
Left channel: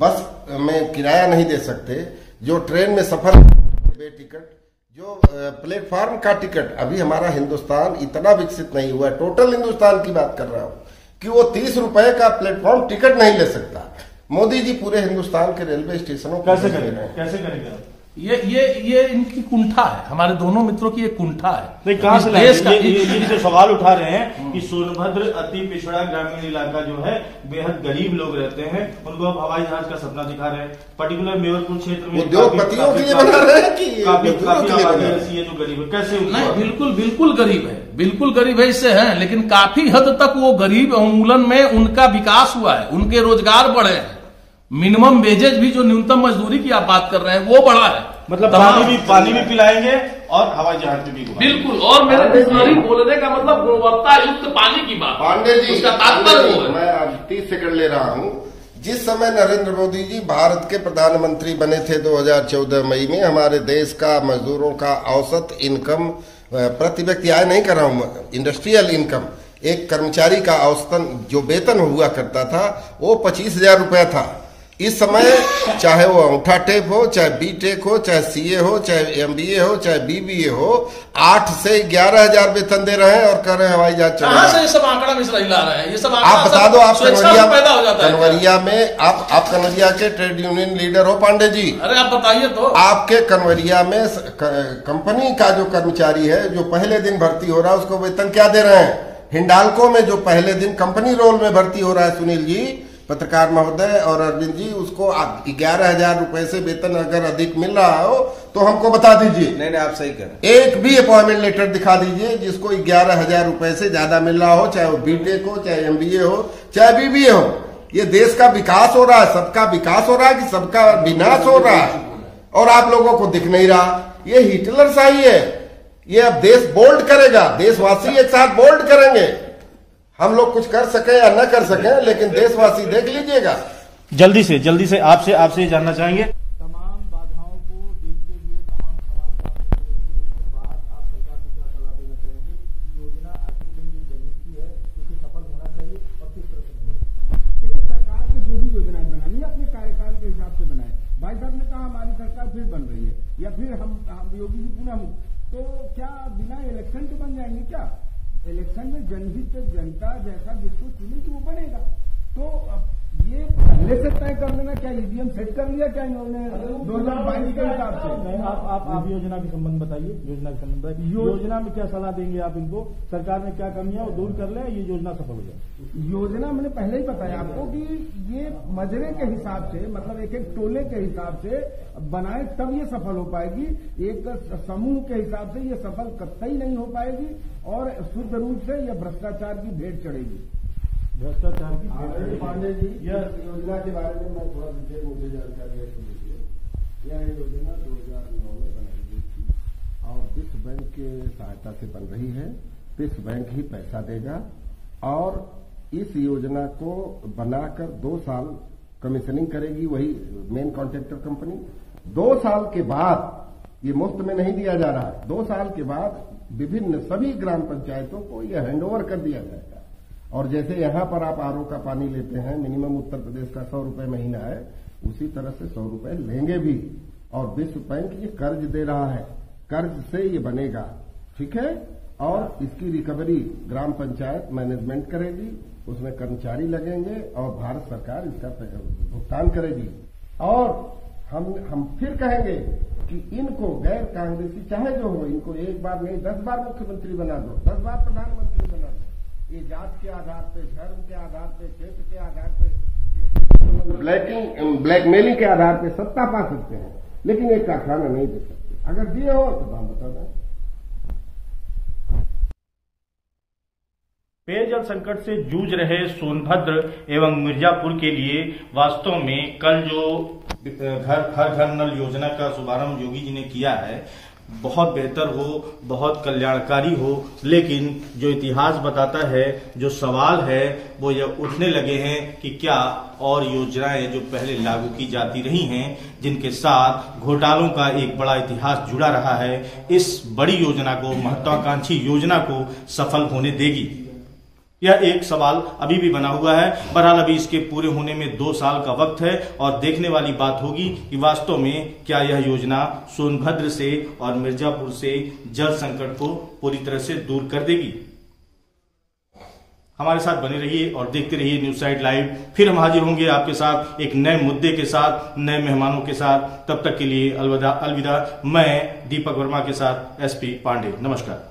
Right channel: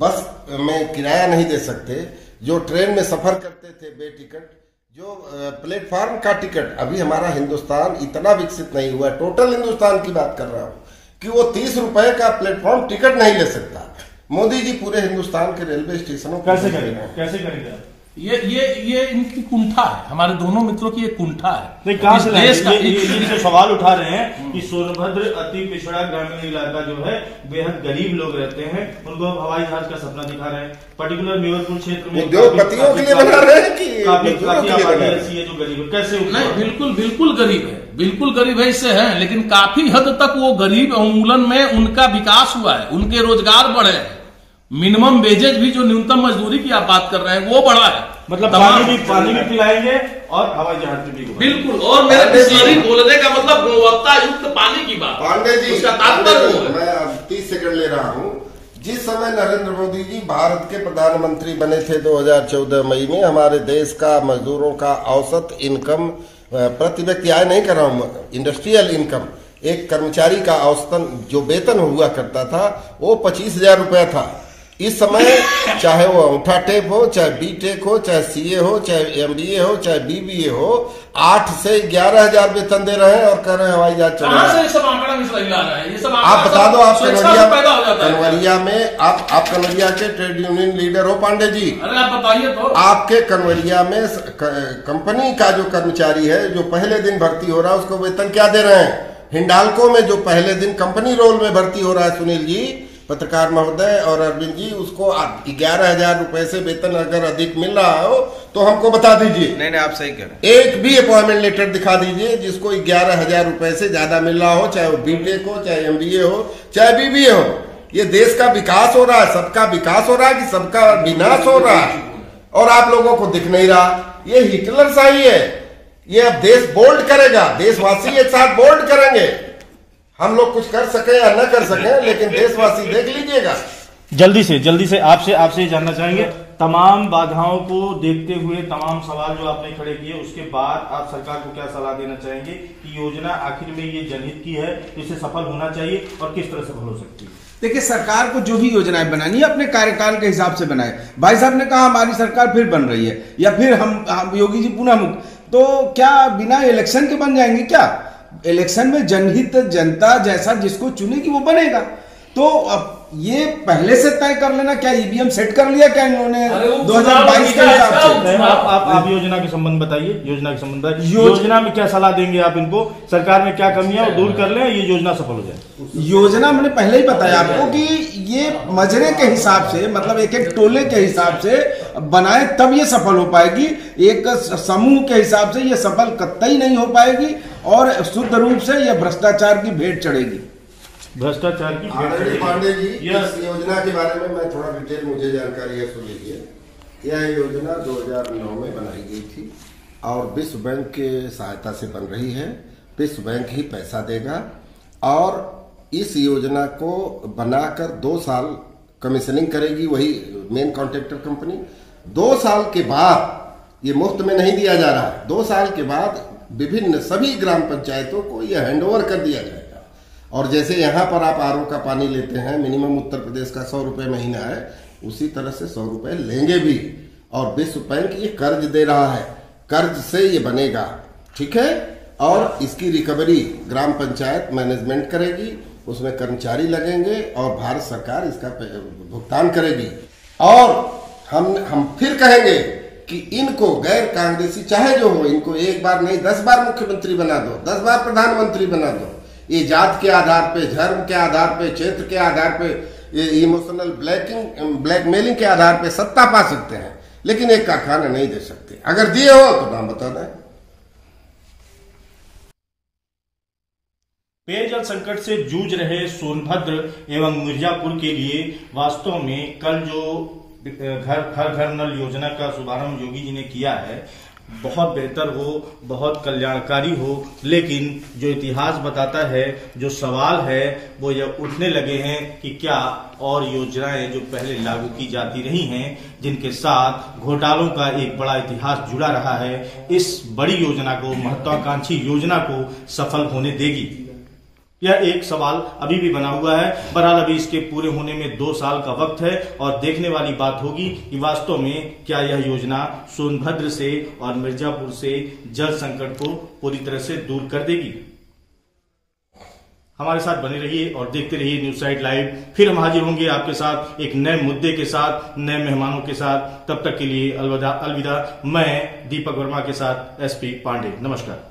बस में किराया नहीं दे सकते, जो ट्रेन में सफर करते थे बेटिकट, जो प्लेटफॉर्म का टिकट, अभी हमारा हिंदुस्तान इतना विकसित नहीं हुआ, टोटल हिंदुस्तान की बात कर रहा हूँ, कि वो 30 रुपए का प्लेटफॉर्म टिकट नहीं ले सकता। मोदी जी पूरे हिंदुस्तान के रेलवे स्टेशनों को कैसे करेगा? ये इनकी कुंठा है, हमारे दोनों मित्रों की एक कुंठा है। कहां से ये जो सवाल उठा रहे हैं कि सोनभद्र अति पिछड़ा ग्रामीण इलाका जो है, बेहद गरीब लोग रहते हैं, उनको अब हवाई जहाज का सपना दिखा रहे हैं। पर्टिकुलर मेवरपुर क्षेत्र में उद्योगपतियों के लिए बना रहे हैं कि काफी आबादी ऐसी है जो गरीब है। कैसे? नहीं, बिल्कुल गरीब है, बिल्कुल गरीब है, इससे है, लेकिन काफी हद तक वो गरीब उन्मूलन में उनका विकास हुआ है, उनके रोजगार बढ़े हैं। मिनिमम वेजेज भी, जो न्यूनतम मजदूरी की आप बात कर रहे हैं, वो बढ़ा है। मतलब पानी भी पिलाएंगे और हवाई जहाज में भी। बिल्कुल। और मेरे बिस्लरी बोलने का मतलब गुणवत्ता युक्त पानी की बात। पांडे जी, उसका तात्पर्य वो है। मैं अब 30 सेकंड ले रहा हूं। जिस समय नरेंद्र मोदी जी भारत के प्रधानमंत्री बने थे 2014 मई में, हमारे देश का मजदूरों का औसत इनकम, प्रति व्यक्ति आय नहीं कर रहा हूं, इंडस्ट्रियल इनकम, एक कर्मचारी का औसतन जो वेतन हुआ करता था वो 25,000 रुपया था। इस समय चाहे वो अंगूठा टेप हो, चाहे बीटेक हो, चाहे सीए हो, चाहे एमबीए हो, चाहे बीबीए हो, 8 से 11,000 वेतन दे रहे हैं और कह रहे हैं हवाई जहाज चलेगा। कहां से ये सब आंकड़ा मिश्रा ला रहे हैं? ये सब आप बता दो। आप कन्वरिया में आप कन्वरिया के ट्रेड यूनियन लीडर हो पांडे जी। अरे आप बताइए तो। आपके कन्वरिया में कंपनी का जो कर्मचारी है, जो पहले दिन भर्ती हो रहा है, उसको वेतन क्या दे रहे हैं? हिंडाल्को में जो पहले दिन कंपनी रोल में भर्ती हो रहा है, सुनील जी, पत्रकार महोदय और अरविंद जी, उसको 11,000 रुपए से वेतन अगर अधिक मिल रहा हो तो हमको बता दीजिए। नहीं, आप सही कह रहे हैं। एक भी अपॉइंटमेंट लेटर दिखा दीजिए जिसको 11,000 रुपए से ज्यादा मिल रहा हो, चाहे वो बीटेक हो, चाहे एमबीए हो, चाहे बीबीए हो। ये देश का विकास हो रहा है, सबका विकास हो रहा है कि सबका विनाश हो रहा है? और आप लोगों को दिख नहीं रहा। ये हिटलर शाही है। ये अब देश बोल्ड करेगा, देशवासी एक साथ बोल्ड करेंगे। हम लोग कुछ कर सके या न कर सके, लेकिन देशवासी देख लीजिएगा। जल्दी से आपसे जानना चाहेंगे, तमाम बाधाओं को देखते हुए, तमाम सवाल जो आपने खड़े किए, उसके बाद आप सरकार को क्या सलाह देना चाहेंगे कि योजना आखिर में ये जनहित की है, इसे सफल होना चाहिए और किस तरह सफल हो सकती है? देखिए, सरकार को जो भी योजनाएं बनानी है अपने कार्यकाल के हिसाब से बनाए। भाई साहब ने कहा हमारी सरकार फिर बन रही है, या फिर हम योगी जी पुनः मुक्त, तो क्या बिना इलेक्शन के बन जाएंगे क्या? इलेक्शन में जनहित, जनता जैसा जिसको चुनेगी वो बनेगा। तो अब ये पहले से तय कर लेना, क्या ईवीएम सेट कर लिया क्या इन्होंने 2022 के हिसाब से? आप योजना के संबंध बताइए। योजना में क्या सलाह देंगे आप इनको? सरकार में क्या कमियां वो दूर कर लें, ये योजना सफल हो जाए। योजना मैंने पहले ही बताया आपको कि ये मजरे के हिसाब से, मतलब एक एक टोले के हिसाब से बनाए तब ये सफल हो पाएगी। एक समूह के हिसाब से ये सफल कतई नहीं हो पाएगी और शुद्ध रूप से यह भ्रष्टाचार की भेंट चढ़ेगी। भ्रष्टाचार की पांडे जी, इस योजना के बारे में मैं थोड़ा डिटेल, मुझे जानकारी है, सुन लीजिए। यह योजना 2009 में बनाई गई थी और विश्व बैंक के सहायता से बन रही है। विश्व बैंक ही पैसा देगा और इस योजना को बनाकर 2 साल कमीशनिंग करेगी वही मेन कॉन्ट्रैक्टर कंपनी। 2 साल के बाद, ये मुफ्त में नहीं दिया जा रहा है, 2 साल के बाद विभिन्न सभी ग्राम पंचायतों को यह हैंडओवर कर दिया जाएगा। और जैसे यहाँ पर आप आरओ का पानी लेते हैं, मिनिमम उत्तर प्रदेश का 100 रुपये महीना है, उसी तरह से 100 रुपये लेंगे भी। और विश्व बैंक ये कर्ज दे रहा है, कर्ज से ये बनेगा, ठीक है। और इसकी रिकवरी ग्राम पंचायत मैनेजमेंट करेगी, उसमें कर्मचारी लगेंगे और भारत सरकार इसका भुगतान करेगी। और हम फिर कहेंगे कि इनको गैर कांग्रेसी चाहे जो हो, इनको एक बार नहीं 10 बार मुख्यमंत्री बना दो, 10 बार प्रधानमंत्री बना दो। ये जात के आधार पे, धर्म के आधार पे, क्षेत्र के आधार पे, इमोशनल ब्लैकमेलिंग के आधार पे सत्ता पा सकते हैं, लेकिन एक कारखाना नहीं दे सकते। अगर दिए हो तो नाम बता दें। पेयजल संकट से जूझ रहे सोनभद्र एवं मिर्जापुर के लिए वास्तव में कल जो घर नल योजना का शुभारंभ योगी जी ने किया है, बहुत बेहतर हो, बहुत कल्याणकारी हो, लेकिन जो इतिहास बताता है, जो सवाल है वो यह उठने लगे हैं कि क्या और योजनाएं जो पहले लागू की जाती रही हैं, जिनके साथ घोटालों का एक बड़ा इतिहास जुड़ा रहा है, इस बड़ी योजना को, महत्वाकांक्षी योजना को सफल होने देगी? यह एक सवाल अभी भी बना हुआ है। बहरहाल अभी इसके पूरे होने में 2 साल का वक्त है और देखने वाली बात होगी कि वास्तव में क्या यह योजना सोनभद्र से और मिर्जापुर से जल संकट को पूरी तरह से दूर कर देगी। हमारे साथ बने रहिए और देखते रहिए न्यूज साइट लाइव। फिर हम हाजिर होंगे आपके साथ एक नए मुद्दे के साथ, नए मेहमानों के साथ। तब तक के लिए अलविदा। मैं दीपक वर्मा के साथ SP पांडे। नमस्कार।